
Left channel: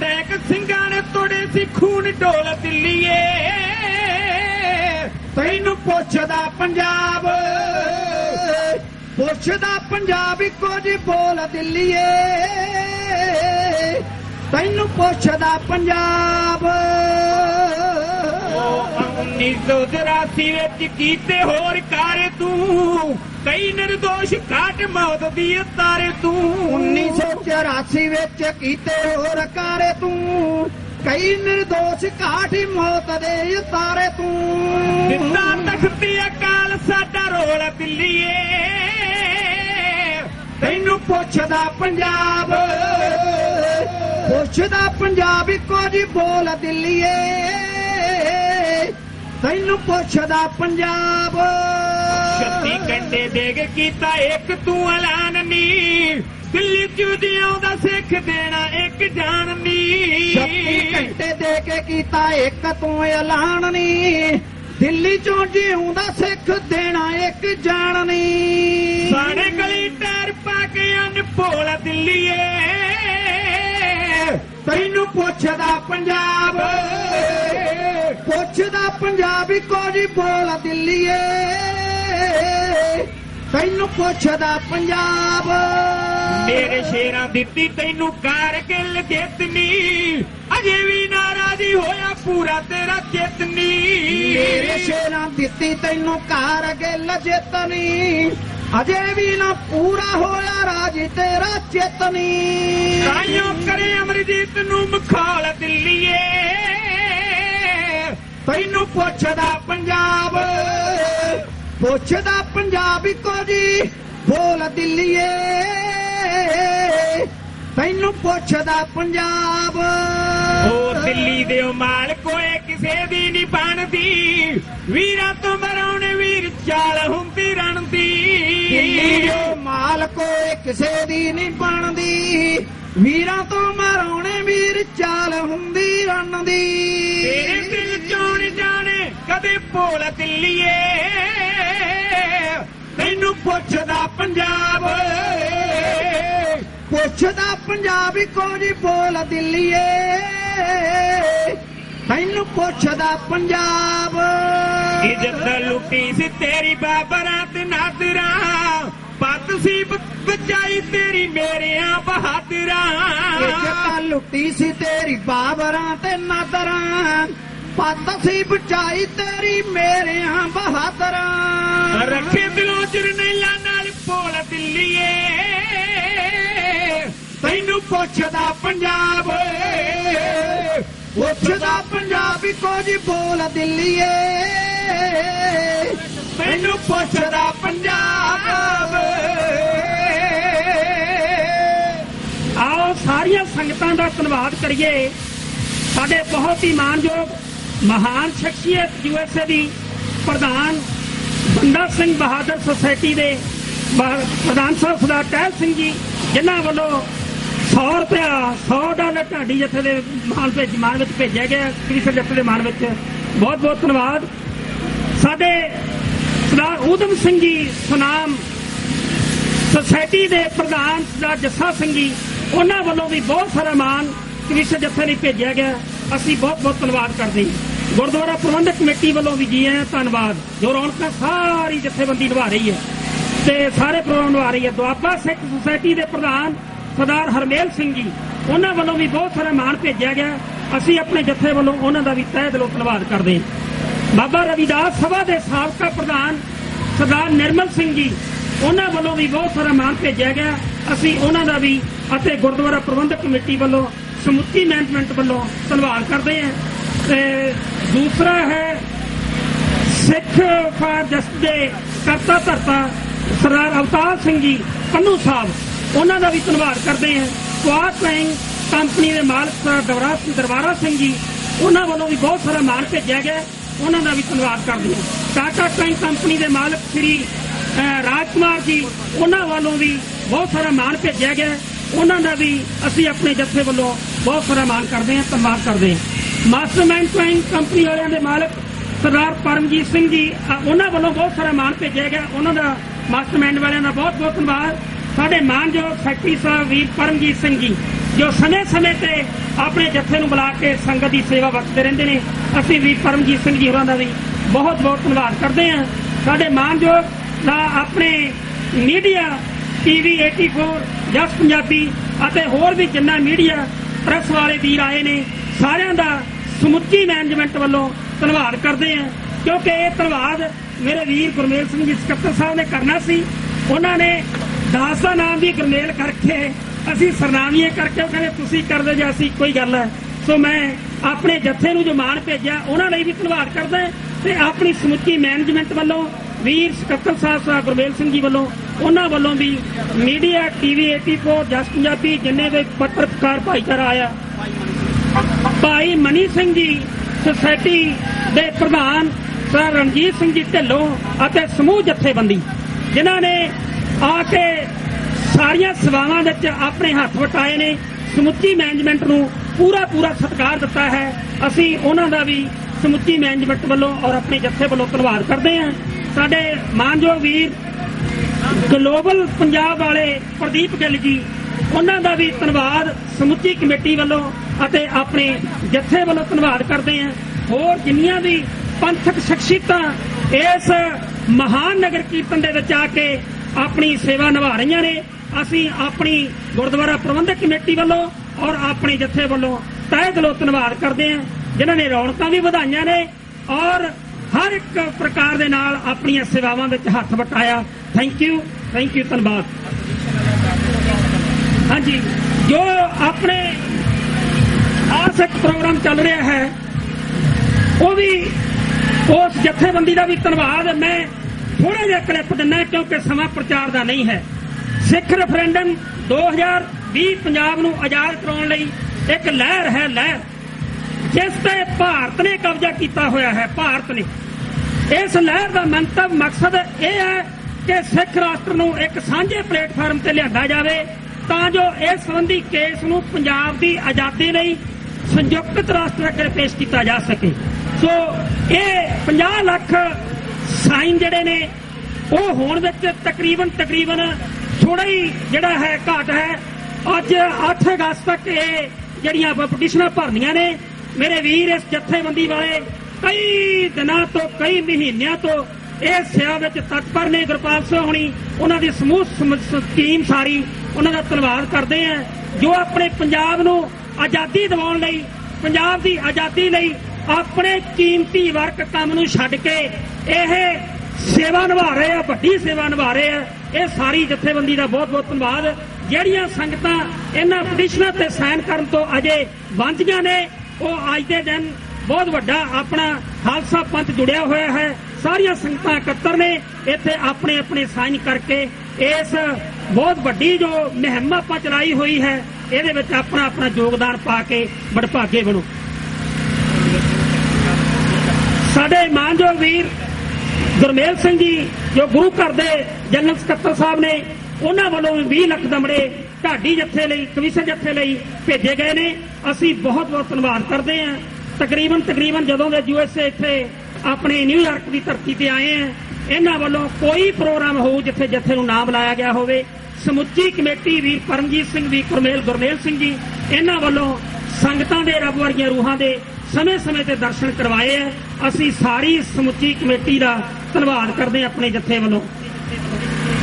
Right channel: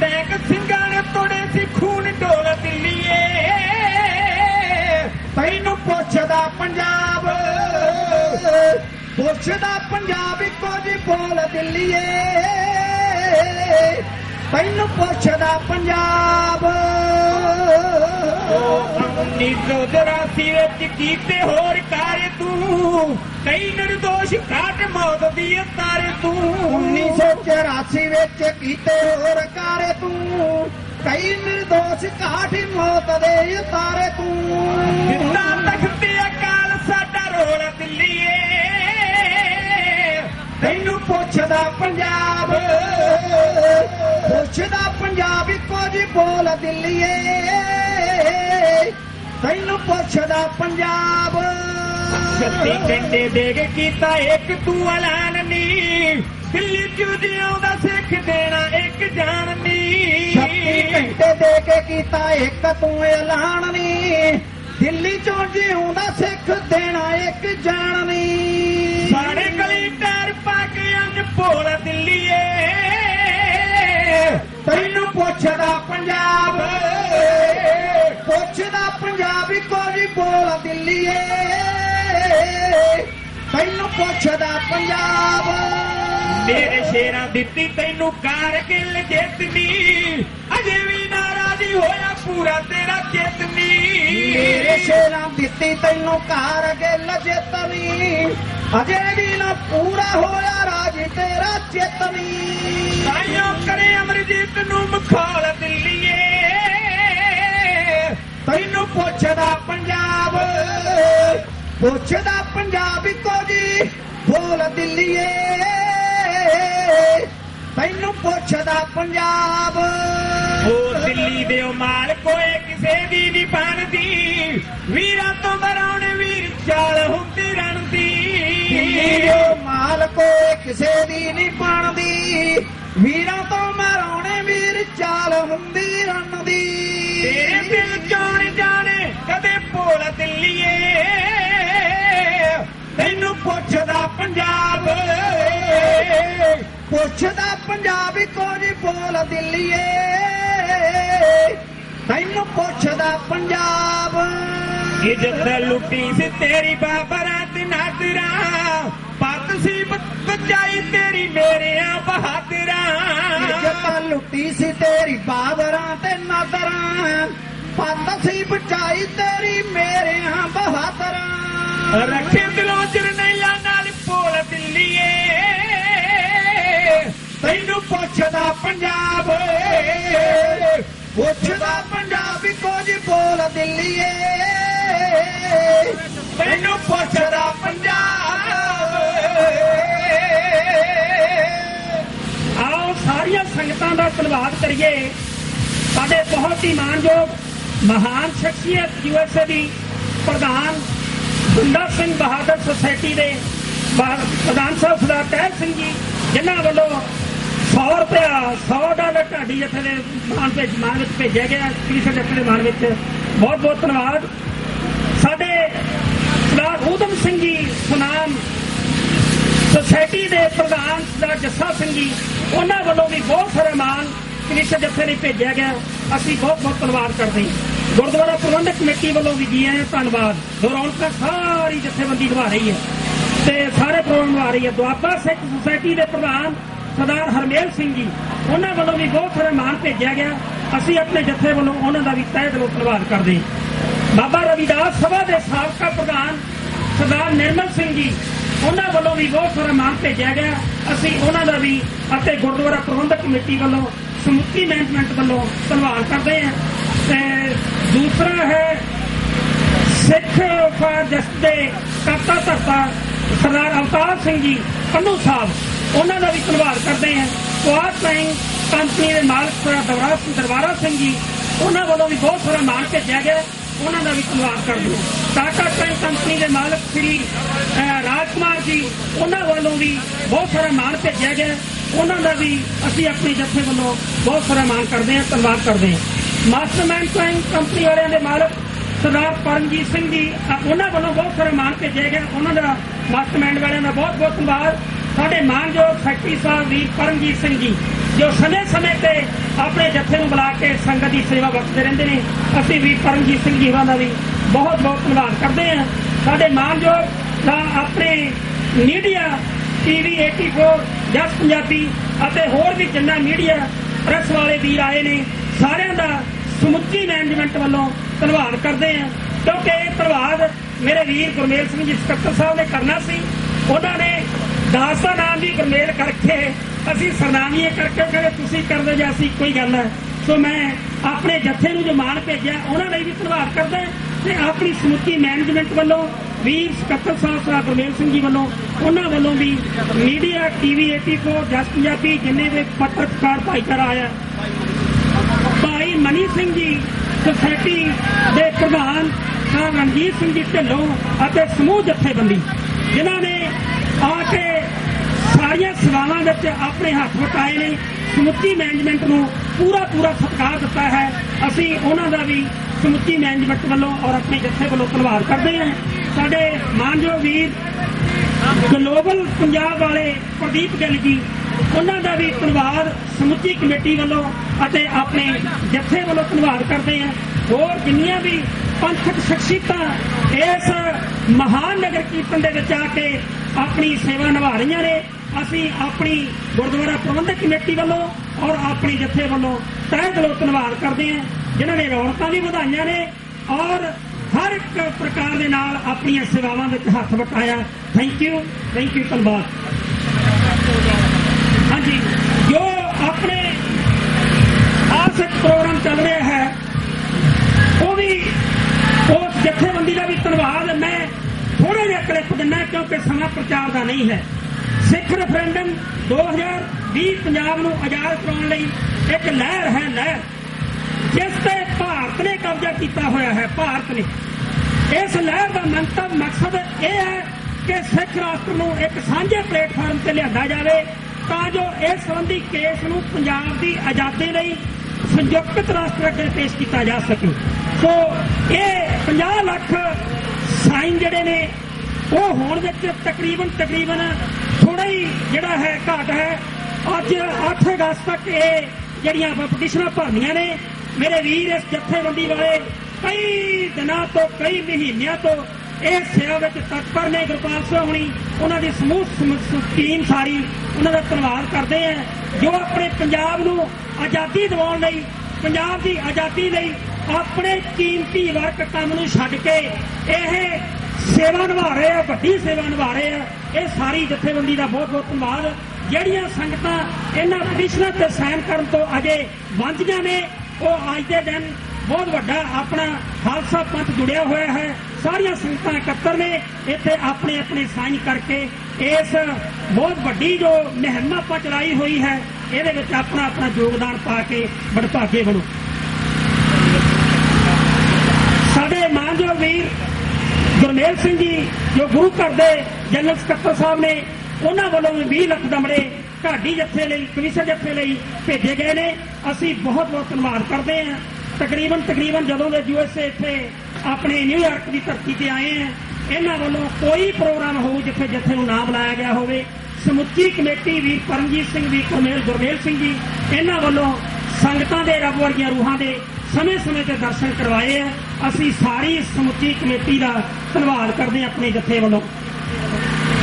ਟੈਕ ਸਿੰਘਾਂ ਨੇ ਤੋੜੇ ਸੀ ਖੂਨ ਡੋਲ ਦਿੱਲੀਏ ਪੁੱਛਦਾ ਪੰਜਾਬ ਇੱਕੋ ਜੀ ਬੋਲ ਦਿੱਲੀਏ ਤੈਨੂੰ ਪੁੱਛਦਾ ਪੰਜਾਬ 1984 ਵਿੱਚ ਕੀਤੇ ਹੋਰ ਕਾਰ ਤੂੰ ਕਈ ਨਿਰਦੋਸ਼ ਘਾਟ ਮੌਤ ਦੀ ਤਾਰੇ ਤੂੰ 1984 ਵਿੱਚ ਕੀਤੇ ਹੋਰ ਕਾਰ ਤੂੰ ਕਈ ਨਿਰਦੋਸ਼ ਘਾਟ ਮੌਤ ਦੇ ਤਾਰੇ ਤੂੰ ਦਿੱਤਾ ਤਖਤੀ ਅਕਾਲ ਸਾਡਾ ਰੋਲ ਦਿੱਲੀਏ ਤੈਨੂੰ ਪੁੱਛਦਾ ਪੰਜਾਬ ਇੱਕੋ ਜੀ ਬੋਲ ਦਿੱਲੀਏ ਤੈਨੂੰ ਪੁੱਛਦਾ ਪੰਜਾਬ 36 ਘੰਟੇ ਦੇ ਕੇ ਕੀਤਾ ਇੱਕ ਤੂੰ ਐਲਾਨ ਨੀ ਦਿੱਲੀ ਚ ਜਿਉਂਦਾ ਸਿੱਖ ਦੇਣਾ ਇੱਕ ਜਾਨ ਨੀ 36 ਘੰਟੇ ਦੇ ਕੇ ਕੀਤਾ ਇੱਕ ਤੂੰ ਐਲਾਨ ਨੀ ਦਿੱਲੀ ਚੋਂ ਜਿਉਂਦਾ ਸਿੱਖ ਦੇਣਾ ਇੱਕ ਜਾਨ ਨੀ ਸਾਡੇ ਗਲੀ ਟੈਰ ਪਾ ਕੇ ਅਨਪੋਲ ਦਿੱਲੀਏ ਤੈਨੂੰ ਪੁੱਛਦਾ ਪੰਜਾਬ ਇੱਕੋ ਜੀ ਬੋਲ ਦਿੱਲੀਏ ਤੈਨੂੰ ਪੁੱਛਦਾ ਪੰਜਾਬ ਮੇਰੇ ਸ਼ੇਰਾਂ ਦਿੱਤੀ ਤੈਨੂੰ ਕਾਰਗਿਲ ਜਿੱਤਨੀ ਅਜੇ ਵੀ ਨਾਰਾਜ਼ੀ ਹੋਇਆ ਪੂਰਾ ਤੇਰਾ ਚੇਤਨੀ ਮੇਰੇ ਸ਼ੇਰਾਂ ਦਿੱਤੀ ਤੈਨੂੰ ਕਾਰਗਿਲ ਜਿੱਤਨੀ ਅਜੇ ਵੀ ਨਾ ਪੂਰਾ ਹੋਇਆ ਰਾਜ ਤੇਰਾ ਚੇਤਨੀ ਆਇਓ ਕਰੇ ਅਮਰਜੀਤ ਨੂੰ ਮਖੌਲ ਦਿੱਲੀਏ ਤੈਨੂੰ ਪੁੱਛਦਾ ਪੰਜਾਬ ਇੱਕੋ ਜੀ ਬੋਲ ਦਿੱਲੀਏ ਤੈਨੂੰ ਪੁੱਛਦਾ ਪੰਜਾਬ ਉਹ ਦਿੱਲੀ ਦੇ ਮਾਲ ਕੋਏ ਕਿਸੇ ਦੀ ਨਹੀਂ ਬਣਦੀ ਵੀਰਾਂ ਤੋਂ ਮਰਾਉਣੇ ਵੀਰ ਚਾਲ ਹੁੰਦੀ ਰਣ ਦੀ ਦਿੱਲੀ ਦੇ ਮਾਲ ਕੋਏ ਕਿਸੇ ਦੀ ਨਹੀਂ ਬਣਦੀ ਵੀਰਾਂ ਤੋਂ ਮਰਾਉਣੇ ਵੀਰ ਚਾਲ ਹੁੰਦੀ ਰਣ ਦੀ ਤੇਰੇ ਦਿਲ ਚੋਂ ਨੀ ਜਾਣੇ ਕਦੇ ਭੋਲ ਦਿੱਲੀਏ ਤੈਨੂੰ ਪੁੱਛਦਾ ਪੰਜਾਬ ਇੱਕੋ ਜੀ ਬੋਲ ਦਿੱਲੀਏ ਤੈਨੂੰ ਪੁੱਛਦਾ ਪੰਜਾਬ ਇੱਜ਼ਤ ਲੁੱਟੀ ਸੀ ਤੇਰੀ ਬਾਬਰਾਂ ਤੇ ਨਾਦਰਾਂ ਪੱਤ ਸੀ ਬਚਾਈ ਤੇਰੀ ਮੇਰਿਆਂ ਬਹਾਦਰਾਂ ਇੱਜ਼ਤ ਲੁੱਟੀ ਸੀ ਤੇਰੀ ਬਾਬਰਾਂ ਤੇ ਨਾਦਰਾਂ ਪੱਤ ਸੀ ਬਚਾਈ ਤੇਰੀ ਮੇਰਿਆਂ ਬਹਾਦਰਾਂ ਰੱਖੇ ਦਿਲੋਂ ਜਰਨੈਲਾਂ ਨਾਲ ਭੋਲ ਦਿੱਲੀਏ ਤੈਨੂੰ ਪੁੱਛਦਾ ਪੰਜਾਬ ਇੱਕੋ ਜੀ ਬੋਲ ਦਿੱਲੀਏ ਤੈਨੂੰ ਪੁੱਛਦਾ ਪੰਜਾਬ ਆਓ ਸਾਰੀਆਂ ਸੰਗਤਾਂ ਦਾ ਧੰਨਵਾਦ ਕਰੀਏ ਸਾਡੇ ਬਹੁਤ ਹੀ ਮਾਨਯੋਗ ਮਹਾਨ ਸ਼ਖਸੀਅਤ USA ਦੀ ਪ੍ਰਧਾਨ ਬੰਦਾ ਸਿੰਘ ਬਹਾਦਰ ਸੁਸਾਇਟੀ ਦੇ ਪ੍ਰਧਾਨ ਸਾਹਿਬ ਸਰਦਾਰ ਟਹਿਲ ਸਿੰਘ ਜੀ ਜਿਨ੍ਹਾਂ ਵੱਲੋਂ $100 ਢਾਡੀ ਜਥੇ ਦੇ ਮਾਨ ਵਿੱਚ ਭੇਜਿਆ ਗਿਆ ਕ੍ਰਿਸ਼ਨ ਜਥੇ ਦੇ ਮਾਨ ਵਿੱਚ ਬਹੁਤ ਬਹੁਤ ਧੰਨਵਾਦ ਸਾਡੇ ਸਰਦਾਰ ਊਧਮ ਸਿੰਘ ਜੀ ਸੁਨਾਮ ਸੁਸਾਇਟੀ ਦੇ ਪ੍ਰਧਾਨ ਸਰਦਾਰ ਜੱਸਾ ਸਿੰਘ ਜੀ ਉਹਨਾਂ ਵੱਲੋਂ ਵੀ ਬਹੁਤ ਸਾਰਾ ਮਾਨ ਕ੍ਰਿਸ਼ਨ ਜਥੇ ਨੂੰ ਭੇਜਿਆ ਗਿਆ ਅਸੀਂ ਬਹੁਤ ਬਹੁਤ ਧੰਨਵਾਦ ਕਰਦੇ ਹਾਂ ਗੁਰਦੁਆਰਾ ਪ੍ਰਬੰਧਕ ਕਮੇਟੀ ਵੱਲੋਂ ਵੀ ਜੀ ਆਇਆਂ ਧੰਨਵਾਦ ਜੋ ਰੌਣਕਾਂ ਸਾਰੀ ਜਥੇਬੰਦੀ ਨਿਭਾ ਰਹੀ ਹੈ ਤੇ ਸਾਰੇ ਪ੍ਰੋਗਰਾਮ ਨਿਭਾ ਰਹੀ ਹੈ ਦੁਆਬਾ ਸਿੱਖ ਸੁਸਾਇਟੀ ਦੇ ਪ੍ਰਧਾਨ ਸਰਦਾਰ ਹਰਮੇਲ ਸਿੰਘ ਜੀ ਉਹਨਾਂ ਵੱਲੋਂ ਵੀ ਬਹੁਤ ਸਾਰਾ ਮਾਨ ਭੇਜਿਆ ਗਿਆ ਅਸੀਂ ਆਪਣੇ ਜਥੇ ਵੱਲੋਂ ਉਹਨਾਂ ਦਾ ਵੀ ਤਹਿ ਦਿਲੋਂ ਧੰਨਵਾਦ ਕਰਦੇ ਹਾਂ ਬਾਬਾ ਰਵਿਦਾਸ ਸਭਾ ਦੇ ਸਾਬਕਾ ਪ੍ਰਧਾਨ ਸਰਦਾਰ ਨਿਰਮਲ ਸਿੰਘ ਜੀ ਉਹਨਾਂ ਵੱਲੋਂ ਵੀ ਬਹੁਤ ਸਾਰਾ ਮਾਨ ਭੇਜਿਆ ਗਿਆ ਅਸੀਂ ਉਹਨਾਂ ਦਾ ਵੀ ਅਤੇ ਗੁਰਦੁਆਰਾ ਪ੍ਰਬੰਧਕ ਕਮੇਟੀ ਵੱਲੋਂ ਸਮੁੱਚੀ ਮੈਨੇਜਮੈਂਟ ਵੱਲੋਂ ਧੰਨਵਾਦ ਕਰਦੇ ਹਾਂ ਤੇ ਦੂਸਰਾ ਹੈ ਸਿੱਖ ਫਾਰ ਜਸਟ ਦੇ ਕਰਤਾ ਧਰਤਾ ਸਰਦਾਰ ਅਵਤਾਰ ਸਿੰਘ ਜੀ ਕੰਨੂ ਸਾਹਿਬ ਉਹਨਾਂ ਦਾ ਵੀ ਧੰਨਵਾਦ ਕਰਦੇ ਹਾਂ ਕੁਆਰ ਟ੍ਰਾਈਂਗ ਕੰਪਨੀ ਦੇ ਮਾਲਕ ਦਰਬਾਰਾ ਸਿੰਘ ਜੀ ਉਹਨਾਂ ਵੱਲੋਂ ਵੀ ਬਹੁਤ ਸਾਰਾ ਮਾਨ ਭੇਜਿਆ ਗਿਆ ਉਹਨਾਂ ਦਾ ਵੀ ਧੰਨਵਾਦ ਕਰਦੇ ਹਾਂ ਟਾਟਾ ਟ੍ਰਾਈਂਗ ਕੰਪਨੀ ਦੇ ਮਾਲਕ ਸ੍ਰੀ ਰਾਜ ਕੁਮਾਰ ਜੀ ਉਹਨਾਂ ਵੱਲੋਂ ਵੀ ਬਹੁਤ ਸਾਰਾ ਮਾਨ ਭੇਜਿਆ ਗਿਆ ਉਹਨਾਂ ਦਾ ਵੀ ਅਸੀਂ ਆਪਣੇ ਜਥੇ ਵੱਲੋਂ ਬਹੁਤ ਸਾਰਾ ਮਾਨ ਕਰਦੇ ਹਾਂ ਧੰਨਵਾਦ ਕਰਦੇ ਹਾਂ ਮਾਸਟਰਮੈਨ ਟ੍ਰਾਈਂਗ ਕੰਪਨੀ ਵਾਲਿਆਂ ਦੇ ਮਾਲਕ ਸਰਦਾਰ ਪਰਮਜੀਤ ਸਿੰਘ ਜੀ ਉਹਨਾਂ ਵੱਲੋਂ ਬਹੁਤ ਸਾਰਾ ਮਾਨ ਭੇਜਿਆ ਗਿਆ ਉਹਨਾਂ ਦਾ ਮਾਸਟਰਮੈਨ ਵਾਲਿਆਂ ਦਾ ਬਹੁਤ ਬਹੁਤ ਧੰਨਵਾਦ ਸਾਡੇ ਮਾਨਯੋਗ ਸੈਕਟਰੀ ਸਾਹਿਬ ਵੀਰ ਪਰਮਜੀਤ ਸਿੰਘ ਜੀ ਜੋ ਸਮੇਂ-ਸਮੇਂ ਤੇ ਆਪਣੇ ਜੱਥੇ ਨੂੰ ਬੁਲਾ ਕੇ ਸੰਗਤ ਦੀ ਸੇਵਾ ਬਖਸ਼ਦੇ ਰਹਿੰਦੇ ਨੇ। ਅਸੀਂ ਵੀ ਪਰਮਜੀਤ ਸਿੰਘ ਜੀ ਹੋਰਾਂ ਦਾ ਵੀ ਬਹੁਤ ਬਹੁਤ ਧੰਨਵਾਦ ਕਰਦੇ ਹਾਂ। ਸਾਡੇ ਮਾਨਯੋਗ ਆਪਣੇ ਮੀਡੀਆ TV 84 ਜਸ ਪੰਜਾਬੀ ਅਤੇ ਹੋਰ ਵੀ ਜਿੰਨਾ ਮੀਡੀਆ ਪ੍ਰੈਸ ਵਾਲੇ ਵੀਰ ਆਏ ਨੇ, ਸਾਰਿਆਂ ਦਾ ਸਮੁੱਚੀ ਮੈਨੇਜਮੈਂਟ ਵੱਲੋਂ ਧੰਨਵਾਦ ਕਰਦੇ ਹਾਂ। ਕਿਉਂਕਿ ਇਹ ਧੰਨਵਾਦ ਮੇਰੇ ਵੀਰ ਗੁਰਮੇਲ ਸਿੰਘ ਜੀ ਸਕੱਤਰ ਸਾਹਿਬ ਨੇ ਕਰਨਾ ਸੀ। ਉਹਨਾਂ ਨੇ ਦਾਸ ਦਾ ਨਾਮ ਵੀ ਗੁਰਮੇਲ ਕਰਕੇ ਅਸੀਂ ਸਰਨਾਮੀਆਂ ਕਰਕੇ ਕਹਿੰਦੇ ਤੁਸੀਂ ਕਰਦੇ ਜੇ ਅਸੀਂ ਕੋਈ ਗੱਲ ਹੈ। ਸੋ ਮੈਂ ਆਪਣੇ ਜੱਥੇ ਨੂੰ ਜੋ ਮਾਣ ਭੇਜਿਆ ਉਹਨਾਂ ਲਈ ਵੀ ਧੰਨਵਾਦ ਕਰਦਾ ਤੇ ਆਪਣੀ ਸਮੁੱਚੀ ਮੈਨੇਜਮੈਂਟ ਵੱਲੋਂ ਵੀਰ ਸਕੱਤਰ ਸਾਹਿਬ ਗੁਰਮੇਲ ਸਿੰਘ ਜੀ ਵੱਲੋਂ, ਉਹਨਾਂ ਵੱਲੋਂ ਵੀ ਮੀਡੀਆ TV 84 ਜਸ ਪੰਜਾਬੀ ਜਿੰਨੇ ਵੀ ਪੱਤਰਕਾਰ ਭਾਈਚਾਰਾ ਆਇਆ, ਭਾਈ ਮਨੀ ਸਿੰਘ ਜੀ ਸੁਸਾਇਟੀ ਦੇ ਪ੍ਰਧਾਨ ਸਰ ਰਣਜੀਤ ਸਿੰਘ ਜੀ ਢਿੱਲੋਂ ਅਤੇ ਸਮੂਹ ਜਥੇਬੰਦੀ ਜਿਨ੍ਹਾਂ ਨੇ ਆ ਕੇ ਸਾਰੀਆਂ ਸੇਵਾਵਾਂ ਵਿੱਚ ਆਪਣੇ ਹੱਥ ਵਟਾਏ ਨੇ, ਸਮੁੱਚੀ ਮੈਨੇਜਮੈਂਟ ਨੂੰ ਪੂਰਾ ਸਤਿਕਾਰ ਦਿੱਤਾ ਹੈ। ਅਸੀਂ ਉਹਨਾਂ ਦਾ ਵੀ ਸਮੁੱਚੀ ਮੈਨੇਜਮੈਂਟ ਵੱਲੋਂ ਔਰ ਆਪਣੇ ਜੱਥੇ ਵੱਲੋਂ ਧੰਨਵਾਦ ਕਰਦੇ ਹਾਂ। ਸਾਡੇ ਮਾਨਯੋਗ ਵੀਰ ਗਲੋਬਲ ਪੰਜਾਬ ਵਾਲੇ ਪ੍ਰਦੀਪ ਗਿੱਲ ਜੀ, ਉਹਨਾਂ ਦਾ ਵੀ ਧੰਨਵਾਦ ਸਮੁੱਚੀ ਕਮੇਟੀ ਵੱਲੋਂ ਅਤੇ ਆਪਣੇ ਜੱਥੇ ਵੱਲੋਂ ਧੰਨਵਾਦ ਕਰਦੇ ਹਾਂ। ਹੋਰ ਜਿੰਨੀਆਂ ਵੀ ਪੰਥਕ ਸ਼ਖਸੀਅਤਾਂ ਇਸ ਮਹਾਨ ਨਗਰ ਕੀਰਤਨ ਦੇ ਵਿੱਚ ਆ ਕੇ ਆਪਣੀ ਸੇਵਾ ਨਿਭਾ ਰਹੀਆਂ ਨੇ, ਅਸੀਂ ਆਪਣੀ ਗੁਰਦੁਆਰਾ ਪ੍ਰਬੰਧਕ ਕਮੇਟੀ ਵੱਲੋਂ ਔਰ ਆਪਣੇ ਜੱਥੇ ਵੱਲੋਂ ਤਹਿ ਦਿਲੋਂ ਧੰਨਵਾਦ ਕਰਦੇ ਹਾਂ, ਜਿਨ੍ਹਾਂ ਨੇ ਰੌਣਕਾਂ ਵੀ ਵਧਾਈਆਂ ਨੇ ਔਰ ਹਰ ਇੱਕ ਪ੍ਰਕਾਰ ਦੇ ਨਾਲ ਆਪਣੀਆਂ ਸੇਵਾਵਾਂ ਵਿੱਚ ਹੱਥ ਵਟਾਇਆ। ਥੈਂਕ ਯੂ ਧੰਨਵਾਦ। ਹਾਂਜੀ, ਜੋ ਆਪਣੇ ਖਾਸ ਇੱਕ ਪ੍ਰੋਗਰਾਮ ਚੱਲ ਰਿਹਾ ਹੈ ਉਹ ਵੀ ਉਸ ਜਥੇਬੰਦੀ ਦਾ ਵੀ ਧੰਨਵਾਦ। ਮੈਂ ਥੋੜਾ ਜਿਹਾ ਕਲਿੱਪ ਦਿੰਦਾ ਕਿਉਂਕਿ ਸਮਾਂ ਪ੍ਰਚਾਰ ਦਾ ਨਹੀਂ ਹੈ। ਸਿੱਖ ਰੈਫਰੈਂਡਮ 2020 ਪੰਜਾਬ ਨੂੰ ਆਜ਼ਾਦ ਕਰਾਉਣ ਲਈ ਇੱਕ ਲਹਿਰ ਹੈ, ਲਹਿਰ ਜਿਸ ਤੇ ਭਾਰਤ ਨੇ ਕਬਜ਼ਾ ਕੀਤਾ ਹੋਇਆ ਹੈ। ਭਾਰਤ ਨੇ ਇਸ ਲਹਿਰ ਦਾ ਮਕਸਦ ਇਹ ਹੈ ਕਿ ਸਿੱਖ ਰਾਸ਼ਟਰ ਨੂੰ ਇੱਕ ਸਾਂਝੇ ਪਲੇਟਫਾਰਮ ਤੇ ਲਿਆਂਦਾ ਜਾਵੇ ਤਾਂ ਜੋ ਇਸ ਸੰਬੰਧੀ ਕੇਸ ਨੂੰ ਪੰਜਾਬ ਦੀ ਆਜ਼ਾਦੀ ਲਈ ਸੰਯੁਕਤ ਰਾਸ਼ਟਰ ਅੱਗੇ ਪੇਸ਼ ਕੀਤਾ ਜਾ ਸਕੇ। ਸੋ ਇਹ 50 ਲੱਖ ਸਾਈਨ ਜਿਹੜੇ ਨੇ ਉਹ ਹੋਣ ਵਿੱਚ ਤਕਰੀਬਨ ਥੋੜਾ ਹੀ ਜਿਹੜਾ ਹੈ ਘਾਟ ਹੈ। ਅੱਜ 8 ਅਗਸਤ ਤੱਕ ਇਹ ਜਿਹੜੀਆਂ ਪਟੀਸ਼ਨਾਂ ਭਰਨੀਆਂ ਨੇ। ਮੇਰੇ ਵੀਰ ਇਸ ਜਥੇਬੰਦੀ ਵਾਲੇ ਕਈ ਦਿਨਾਂ ਤੋਂ ਕਈ ਮਹੀਨਿਆਂ ਤੋਂ ਇਸ ਸੇਵਾ ਵਿੱਚ ਤਤਪਰ ਨੇ। ਗੁਰਪਾਲ ਸਿੰਘ ਹੋਣੀ, ਉਹਨਾਂ ਦੀ ਸਮੂਹ ਟੀਮ ਸਾਰੀ, ਉਹਨਾਂ ਦਾ ਧੰਨਵਾਦ ਕਰਦੇ ਆ ਜੋ ਆਪਣੇ ਪੰਜਾਬ ਨੂੰ ਆਜ਼ਾਦੀ ਦਿਵਾਉਣ ਲਈ, ਪੰਜਾਬ ਦੀ ਆਜ਼ਾਦੀ ਲਈ ਆਪਣੇ ਕੀਮਤੀ ਵਰਕ ਕੰਮ ਨੂੰ ਛੱਡ ਕੇ ਇਹ ਸੇਵਾ ਨਿਭਾ ਰਹੇ ਆ, ਵੱਡੀ ਸੇਵਾ ਨਿਭਾ ਰਹੇ ਆ। ਇਹ ਸਾਰੀ ਜਥੇਬੰਦੀ ਦਾ ਬਹੁਤ ਬਹੁਤ ਧੰਨਵਾਦ। ਜਿਹੜੀਆਂ ਸੰਗਤਾਂ ਇਹਨਾਂ ਪਟੀਸ਼ਨਾਂ ਤੇ ਸਾਈਨ ਕਰਨ ਤੋਂ ਅਜੇ ਵਾਂਝੀਆਂ ਨੇ, ਉਹ ਅੱਜ ਦੇ ਦਿਨ ਬਹੁਤ ਵੱਡਾ ਆਪਣਾ ਖਾਲਸਾ ਪੰਥ ਜੁੜਿਆ ਹੋਇਆ ਹੈ। ਸਾਰੀਆਂ ਸੰਗਤਾਂ ਇਕੱਤਰ ਨੇ ਇੱਥੇ ਆਪਣੇ ਸਾਈਨ ਕਰਕੇ ਇਸ ਬਹੁਤ ਵੱਡੀ ਜੋ ਮੁਹਿੰਮ ਆਪਾਂ ਚਲਾਈ ਹੋਈ ਹੈ ਇਹਦੇ ਵਿੱਚ ਆਪਣਾ ਯੋਗਦਾਨ ਪਾ ਕੇ ਵਡਭਾਗੇ ਬਣੋ। ਸਾਡੇ ਮਾਨਯੋਗ ਵੀਰ ਗੁਰਮੇਲ ਸਿੰਘ ਜੀ ਜੋ ਗੁਰੂ ਘਰ ਦੇ ਜਨਰਲ ਸਕੱਤਰ ਸਾਹਿਬ ਨੇ, ਉਹਨਾਂ ਵੱਲੋਂ 20 ਲੱਖ ਦਮੜੇ ਢਾਡੀ ਜੱਥੇ ਲਈ, ਕਮਿਸ਼ਨ ਜੱਥੇ ਲਈ ਭੇਜੇ ਗਏ ਨੇ। ਅਸੀਂ ਬਹੁਤ ਬਹੁਤ ਧੰਨਵਾਦ ਕਰਦੇ ਹਾਂ। ਤਕਰੀਬਨ ਜਦੋਂ ਦੇ USA ਇੱਥੇ ਆਪਣੇ ਨਿਊਯਾਰਕ ਦੀ ਧਰਤੀ ਤੇ ਆਏ ਆ, ਇਹਨਾਂ ਵੱਲੋਂ ਕੋਈ ਪ੍ਰੋਗਰਾਮ ਹੋਊ ਜਿੱਥੇ ਜੱਥੇ ਨੂੰ ਨਾਮ ਲਾਇਆ ਗਿਆ ਹੋਵੇ, ਸਮੁੱਚੀ ਕਮੇਟੀ ਵੀਰ ਪਰਮਜੀਤ ਸਿੰਘ ਵੀ, ਗੁਰਮੇਲ ਸਿੰਘ ਜੀ, ਇਹਨਾਂ ਵੱਲੋਂ ਸੰਗਤਾਂ ਦੇ ਰੱਬ ਵਰਗੀਆਂ ਰੂਹਾਂ ਦੇ ਸਮੇਂ ਤੇ ਦਰਸ਼ਨ ਕਰਵਾਏ ਆ। ਅਸੀਂ ਸਾਰੀ ਸਮੁੱਚੀ ਕਮੇਟੀ ਦਾ ਧੰਨਵਾਦ ਕਰਦੇ ਹਾਂ ਆਪਣੇ ਜੱਥੇ ਵੱਲੋਂ।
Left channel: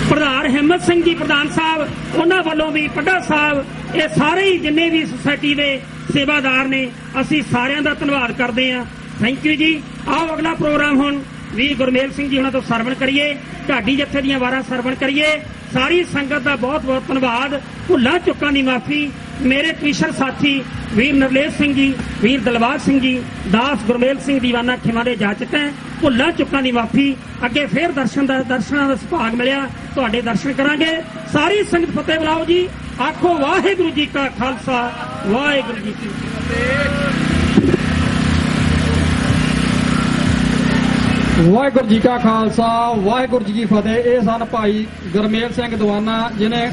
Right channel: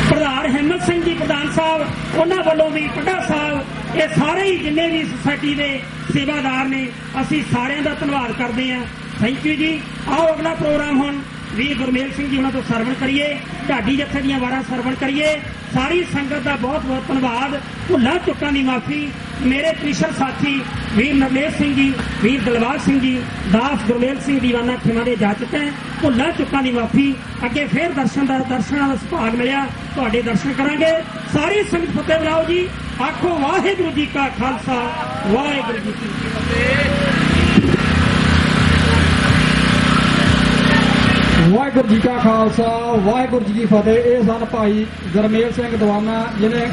ਪ੍ਰਧਾਨ ਹਿੰਮਤ ਸਿੰਘ ਜੀ ਪ੍ਰਧਾਨ ਸਾਹਿਬ, ਉਹਨਾਂ ਵੱਲੋਂ ਵੀ ਪੱਡਾ ਸਾਹਿਬ, ਇਹ ਸਾਰੇ ਹੀ ਜਿੰਨੇ ਵੀ ਸੁਸਾਇਟੀ ਦੇ ਸੇਵਾਦਾਰ ਨੇ, ਅਸੀਂ ਸਾਰਿਆਂ ਦਾ ਧੰਨਵਾਦ ਕਰਦੇ ਹਾਂ। ਥੈਂਕ ਯੂ ਜੀ। ਆਓ ਅਗਲਾ ਪ੍ਰੋਗਰਾਮ ਹੁਣ ਵੀਰ ਗੁਰਮੇਲ ਸਿੰਘ ਜੀ ਉਹਨਾਂ ਤੋਂ ਸਰਵਣ ਕਰੀਏ, ਢਾਡੀ ਜੱਥੇ ਦੀਆਂ ਵਾਰਾਂ ਸਰਵਣ ਕਰੀਏ। ਸਾਰੀ ਸੰਗਤ ਦਾ ਬਹੁਤ ਬਹੁਤ ਧੰਨਵਾਦ। ਭੁੱਲਾਂ ਚੁੱਕਾਂ ਦੀ ਮਾਫੀ। ਮੇਰੇ ਕ੍ਰਿਸ਼ਨ ਸਾਥੀ ਵੀਰ ਨਰਲੇਸ਼ ਸਿੰਘ ਜੀ, ਵੀਰ ਦਲਬਾਗ ਸਿੰਘ ਜੀ, ਦਾਸ ਗੁਰਮੇਲ ਸਿੰਘ ਦੀਵਾਨਾ ਖਿਮਾ ਦੇ ਜਾ ਚੁੱਕੇ। ਭੁੱਲਾਂ ਚੁੱਕਾਂ ਦੀ ਮਾਫੀ। ਅੱਗੇ ਫੇਰ ਦਰਸ਼ਨਾਂ ਦਾ ਸੁਭਾਗ ਮਿਲਿਆ, ਤੁਹਾਡੇ ਦਰਸ਼ਨ ਕਰਾਂਗੇ। ਸਾਰੀ ਸੰਗਤ ਫਤਿਹ ਬੁਲਾਓ ਜੀ। ਆਖੋ ਵਾਹਿਗੁਰੂ ਜੀ ਕਾ ਖਾਲਸਾ, ਵਾਹਿਗੁਰੂ ਜੀ ਕੀ ਫਤਿਹ। ਵਾਹਿਗੁਰੂ ਜੀ ਕਾ ਖਾਲਸਾ, ਵਾਹਿਗੁਰੂ ਜੀ ਕੀ ਫਤਿਹ। ਇਹ ਸਨ ਭਾਈ ਗੁਰਮੇਲ ਸਿੰਘ ਦੀਵਾਨਾ ਜਿਹਨੇ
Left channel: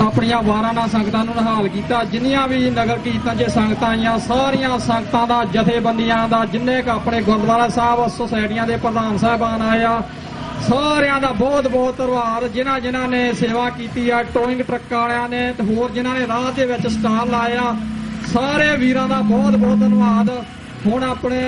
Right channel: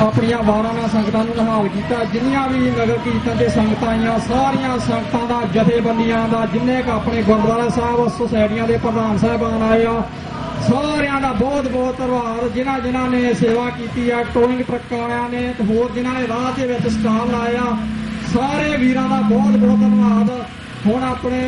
ਆਪਣੀਆਂ ਵਾਰਾਂ ਨਾਲ ਸੰਗਤਾਂ ਨੂੰ ਨਿਹਾਲ ਕੀਤਾ। ਜਿੰਨੀਆਂ ਵੀ ਨਗਰ ਕੀਰਤਨ 'ਚ ਸੰਗਤਾਂ ਆਈਆਂ, ਸਾਰੀਆਂ ਸੰਗਤਾਂ ਦਾ, ਜਥੇਬੰਦੀਆਂ ਦਾ, ਜਿੰਨੇ ਕੁ ਆਪਣੇ ਗੁਰਦੁਆਰਾ ਸਾਹਿਬ ਸੁਸਾਇਟੀਆਂ ਦੇ ਪ੍ਰਧਾਨ ਸਾਹਿਬਾਨ ਆਏ ਆ, ਸਾਰਿਆਂ ਦਾ ਬਹੁਤ ਬਹੁਤ ਧੰਨਵਾਦ। ਜਿਨ੍ਹਾਂ ਨੇ ਸੇਵਾ ਕੀਤੀ ਆ, ਟੋਇੰਗ ਟਰੱਕ ਵਾਲਿਆਂ ਨੇ ਤੇ ਹੋਰ ਜਿਨ੍ਹਾਂ ਨੇ ਰਾਹ ਦੇ ਵਿੱਚ ਸਟਾਲ ਲਾਏ ਆ, ਸਾਰੇ ਵੀਰਾਂ ਦਾ ਬਹੁਤ ਬਹੁਤ ਧੰਨਵਾਦ। ਹੁਣ ਆਪਣੇ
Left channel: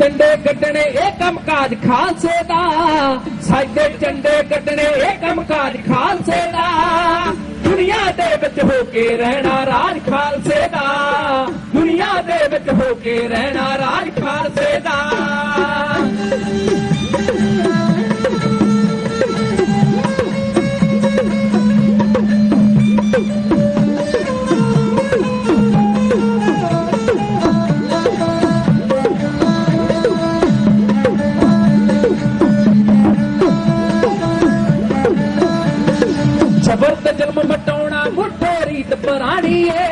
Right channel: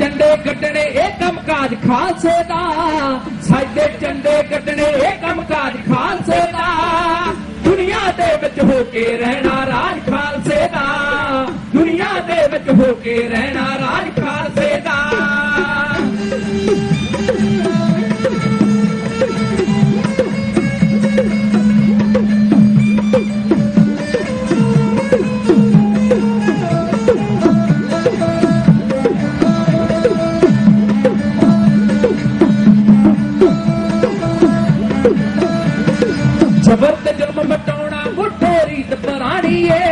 झंडे कटने एक कामकाज खालसे दा, साडे झंडे कटने एक कामकाज खालसे दा, दुनिया दे विच हो के रहना राज खालसे दा, दुनिया दे विच हो के रहना राज खालसे दा। जबर ते जन्म मटाउणा मुठे रीत पुरानी है,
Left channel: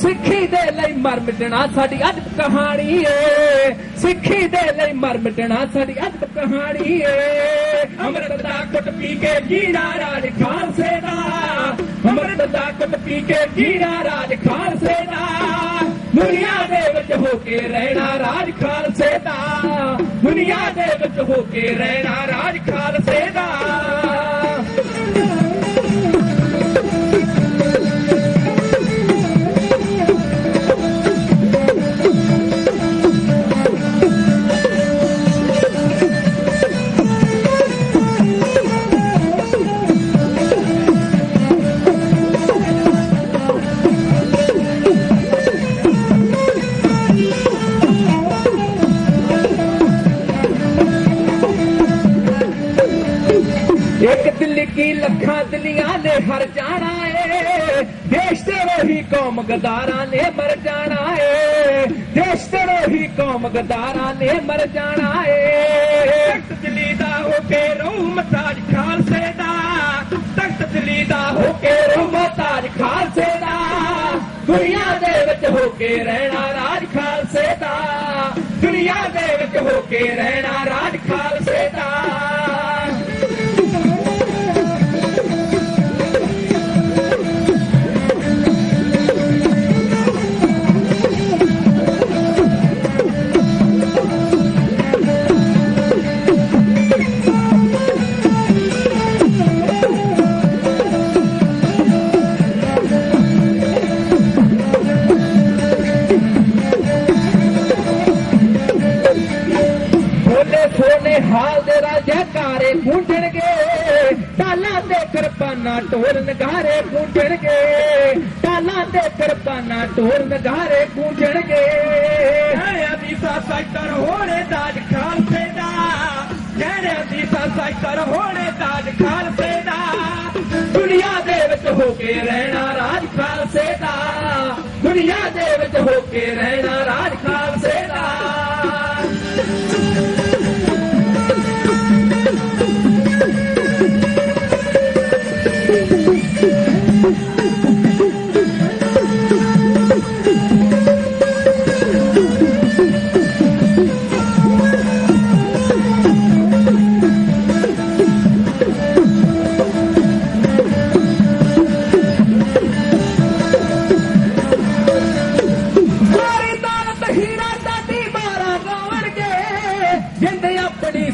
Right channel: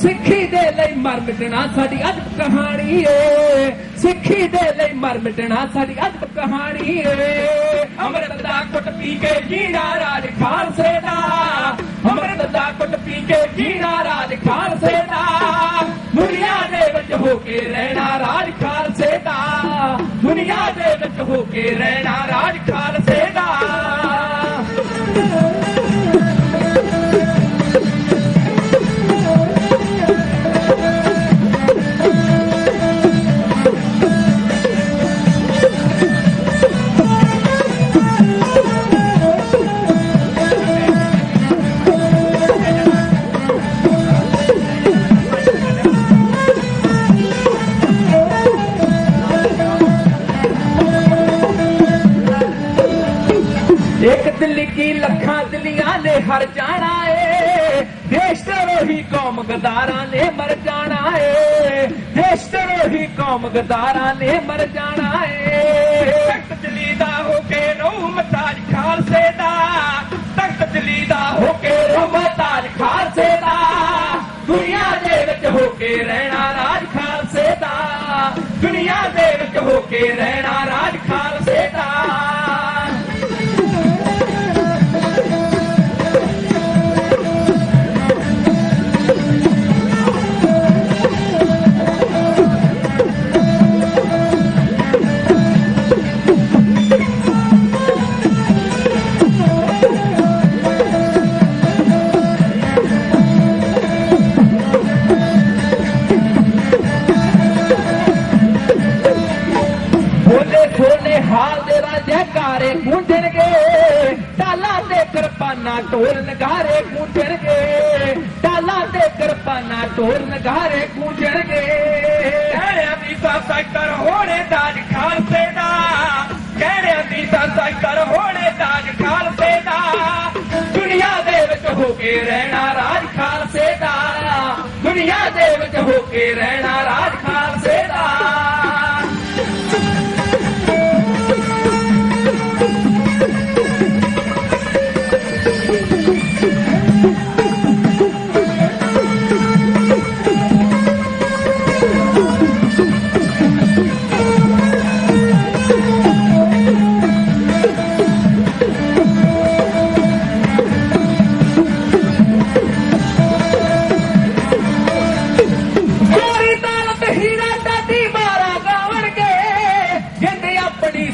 सिक्खी दे लई मर मिटना साडी अजब कहानी है, सिक्खी दे लई मर मिटना साडी अजब कहानी है। अमृत दा घुट पी के जीना राज खालसे दा, अमृत दा घुट पी के जीना राज खालसे दा, दुनिया दे विच हो के रहना राज खालसे दा, दुनिया दे विच हो के रहना राज खालसे दा। एक दिल की लखा दिलियां ने हर जाना है, देश तेरोही कौम गदारा ने मर जाना है, देश तेरोही कौम गदारा ने मर जाना है। तख्त जलीदा होके रहूं मताज खालसे दा, तख्त जलीदा होके रहूं मताज खालसे दा, दुनिया दे विच होके रहना राज खालसे दा, दुनिया दे विच होके रहना राज खालसे दा। हाल दे जयकारे गूंजणगे, ताला दे किरपाना ढोल नगारे गूंजणगे, ताला दे किरपाना ढोल नगारे गूंजणगे। कहने बीसा साइकर होने ताज खालसे दा, कहने बीसा साइकर होने ताज खालसे दा, दुनिया दे विच हो के रहना राज खालसे दा, दुनिया दे विच हो के रहना राज खालसे दा।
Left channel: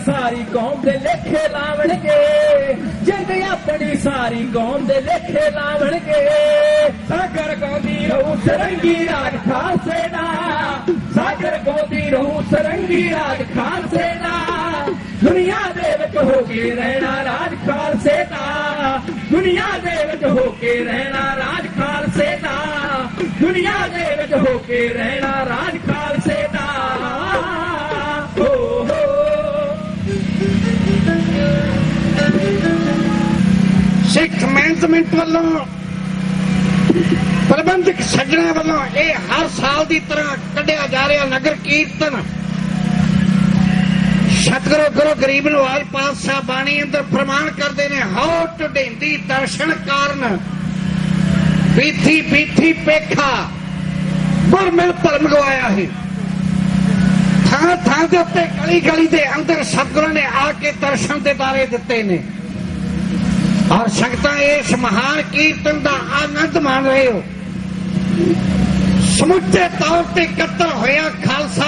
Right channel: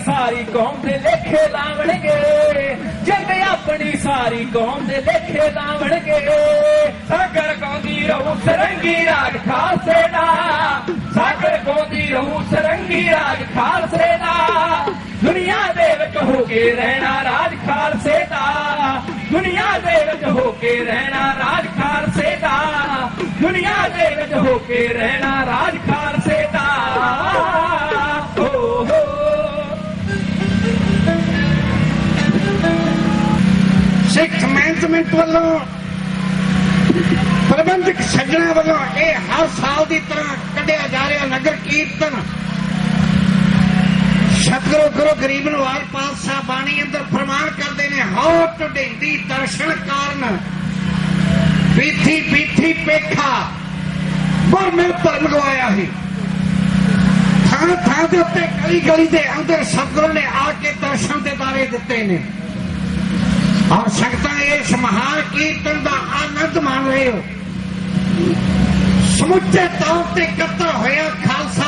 सारी कौम दे लेखे लावणगे, जिंद ਆਪਣੀ ਸਾਰੀ ਕੌਮ ਦੇ ਲੇਖੇ ਲਾਵਣਗੇ ਸਾਗਰ ਗਾਉਂਦੀ ਰਹੂ ਸਰੰਗੀ ਰਾਗ ਖਾਲਸੇ ਦਾ ਸਾਗਰ ਗਾਉਂਦੀ ਰਹੂ ਸਰੰਗੀ ਰਾਗ ਖਾਲਸੇ ਦਾ ਦੁਨੀਆ ਦੇ ਵਿੱਚ ਹੋ ਕੇ ਰਹਿਣਾ ਰਾਜ ਖਾਲਸੇ ਦਾ ਦੁਨੀਆ ਦੇ ਵਿੱਚ ਹੋ ਕੇ ਰਹਿਣਾ ਰਾਜ ਖਾਲਸੇ ਦਾ ਦੁਨੀਆ ਦੇ ਵਿੱਚ ਹੋ ਕੇ ਰਹਿਣਾ ਰਾਜ ਖਾਲਸੇ ਦਾ ਸਿੱਖ ਮੈਨੇਜਮੈਂਟ ਵੱਲੋਂ ਪ੍ਰਬੰਧਕ ਸੱਜਣਾ ਵੱਲੋਂ ਇਹ ਹਰ ਸਾਲ ਦੀ ਤਰ੍ਹਾਂ ਕੱਢਿਆ ਜਾ ਰਿਹਾ ਨਗਰ ਕੀਰਤਨ ਸਤਿਗੁਰੂ ਗੁਰੂ ਗਰੀਬ ਨਵਾਜ ਪਾਤਸ਼ਾਹ ਬਾਣੀ ਅੰਦਰ ਫਰਮਾਨ ਕਰਦੇ ਨੇ ਹਉ ਢੁੰਢੇਂਦੀ ਦਰਸ਼ਨ ਕਾਰਨ ਪੀਥੀ ਪੀਥੀ ਪੇਖਾ ਗੁਰ ਮੈਂ ਧਰਮ ਗਵਾਇਆ ਹੈ ਥਾਂ ਥਾਂ ਦੇ ਉੱਤੇ ਗਲੀ ਗਲੀ ਦੇ ਅੰਦਰ ਸਤਿਗੁਰੂ ਨੇ ਆ ਕੇ ਦਰਸ਼ਨ ਦੇ ਦਾਰੇ ਦਿੱਤੇ ਨੇ ਔਰ ਸੰਗਤਾਂ ਇਸ ਮਹਾਨ ਕੀਰਤਨ ਦਾ ਆਨੰਦ ਮਾਣ ਰਹੇ ਹੋ ਸਮੁੱਚੇ ਤੌਰ ਤੇ ਇਕੱਤਰ ਹੋਇਆ ਖਾਲਸਾ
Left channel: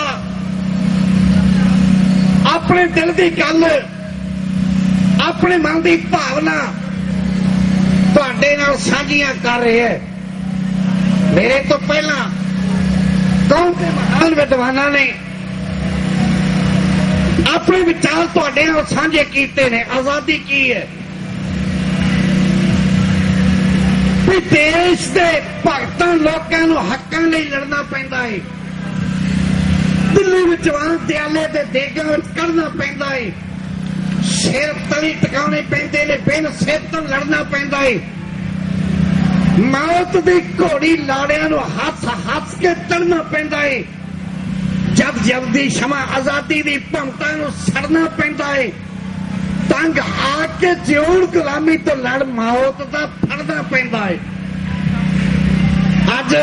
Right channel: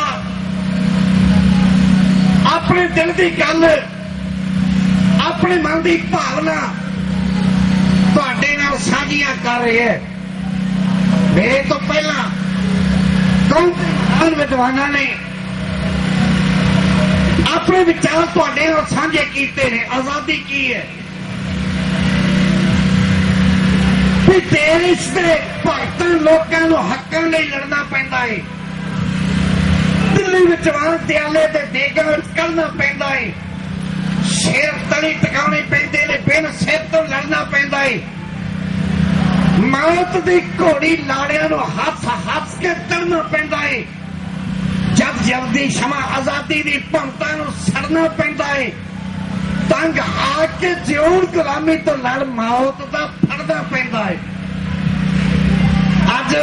ਆਪਣੇ ਦਿਲ ਦੀ ਗੱਲ ਆਪਣੇ ਮਨ ਦੀ ਭਾਵਨਾ ਤੁਹਾਡੇ ਨਾਲ ਸਾਂਝੀਆਂ ਕਰ ਰਿਹਾ ਹੈ ਮੇਰੇ ਤੋਂ ਪਹਿਲਾਂ ਕੌਮ ਦੇ ਮਹਾਨ ਵਿਦਵਾਨਾਂ ਨੇ ਆਪਣੇ ਵਿਚਾਰ ਤੁਹਾਡੇ ਨਾਲ ਸਾਂਝੇ ਕੀਤੇ ਨੇ ਆਜ਼ਾਦੀ ਕੀ ਹੈ ਵੀ ਦੇਸ਼ ਦੇ ਭਗਤਾਂ ਲੋਕਾਂ ਨੂੰ ਹੱਕਾਂ ਲਈ ਲੜਨਾ ਪੈਂਦਾ ਹੈ ਦਿੱਲੀ ਵਿੱਚ ਦਿਆਲੇ ਦੇ ਦੇਗਾਂ ਵਿੱਚ ਕਰਨਾ ਪੈਂਦਾ ਹੈ ਸਿਰ ਤਲੀ ਟਿਕਾਉਣੇ ਪੈਂਦੇ ਨੇ ਬਿਨ ਸਿਰ ਤੋਂ ਲੜਨਾ ਪੈਂਦਾ ਹੈ ਮੌਤ ਦੀ ਘੋੜੀ ਲਾੜਿਆਂ ਨੂੰ ਹੱਥ ਕੇ ਚੜ੍ਹਨਾ ਪੈਂਦਾ ਹੈ ਜਦ ਜਲਦੀ ਸ਼ਮਾ ਆਜ਼ਾਦੀ ਦੀ ਭੰਗਤਾਂ ਨੂੰ ਸੜਨਾ ਪੈਂਦਾ ਹੈ ਤੰਗ ਆ ਕੇ ਜਿਉਣ ਗੁਲਾਮੀ ਤੋਂ ਲੜ ਮੌਤ ਦਾ ਫੜਨਾ ਪੈਂਦਾ ਹੈ ਅੱਜ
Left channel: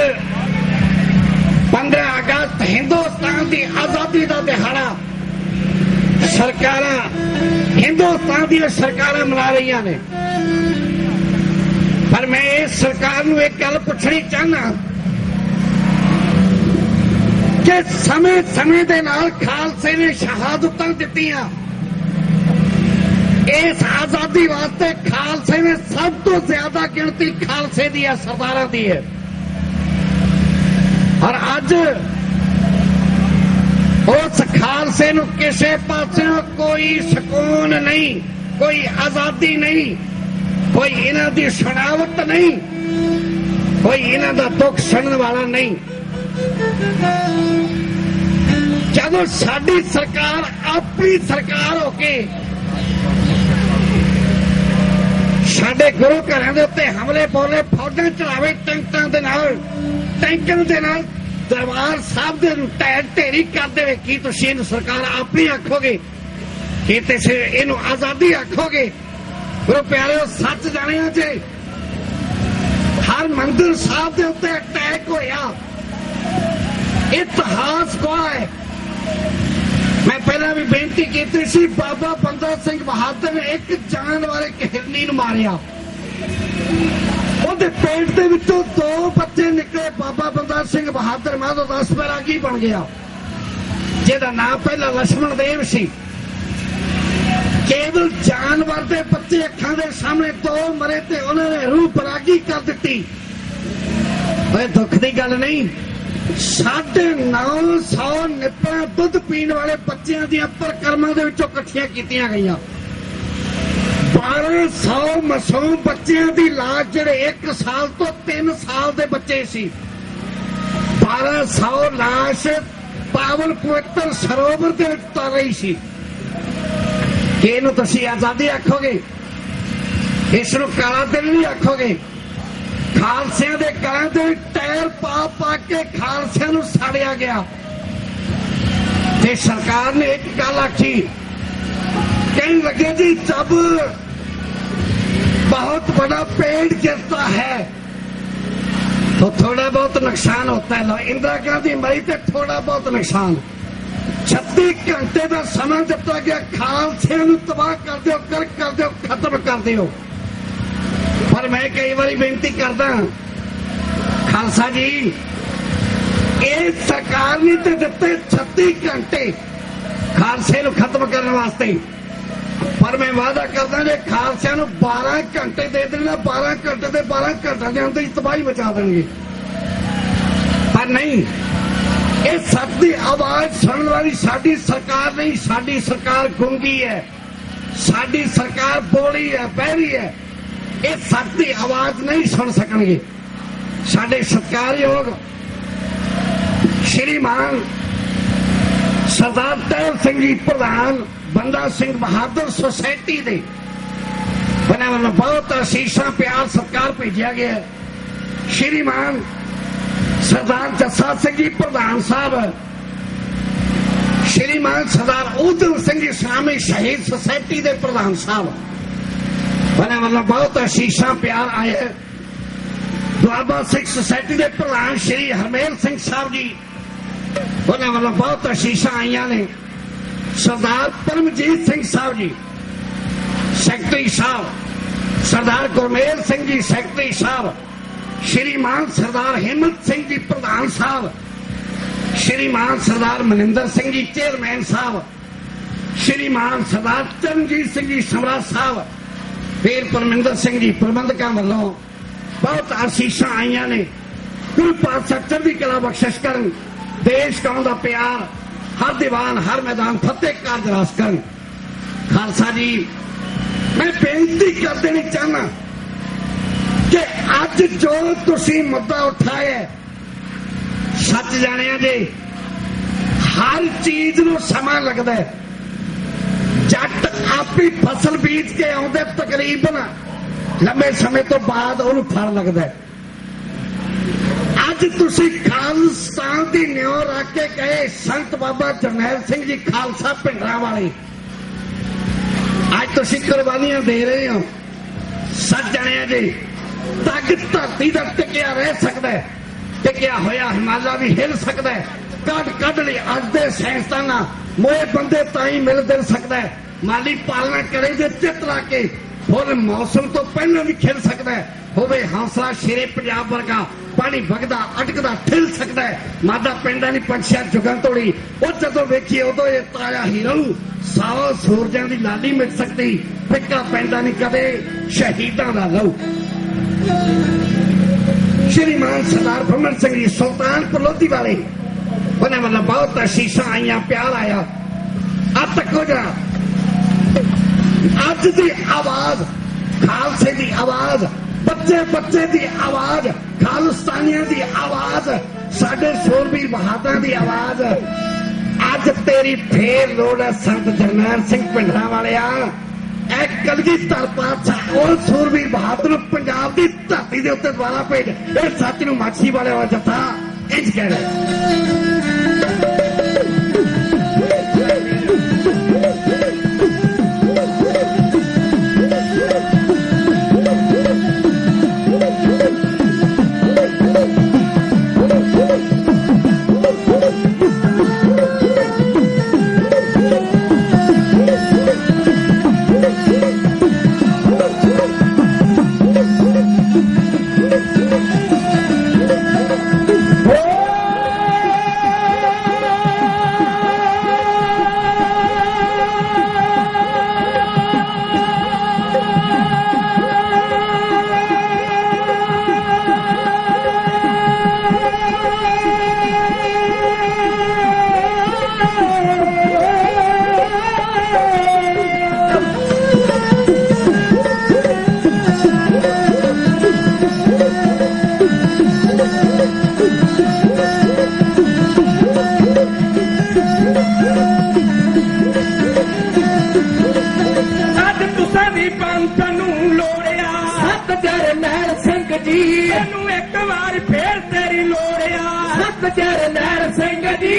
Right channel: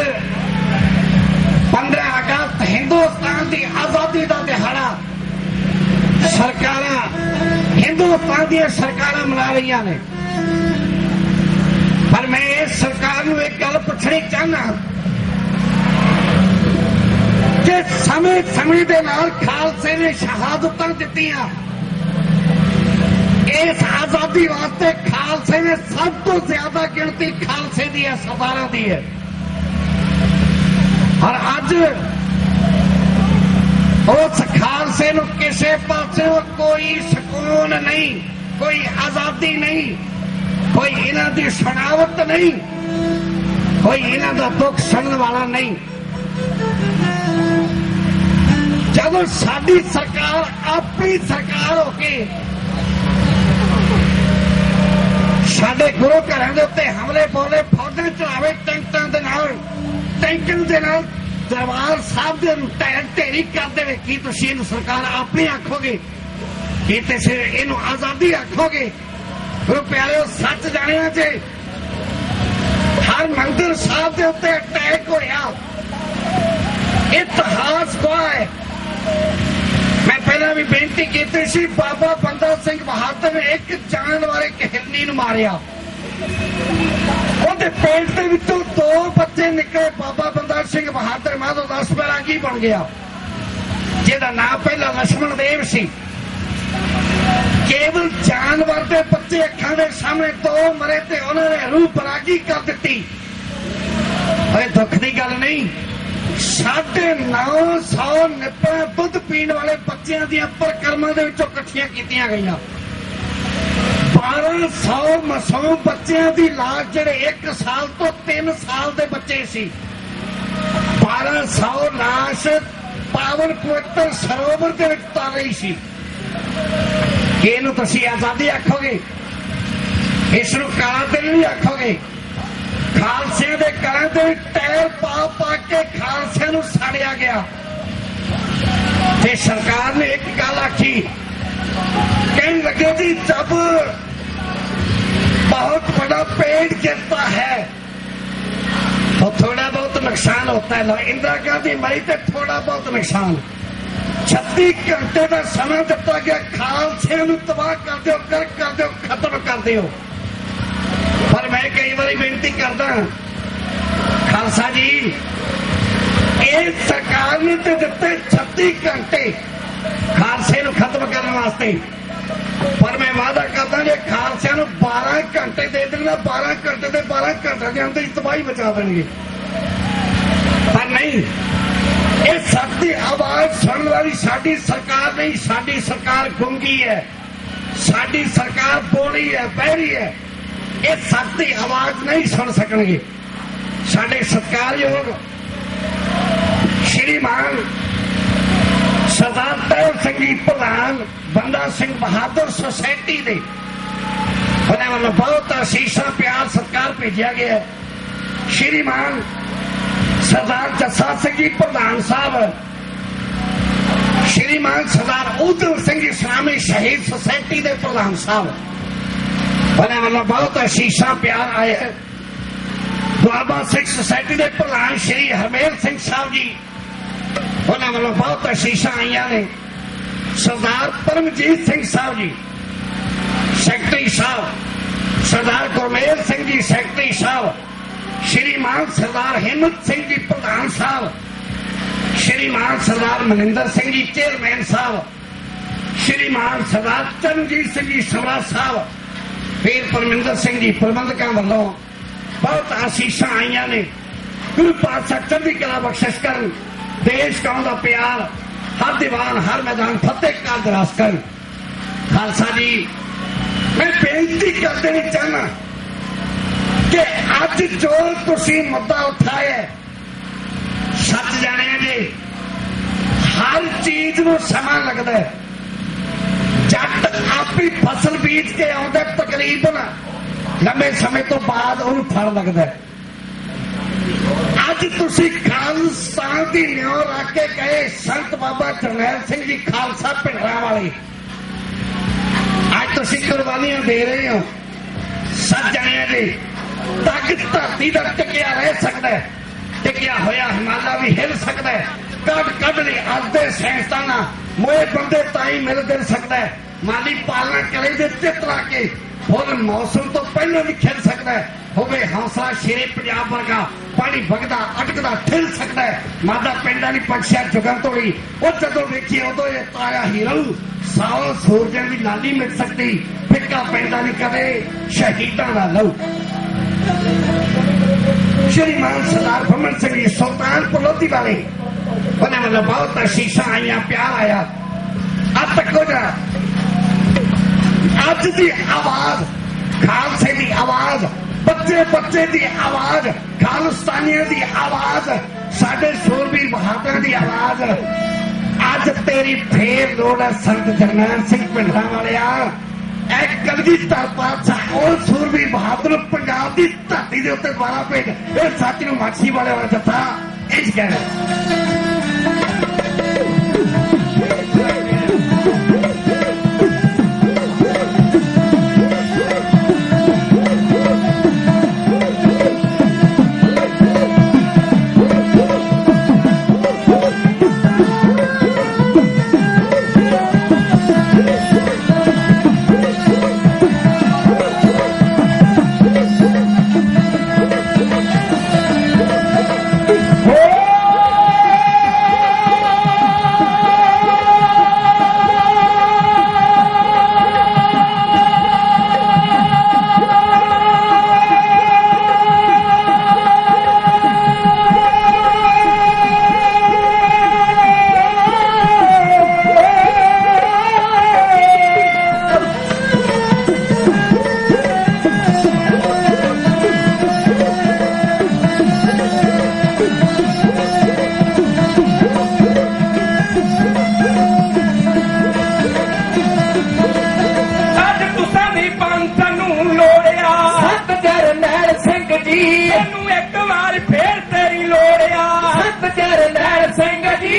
15 ਅਗਸਤ ਹਿੰਦੁਸਤਾਨ ਦੀ ਆਜ਼ਾਦੀ ਦਾ ਦਿਹਾੜਾ ਸਰਕਾਰਾਂ ਹਿੰਦੁਸਤਾਨ ਦੀਆਂ ਸਰਕਾਰਾਂ ਮਨਾ ਰਹੀਆਂ ਨੇ ਪਰ ਮੈਂ ਇਸ ਸਰਕਾਰ ਨੂੰ ਇੱਕ ਗੱਲ ਪੁੱਛਣੀ ਚਾਹੁੰਦਾ ਕਿ ਸਮੇਂ ਦੇ ਨਾਲ ਖਾਲਸੇ ਨੇ ਸ਼ਹਾਦਤਾਂ ਦਿੱਤੀਆਂ ਇਸ ਆਜ਼ਾਦੀ ਵਾਸਤੇ ਖਾਲਸੇ ਨੇ ਸਭ ਤੋਂ ਜ਼ਿਆਦਾ ਗਿਣਤੀ ਖਾਲਸੇ ਦੀ ਹੈ ਸਰਦਾਰਾਂ ਦੀ ਹੈ ਔਰ ਅੱਜ ਉਸ ਖਾਲਸੇ ਨੂੰ ਕਿਸੇ ਪਾਸਿਓਂ ਕੋਈ ਸਕੂਨ ਨਹੀਂ ਕੋਈ ਆਜ਼ਾਦੀ ਨਹੀਂ ਕੋਈ ਇਹਨਾਂ ਦੀ ਸੁਣਾਵਤ ਨਹੀਂ ਕੋਈ ਇਹਨਾਂ ਦਾ ਦੁੱਖ ਸੁਣਨ ਵਾਲਾ ਨਹੀਂ ਜਦੋਂ ਸਾਡੀ ਸਰਕਾਰ ਆਪਣੀ ਸਰਕਾਰ ਹੋ ਕੇ ਸਾਡੇ ਗੁਰੂ ਘਰਾਂ ਦੇ ਉੱਤੇ ਹਮਲੇ ਬੋਲੇ ਫੌਜਾਂ ਚਲਾਵੇ ਟੈਂਕਾਂ ਦੇ ਨਾਲ ਦਰਬਾਰ ਸਾਹਿਬ ਦੇ ਢਹਿ ਢੇਰੀ ਕਰ ਦੇਵੇ ਕੀ ਤੁਸੀਂ ਇਹਨੂੰ ਸਰਕਾਰ ਆਪਣੀ ਆਖੋਗੇ ਕੀ ਤੁਸੀਂ ਇਹਨੂੰ ਆਜ਼ਾਦੀ ਆਖੋਗੇ ਗੁਰੂ ਪਿਆਰਿਓ ਸੱਚ ਜਾਣਿਆ ਜੇ ਹਰ ਮੰਦਿਰ ਸਾਹਿਬ ਦੇ ਉੱਤੇ ਅਟੈਕ ਹੋਇਆ ਇਤਿਹਾਸ ਗਵਾਹ ਹੈ ਮੈਂ ਪਹਿਲਾਂ ਵੀ ਬੇਨਤੀ ਕੀਤੀ ਸੀ ਬਾਬਾ ਬੰਦਾ ਸਿੰਘ ਬਹਾਦਰ ਨੇ ਇੱਕ ਜਾਨ ਵਾਲੇ ਹਿਰਨੀ ਨੂੰ ਮਾਰਿਆ ਉਹਦੇ ਪੇਟ ਦੇ ਵਿੱਚੋਂ 2 ਬੱਚੇ ਨਿਕਲੇ ਬਾਬਾ ਬੰਦਾ ਸਿੰਘ ਬਹਾਦਰ ਮਾਧੋ 10 ਬੈਰਾਗੀ ਬਣ ਗਿਆ ਜਿਹਦਾ ਨਾਮ ਪਹਿਲਾਂ ਲక్ష్మణ ਦੇਵ ਸੀ ਕੇਵਲ ਜਾਨਵਰ ਦੇ ਬੱਚੇ ਅੱਖਾਂ ਦੇ ਸਾਹਮਣੇ 2 ਮਰੇ ਤੇ ਉਹਨਾਂ ਨੇ ਰੂਹ ਬੈਰਾਗੀ ਕਰ ਦਿੱਤੀ ਓਏ ਦੁੱਖ ਦੀ ਗੱਲ ਨਹੀਂ 950 ਨਿਪਣਾ ਦੁੱਧ ਪੀਣ ਵਾਲੇ ਬੱਚਿਆਂ ਦੀਆਂ ਪਰਕਰਮਾਂ ਦੇ ਵਿੱਚੋਂ ਇਕੱਠੀਆਂ ਕੀਤੀਆਂ ਗਈਆਂ 1200 ਮਾਸੂਮ ਬੱਚਿਆਂ ਦੀ ਲਾਸ਼ ਜਿਹੜੇ 1 ਸਾਲ ਤੋਂ 3 ਸਾਲ ਦੇ ਬੱਚੇ ਸੀ 1200 ਲਾਸ਼ ਪਾਵਨ ਪਵਿੱਤਰ ਸਰੋਵਰ ਦੇ ਵਿੱਚ ਤਰ ਰਹੀ ਸੀ ਕਿ ਇਹਨੂੰ ਤੁਸੀਂ ਆਜ਼ਾਦੀ ਆਖੋਗੇ ਇਸ ਨੂੰ ਕਾਲਾ ਦਿਨ ਵੀ ਆਖੋਗੇ ਖਾਲਸੇ ਦੇ ਘਰਾਂ ਦੇ ਟਾਇਰ ਪਾ ਕੇ ਖਾਲਸੇ ਨੂੰ ਸਾੜਿਆ ਗਿਆ ਤੇ ਸਰਕਾਰ ਨੇ ਇੱਕ ਗੱਲ ਆਖੀ ਕਹਿਣ ਲੱਗੇ ਜੀ ਜਬ बहुत बड़ा पेड़ गिरता है तो थोड़ा बहुत नुकसान होता है इंदिरा गांधी मरी तो थोड़ा बहुत नुकसान 36 घंटे का समय दिता गया खालसे नूं तबाह कर दिओ कर दिओ खत्म कर दिओ पर मैं कई बार बेनती करदा खालसा जी इस सरकार ने तो दिते 36 घंटे खालसे नूं खत्म करने वास्ते ਪਰ ਮੈਂ ਵਾਅਦਾ ਕਰਦਾ ਜੇ ਖਾਲਸਿਆਂ ਨੂੰ 12 ਘੰਟੇ ਦੇ ਦੇਣਾ 12 ਘੰਟੇ ਦੇ 12 ਘੰਟੇ ਦੇ ਅੰਦਰ ਹੀ ਤਬਾਹੀ ਮਚਾ ਦੇਣਗੇ। ਪਰ ਨਹੀਂ, ਇਹ ਸੱਚ ਦੀ ਆਵਾਜ਼ ਸੁਣਨ ਵਾਲੀ ਸਾਡੀ ਸਰਕਾਰ ਨਹੀਂ, ਸਾਡੀ ਸਰਕਾਰ ਗੂੰਗੀ ਹੈ, ਸਾਡੀ ਸਰਕਾਰ ਬੋਲੀ ਹੈ, ਬਹਿਰੀ ਹੈ। ਇਹ ਸੱਚ ਦੀ ਆਵਾਜ਼ ਨਹੀਂ ਸੁਣ ਸਕਣਗੇ। ਸਾਡੇ ਸਤਿਕਾਰਯੋਗ ਸ਼੍ਰੀਮਾਨ ਸਰਦਾਰ ਟਹਿਲ ਸਿੰਘ ਜੀ ਪ੍ਰਧਾਨ ਬੰਦਾ ਸਿੰਘ ਬਹਾਦਰ ਸੁਸਾਇਟੀ ਦੇ ਉਹਨਾਂ ਨੂੰ ਬਹੁਤ ਅਸੀਸਾਂ ਪਿਆਰ ਸਤਿਕਾਰ ਭੇਜਿਆ ਗਿਆ। ਸ਼੍ਰੀਮਾਨ ਸਰਦਾਰ ਜੱਸਾ ਸਿੰਘ ਜੀ ਪ੍ਰਧਾਨ ਸਾਹਿਬ, ਸ਼੍ਰੀਮਾਨ ਸਰਦਾਰ ਊਧਮ ਸਿੰਘ ਇਸਲਾਮੀ ਸ਼ਹੀਦ ਸੁਸਾਇਟੀ ਦੇ ਪ੍ਰਧਾਨ ਸਾਹਿਬ, ਉਹਨਾਂ ਵੱਲੋਂ ਬਹੁਤ ਅਸੀਸਾਂ ਪਿਆਰ ਆਏ ਹੈ। ਦੁਆਬਾ ਸਿੱਖ ਸੁਸਾਇਟੀ ਦੇ ਪ੍ਰਧਾਨ ਸ਼੍ਰੀ ਹਰਮੇਲ ਸਿੰਘ ਸਾਹਿਬ ਜੀ, ਉਹਨਾਂ ਵੱਲੋਂ ਬਹੁਤ ਅਸੀਸਾਂ ਆਈਆਂ ਨੇ। ਸਰਦਾਰ ਪਰਮਜੀਤ ਸਿੰਘ ਸਾਹਿਬ ਜੀ ਸੈਕਟਰੀ ਸਾਹਿਬ, ਸਰਦਾਰ ਗੁਰਮੇਲ ਸਿੰਘ ਜੀ ਸੈਕਟਰੀ ਸਾਹਿਬ, ਸ਼੍ਰੀਮਾਨ ਸਰਦਾਰ ਹਿੰਮਤ ਸਿੰਘ ਜੀ ਪ੍ਰਧਾਨ ਸਾਹਿਬ, ਸ਼੍ਰੀਮਾਨ ਸਰਦਾਰ ਮਨਿੰਦਰ ਸਿੰਘ ਜੀ ਚੇਅਰਮੈਨ ਸਾਹਿਬ, ਸ਼੍ਰੀਮਾਨ ਸਰਦਾਰ ਚਰਨਜੀਤ ਸਿੰਘ ਜੀ ਸਮਰਾ ਸਾਹਿਬ, ਵੀਰ ਪਰਮਿੰਦਰ ਸਿੰਘ ਜੀ ਪ੍ਰਬੰਧਕਾਂ ਵੱਲੋਂ ਬਹੁਤ ਆਸੀਸਾਂ ਆਈਆਂ ਨੇ। ਗੁਰੂ ਪਾਤਸ਼ਾਹ ਚੜ੍ਹਦੀ ਕਲਾ ਬਖਸ਼ਿਸ਼ ਕਰਨ, ਦੇਸ਼ ਕੌਮ ਦਾ ਪਿਆਰ, ਹਰ ਦੀਵਾਨ ਹਰ ਮੈਦਾਨ ਫਤਿਹ ਕਰ ਦਰਾਸ ਕਰਨ। ਖਾਲਸਾ ਜੀ, ਮੈਂ ਬੇਨਤੀ ਕਰ ਦੇਣੀ ਚਾਹੁੰਦਾ ਕਿ ਅੱਜ ਜੋ ਤੁਸੀਂ ਮੁੱਦਾ ਉਠਾਇਆ, ਸੱਚ ਜਾਣਿਆ ਜੀ, ਹਰ ਚੀਜ਼ ਨੂੰ ਸਮਾਂ ਲੱਗਦਾ ਹੈ। ਜੱਟ ਆਪੀ ਫਸਲ ਬੀਜ ਕੇ ਆਉਂਦਾ, ਤਕਰੀਬਨ ਲੰਬੇ ਸਮੇਂ ਤੋਂ ਬਾਅਦ ਉਹਨੂੰ ਫਲ ਲੱਗਦਾ ਹੈ। ਅੱਜ ਤੁਸੀਂ ਖਾਲਿਸਤਾਨ ਦੀ ਨਿਉ ਰੱਖ ਕੇ ਗਏ ਸੰਤ ਬਾਬਾ ਜਰਨੈਲ ਸਿੰਘ ਜੀ ਖਾਲਸਾ ਭਿੰਡਰਾਂ ਵਾਲੇ, ਅੱਜ ਤੁਸੀਂ ਕੁਰਬਾਨੀਆਂ ਦੇ ਰਹੇ ਹੋ। ਸੱਚ ਜਾਣਿਆ ਜੀ, ਤੱਕ ਧਰਤੀ ਦਾ ਟਿਕਿਆ ਰਹਿ ਸਕਦਾ ਹੈ, ਟਿਕਿਆ ਹੋਇਆ ਹਿਮਾਲਾ ਵੀ ਹਿੱਲ ਸਕਦਾ ਹੈ। ਕੱਢ ਲਈ ਅੱਜ ਦੇ ਸਾਇੰਸਦਾਨਾਂ ਮੋਏ ਬੰਦੇ ਤਾਂ ਹੀ ਮਿਲ ਗਿਲ ਸਕਦਾ ਹੈ। ਮਾਲੀ ਪਾਲਣਾ ਕਰੇ ਦੇ ਚਿੱਤ ਲਾ ਕੇ ਫੁੱਲ ਮੌਸਮ ਤੋਂ ਪਹਿਲਾਂ ਵੀ ਖਿੜ ਸਕਦਾ ਹੈ। ਹੋਵੇ ਹੌਸਲਾ ਸ਼ੇਰੇ ਪੰਜਾਬ ਵਰਗਾ, ਪਾਣੀ ਵਗਦਾ ਅਟਕਦਾ ਠਿਲ ਸਕਦਾ ਹੈ। ਮਾਦਾ ਪਿੰਡਾਂ ਦੀ ਪੰਛੀਆਂ ਜੁਗਾਂ ਤੋੜੀ, ਉਹ ਜਦੋਂ ਵੇਖੀ ਉਦੋਂ ਇਹ ਤਾਇਆ ਹੀਰੋ ਸਾਰਾ ਸੂਰਜਾਂ ਦੀ ਲਾਲੀ ਮਿਲ ਸਕਦੀ। ਫਿੱਕਾ ਪੈਂਦਾ ਨਹੀਂ ਕਦੇ ਸ਼ਹੀਦਾਂ ਦਾ ਲਹੂ। ਸ਼੍ਰੀਮਾਨ ਸਰਦਾਰ ਭਮਨ ਸਿੰਘ ਜੀ ਸੁਲਤਾਨਪੁਰ ਲੋਧੀ ਵਾਲੇ, ਉਹਨਾਂ ਵੱਲੋਂ ਬਹੁਤ ਅਸੀਸਾਂ ਆਈਆਂ, ਪਿਆਰ ਆਇਆ। ਅੱਜ ਤੱਕੋ ਜਾ ਅੱਜ ਦੀ ਆਵਾਜ਼, ਖਾਲਸੇ ਦੀ ਆਵਾਜ਼, ਬੱਚੇ ਦੀ ਆਵਾਜ਼, ਖਾਲਿਸਤਾਨੀਆਂ ਦੀ ਆਵਾਜ਼, ਸਾਡੇ ਸੂਰਬੀਰ ਬਹਾਦਰਾਂ ਦੀ ਆਵਾਜ਼। ਅੱਜ ਤੇਰੀ ਫੇਰ ਲੋੜ ਹੈ ਸੰਤ ਜਰਨੈਲ ਸਿੰਘ ਭਿੰਡਰਾਂ ਵਾਲਿਆ। ਇਹ ਕਲਗੀਧਰ ਪਾਤਸ਼ਾਹ ਉਹ ਸੂਰਬੀਰ ਬਹਾਦਰ ਪੰਜਾਬ ਦੀ ਧਰਤੀ ਦੇ ਉੱਤੇ ਦੁਆਰਾ ਭੇਜ। ਇਹ ਸੱਚ ਨੂੰ ਮਾਛੀ ਵਾਲੇ ਵਾਲਾ ਜੱਥਾ ਇੰਝ ਕਹਿ ਰਿਹਾ। ਤੈਨੂੰ ਇੱਕ ਵਾਰ ਫੇਰ ਤੇਰੀ ਲੋੜ ਆ ਸੰਤ ਜਰਨੈਲ ਸਿੰਘ ਜੀ।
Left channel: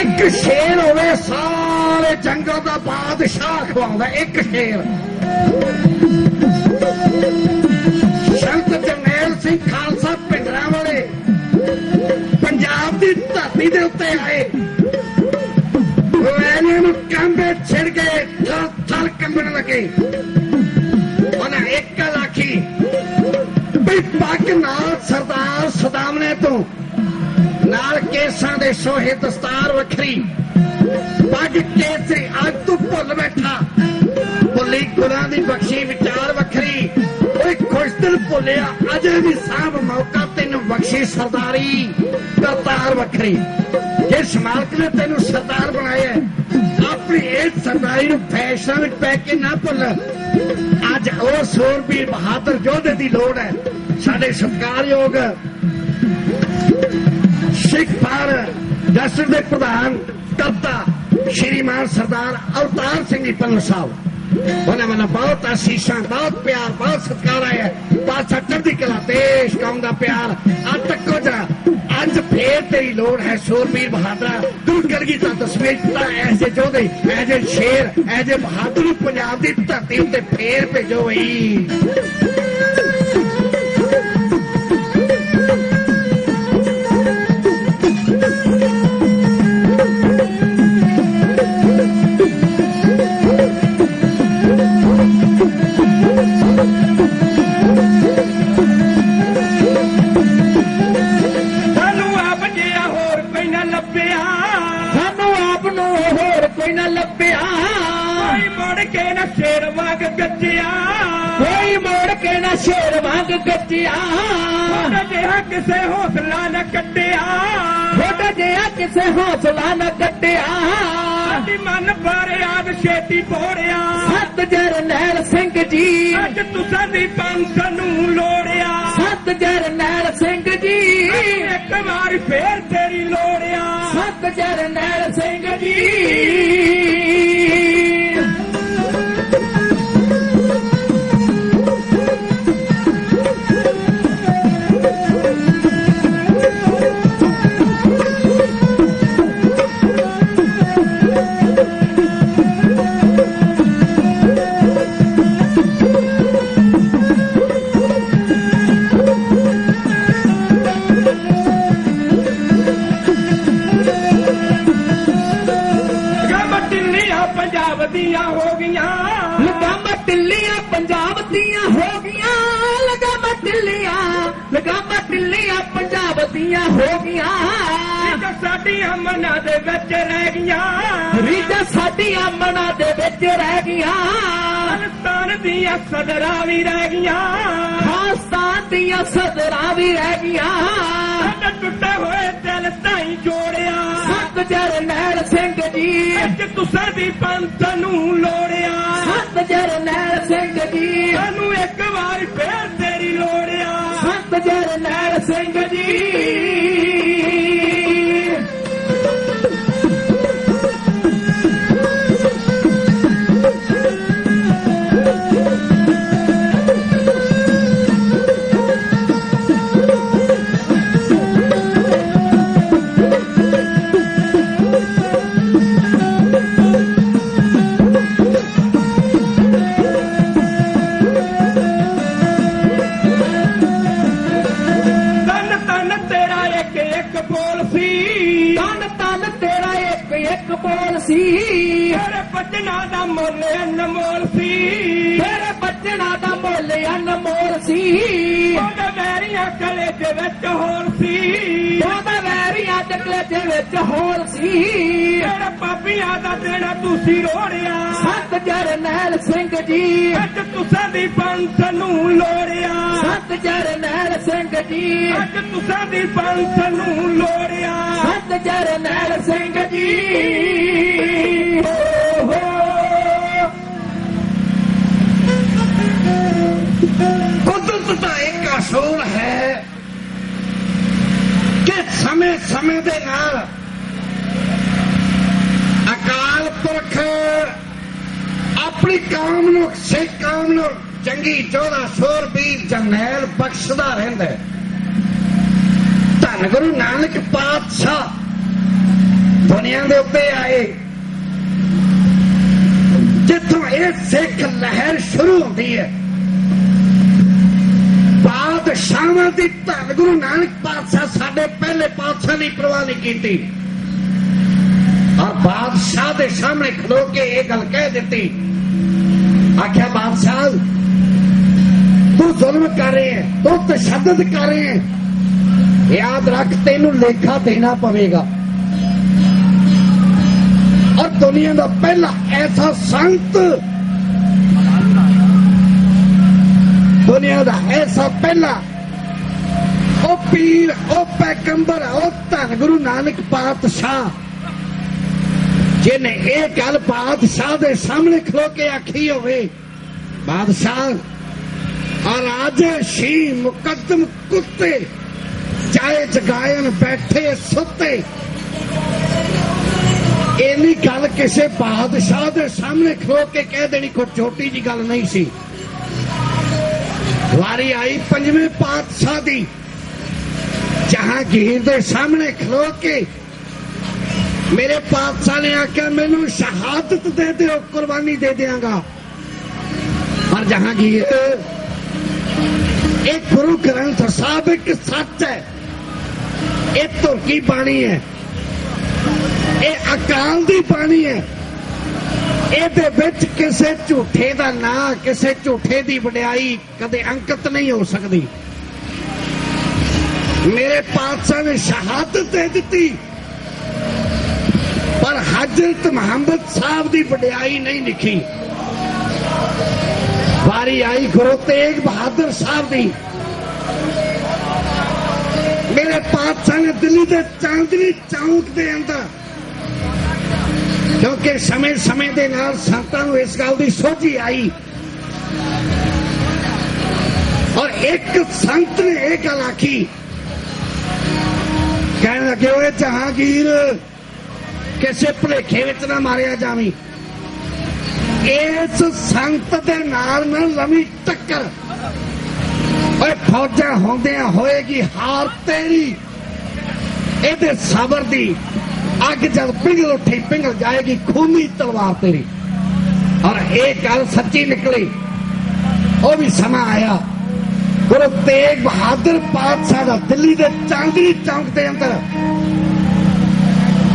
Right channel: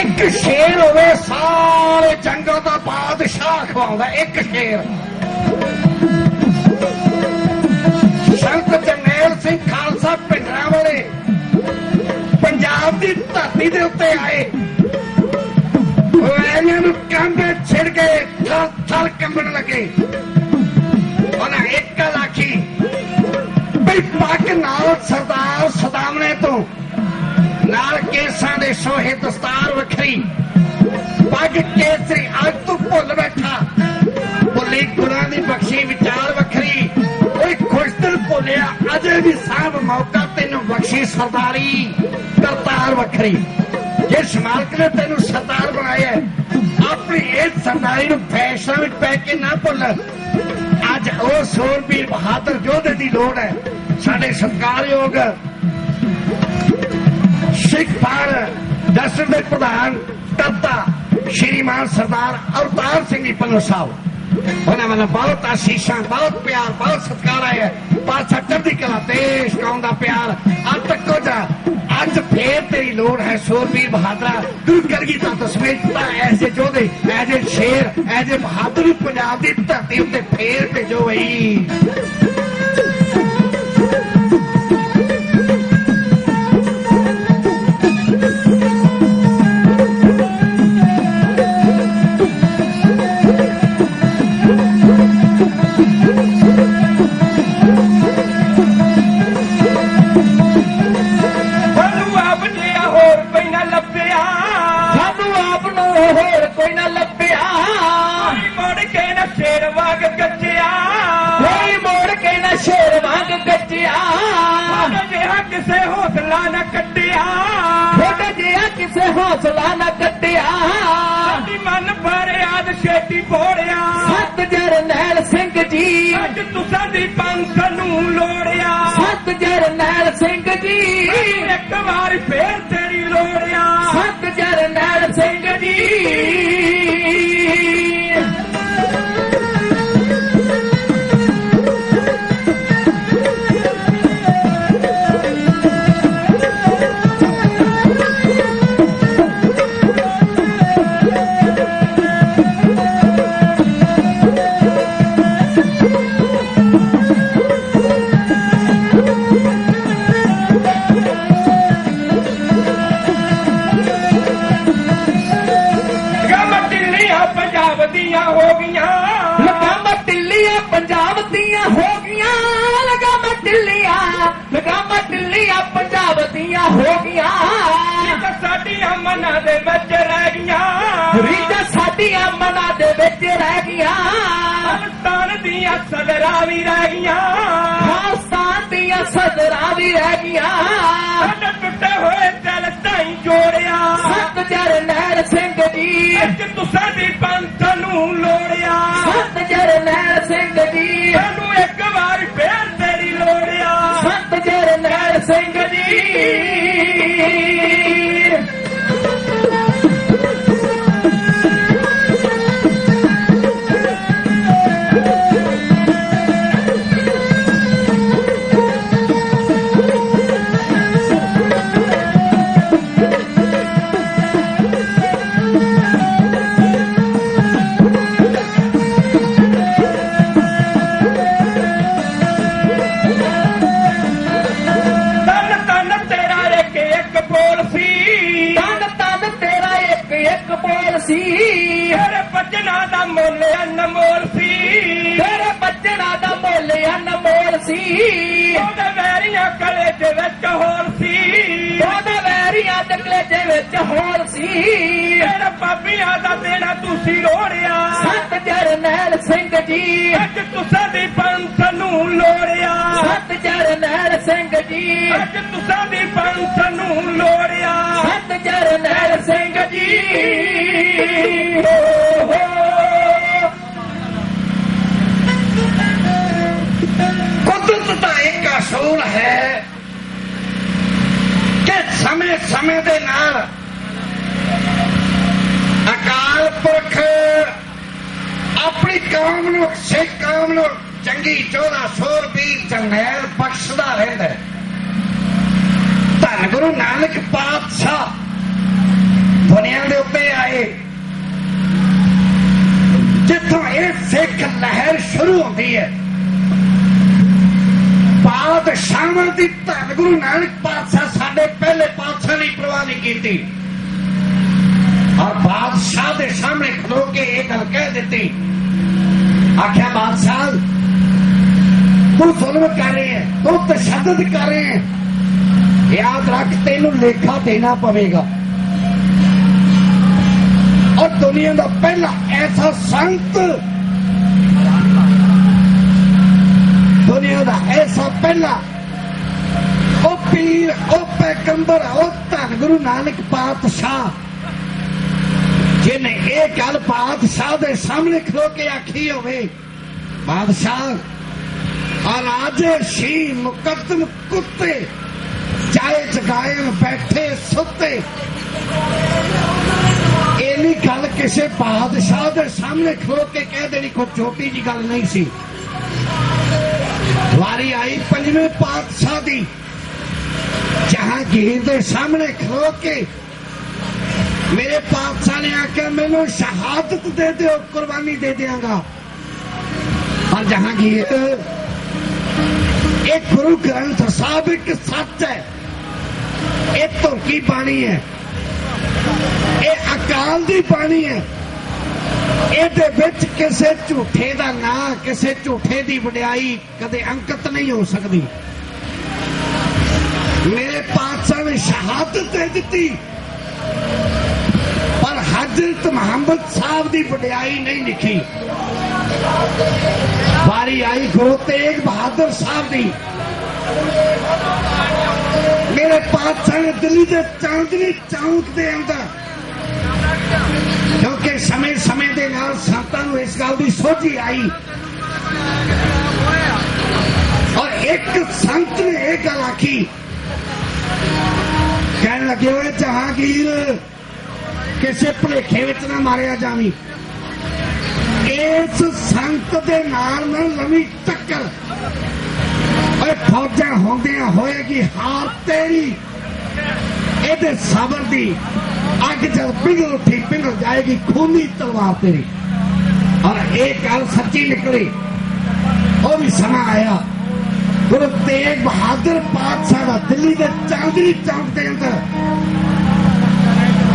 ਇੱਕ ਸ਼ੇਰ ਹੋਵੇ ਸਾਰੇ ਜੰਗਾਂ ਦਾ ਬਾਦਸ਼ਾਹ ਖਵਾਉਂਦਾ, ਇੱਕ ਸ਼ੇਰ। ਸੰਤ ਜਰਨੈਲ ਸਿੰਘ ਖਾਲਸਾ ਭਿੰਡਰਾਂ ਵਾਲੇ ਪੰਜਾਬ ਦੀ ਧਰਤੀ ਦੇ ਉੱਤੇ ਆਏ। ਇਹਨਾਂ ਨੂੰ ਕੰਧ ਛਿੜ ਕੇ ਥਲ ਕੰਬਣ ਲੱਗੇ। ਉਹਨਾਂ ਇੱਕ ਉਹਦੀ ਪੱਗ ਨਾਲ ਸਰਦਾਰ ਸਦਾਮਣੇ ਤੋਂ ਨਾਲ ਕੇਸਾਂ ਦੇ ਸੋਹੇ ਦਸਤਾਰ ਵੱਖਰੀ ਪੱਗ ਕੇਸਰੀ ਅੱਜ ਤੂੰ ਭੁੱਲ ਬੈਠਾ ਭੁੱਲੀ ਗੁਰਾਂ ਦੀ ਬਖਸ਼ੀ ਵਿਚਾਰ ਵੱਖਰੀ ਓਏ ਖੁਸ਼ ਦਿਲ ਭੁੱਲਿਆ ਅਜੇ ਵੀ ਸਾਹਬ ਮੌਕਾ ਤੈਨੂੰ ਬਖਸ਼ੀ ਸਰਦਾਰੀ ਕਰਤਾਰ ਵੱਖਰੀ ਜਿਸ ਮਾਲਕ ਨੇ ਤੈਨੂੰ ਸਰਦਾਰ ਬਣਾਇਆ ਆਪਣੀ ਇਸ ਸਰਦਾਰੀ ਨੂੰ ਫੈਸ਼ਨ ਵਿੱਚ ਪੈ ਕੇ ਨਾ ਭੁੱਲ ਅੱਜ ਉਹ ਸੂਰਬੀਰ ਬਹਾਦਰ ਯੋਧੇ ਦੀ ਲੋੜ ਹੈ ਸਾਡੇ ਸਤਿਕਾਰਯੋਗ ਸਿੱਖ ਭਾਰਤ ਜਸਰ ਦੇ ਪ੍ਰਧਾਨ ਕਰਤਾ ਸ਼੍ਰੀਮਾਨ ਸਰਦਾਰ ਅਵਤਾਰ ਸਿੰਘ ਜੀ ਪੰਨੂ ਸਾਹਿਬ ਉਹਨਾਂ ਵੱਲੋਂ ਬਹੁਤ ਆਸ਼ੀਸ਼ਾਂ ਬਹੁਤ ਪਿਆਰ ਬਹੁਤ ਸਤਿਕਾਰ ਹੈ ਪਾਸਾ ਚੜ੍ਹਦੀ ਕਲਾ ਦੇਸ਼ ਕੌਮ ਦਾ ਪਿਆਰ ਅੱਜ ਤੱਕ ਜਾ ਅੱਜ ਫੇਰ ਤੇਰੀ ਲੋੜ ਹੈ ਸੂਰਬੀਰ ਬਹਾਦਰਾ ਗੁਰੂ ਕਰਗੀ ਤਾਂ ਤਸਵੀਰ ਐਸੇ ਜੋਧੇ ਐਸੇ ਸ਼ੇਰ ਐਸੇ ਬਹਾਦਰ ਪੰਜਾਬ ਦੀ ਧਰਤੀ ਉੱਤੇ ਫੇਰ ਭੇਜੋ ਬਈ ਕੋਈ ਨਾ ਲੱਭਿਆ ਕੋਈ ਮੋੜ ਕੇ ਨਾ ਸ਼ੇਰ ਵਾਂਗ ਗੱਜਿਆ ਕੋਈ ਮੋੜ ਕੇ ਨਾ ਸ਼ੇਰ ਵਾਂਗ ਗੱਜਿਆ ਉਹਦਾ ਜਿਹਾ ਕਿਸੇ ਹੌਸਲਾ ਨਾ ਕੱਟਿਆ ਉਹਦਾ ਜਿਹਾ ਕਿਸੇ ਹੌਸਲਾ ਨਾ ਕੱਟਿਆ ਸਾਡੀ ਮਨ ਫਰਿਆਦ ਛੇਤੀ ਪੋੜਿਆ ਸਤ ਜਰਨੈਲ ਸਿੰਘ ਜੀ ਅੱਜ ਤੁਸਾਂ ਦੀ ਪੰਖ ਨੂੰ ਲੋੜਿਆ ਸਤ ਜਰਨੈਲ ਸਿੰਘ ਜੀ ਇੱਕ ਵਾਰ ਫੇਰ ਤੇਰੀ ਲੋੜਿਆ ਸਤ ਜਰਨੈਲ ਸਿੰਘ ਜੀ ਲਗਾਮਾਂ ਢਿੱਲੀਆਂ ਪੰਜਾਬ ਦੀਆਂ ਹੋ ਗਈਆਂ ਰੀਤਾਂ ਸਾਡੀਆਂ ਮਨਾਂ ਦੇ ਵਿੱਚ ਰਹਿ ਗਈਆਂ ਰੀਤਾਂ ਸਾਡੀਆਂ ਮਨਾਂ ਦੇ ਵਿੱਚ ਰਹਿ ਗਈਆਂ ਖਾਲਿਸਤਾਨ ਦੀਆਂ ਸਦਰਾਂ ਵੀ ਰਹਿ ਗਈਆਂ ਖਾਲਿਸਤਾਨ ਦੀਆਂ ਸਦਰਾਂ ਵੀ ਰਹਿ ਗਈਆਂ ਸਾਡੇ ਟੁੱਟੇ ਹੋਏ ਦਿਲ ਤਾਈਂ ਜੋੜਿਆ ਸਤ ਜਰਨੈਲ ਸਿੰਘ ਜੀ ਅੱਜ ਤੁਸਾਂ ਦੀ ਪੰਥ ਨੂੰ ਲੋੜਿਆ ਸਤ ਜਰਨੈਲ ਸਿੰਘ ਜੀ ਸਾਨੂੰ ਇੱਕ ਵਾਰ ਫੇਰ ਤੇਰੀ ਲੋੜਿਆ ਸਤ ਜਰਨੈਲ ਸਿੰਘ ਜੀ ਤੇਰੇ ਬੱਚਨਾਂ ਦਾ ਮੁੱਲ ਅਨਮੋਲ ਸੀ ਤੇਰੇ ਬੱਚਨਾਂ ਦਾ ਮੁੱਲ ਅਨਮੋਲ ਸੀ ਉਹਦੇ ਵੈਰੀਆਂ ਕਲੇ ਦੇ ਵਿੱਚ ਹੋਰ ਸੀ ਉਹਦੇ ਵੈਰੀਆਂ ਦੇ ਕਲੇ ਦੇ ਵਿੱਚ ਹੋਰ ਸੀ ਤੇਰੇ ਪਾਪੀਆਂ ਦਾ ਦੇਣਾ ਤੁਸੀਂ ਰੋੜਿਆ ਸਤ ਜਰਨੈਲ ਸਿੰਘ ਜੀ ਅੱਜ ਤੁਸਾਂ ਦੀ ਪੰਥ ਨੂੰ ਲੋੜਿਆ ਸਤ ਜਰਨੈਲ ਸਿੰਘ ਜੀ ਅੱਜ ਤੁਸਾਂ ਦੀ ਪੰਥ ਨੂੰ ਲੋੜਿਆ ਸਤ ਜਰਨੈਲ ਸਿੰਘ ਜੀ ਕੁਦਰਤ ਦਾ ਇੱਕ ਅਸੂਲ ਹੈ ਕਿ ਸਮੇਂ ਸਮੇਂ ਦੇ ਨਾਲ ਅਕਾਲ ਪੁਰਖ ਆਪਣੀ ਕੌਮ ਨੂੰ ਸਿੱਖ ਕੌਮ ਨੂੰ ਚੰਗੀ ਚੋਲਾ ਸੂਰਬੀਰ ਜਰਨੈਲ ਬਖਸ਼ਦਾ ਰਹਿੰਦਾ ਧੰਨ ਗੁਰੂ ਨਾਨਕ ਪਾਤਸ਼ਾਹ ਦੁਨੀਆ ਦੇ ਉੱਤੇ ਆਏ ਜਿੱਥੋਂ ਇਹ ਸਿੱਖ ਲਹਿਰ ਸ਼ੁਰੂ ਹੁੰਦੀ ਹੈ ਬਾਦਸ਼ਾਹਾਂ ਦੀ ਧੰਨ ਗੁਰੂ ਨਾਨਕ ਪਾਤਸ਼ਾਹ ਸਾਡੇ ਪਹਿਲੇ ਪਾਤਸ਼ਾਹ ਦੀ ਪਰਵਾਹ ਨਹੀਂ ਕੀਤੀ ਔਰ ਬਾਦਸ਼ਾਹ ਦੇ ਸਾਹਮਣੇ ਖਲੋ ਕੇ ਇਹ ਗੱਲ ਕਹਿ ਦਿੱਤੀ ਆਖਿਆ ਬਾਦਸ਼ਾਹ ਤੂੰ ਜ਼ੁਲਮ जुल्म कर रहे हैं, तो तशद्दुद कर रहे हैं, याद रख तेनू लेखा देना पवेगा। और दुनिया का पहला ऐसा संत, दुनिया का ऐसा पहला ओ पीर, ओ पैगंबर, ओ धन गुरु नानक पातशाह, जिन्हें एक गल बादशाह के सामने खलो के आखी होवे, बादशाह राजे शी मुकदम कुत्ते चाहे जगायन बैठे सुते, इन्नी गल किसी बादशाह के सामने खलो के कह देनी कोई छोटी जी गल नहीं सी। वारी आई पंजवें पातशाह दी, जहांगीर के सामने खलो के मेरे पातशाह ने आख्या मैनू शहादत दे दो, कुर्बानी दे देंगा। और जहांगीर एक गुरु ग्रंथ साहब एक सच है, एक धोखी बाणी है, ये अकाल दी बाणी है, ਇਹਦੇ ਵਿੱਚ ਕਿਸੇ ਝੂਠੇ ਦਾ ਨਾਂ, ਕਿਸੇ ਝੂਠੇ ਦੀ ਵਡਿਆਈ ਕਦੇ ਅੰਕਿਤ ਨਹੀਂ ਹੋ ਸਕਦੀ। ਮੇਰੇ ਪਾਤਸ਼ਾਹ ਨੇ ਸ਼ਹਾਦਤ ਦੇ ਦਿੱਤੀ, ਪਰ ਹਜ਼ਰਤ ਮੁਹੰਮਦ ਸਾਹਿਬ ਦੀ ਵਡਿਆਈ ਨਹੀਂ ਲਿਖੀ। ਵਾਰੀ ਆਈ ਗੁਰੂ ਤੇਗ ਬਹਾਦਰ ਸਾਹਿਬ ਦੀ, ਮੇਰੇ ਪਾਤਸ਼ਾਹ ਨੇ ਦਿੱਲੀ ਦੇ ਚਾਂਦਨੀ ਚੌਂਕ ਦੇ ਅੰਦਰ, क्योंकि समय समय के नाल संतां नूं इस गल की सोझी आई, और एक संत ने यह गल आखी, कहने लगे हुए जहांगीर किसी भुलेखे विच ना मारिया जावी, इस संत दे नाल ना लवी टक्कर, और फौजां होंदियां होएगी हार तेरी, इहदे सबर दी अग जब पिघल उठी पिघल जाएगी खूनी तलवार तेरी। और एक गल सच्ची निकली, वो भी समा आया, गुरु तेग बहादुर पातशाह का दिल्ली के चांदनी चौक के अंदर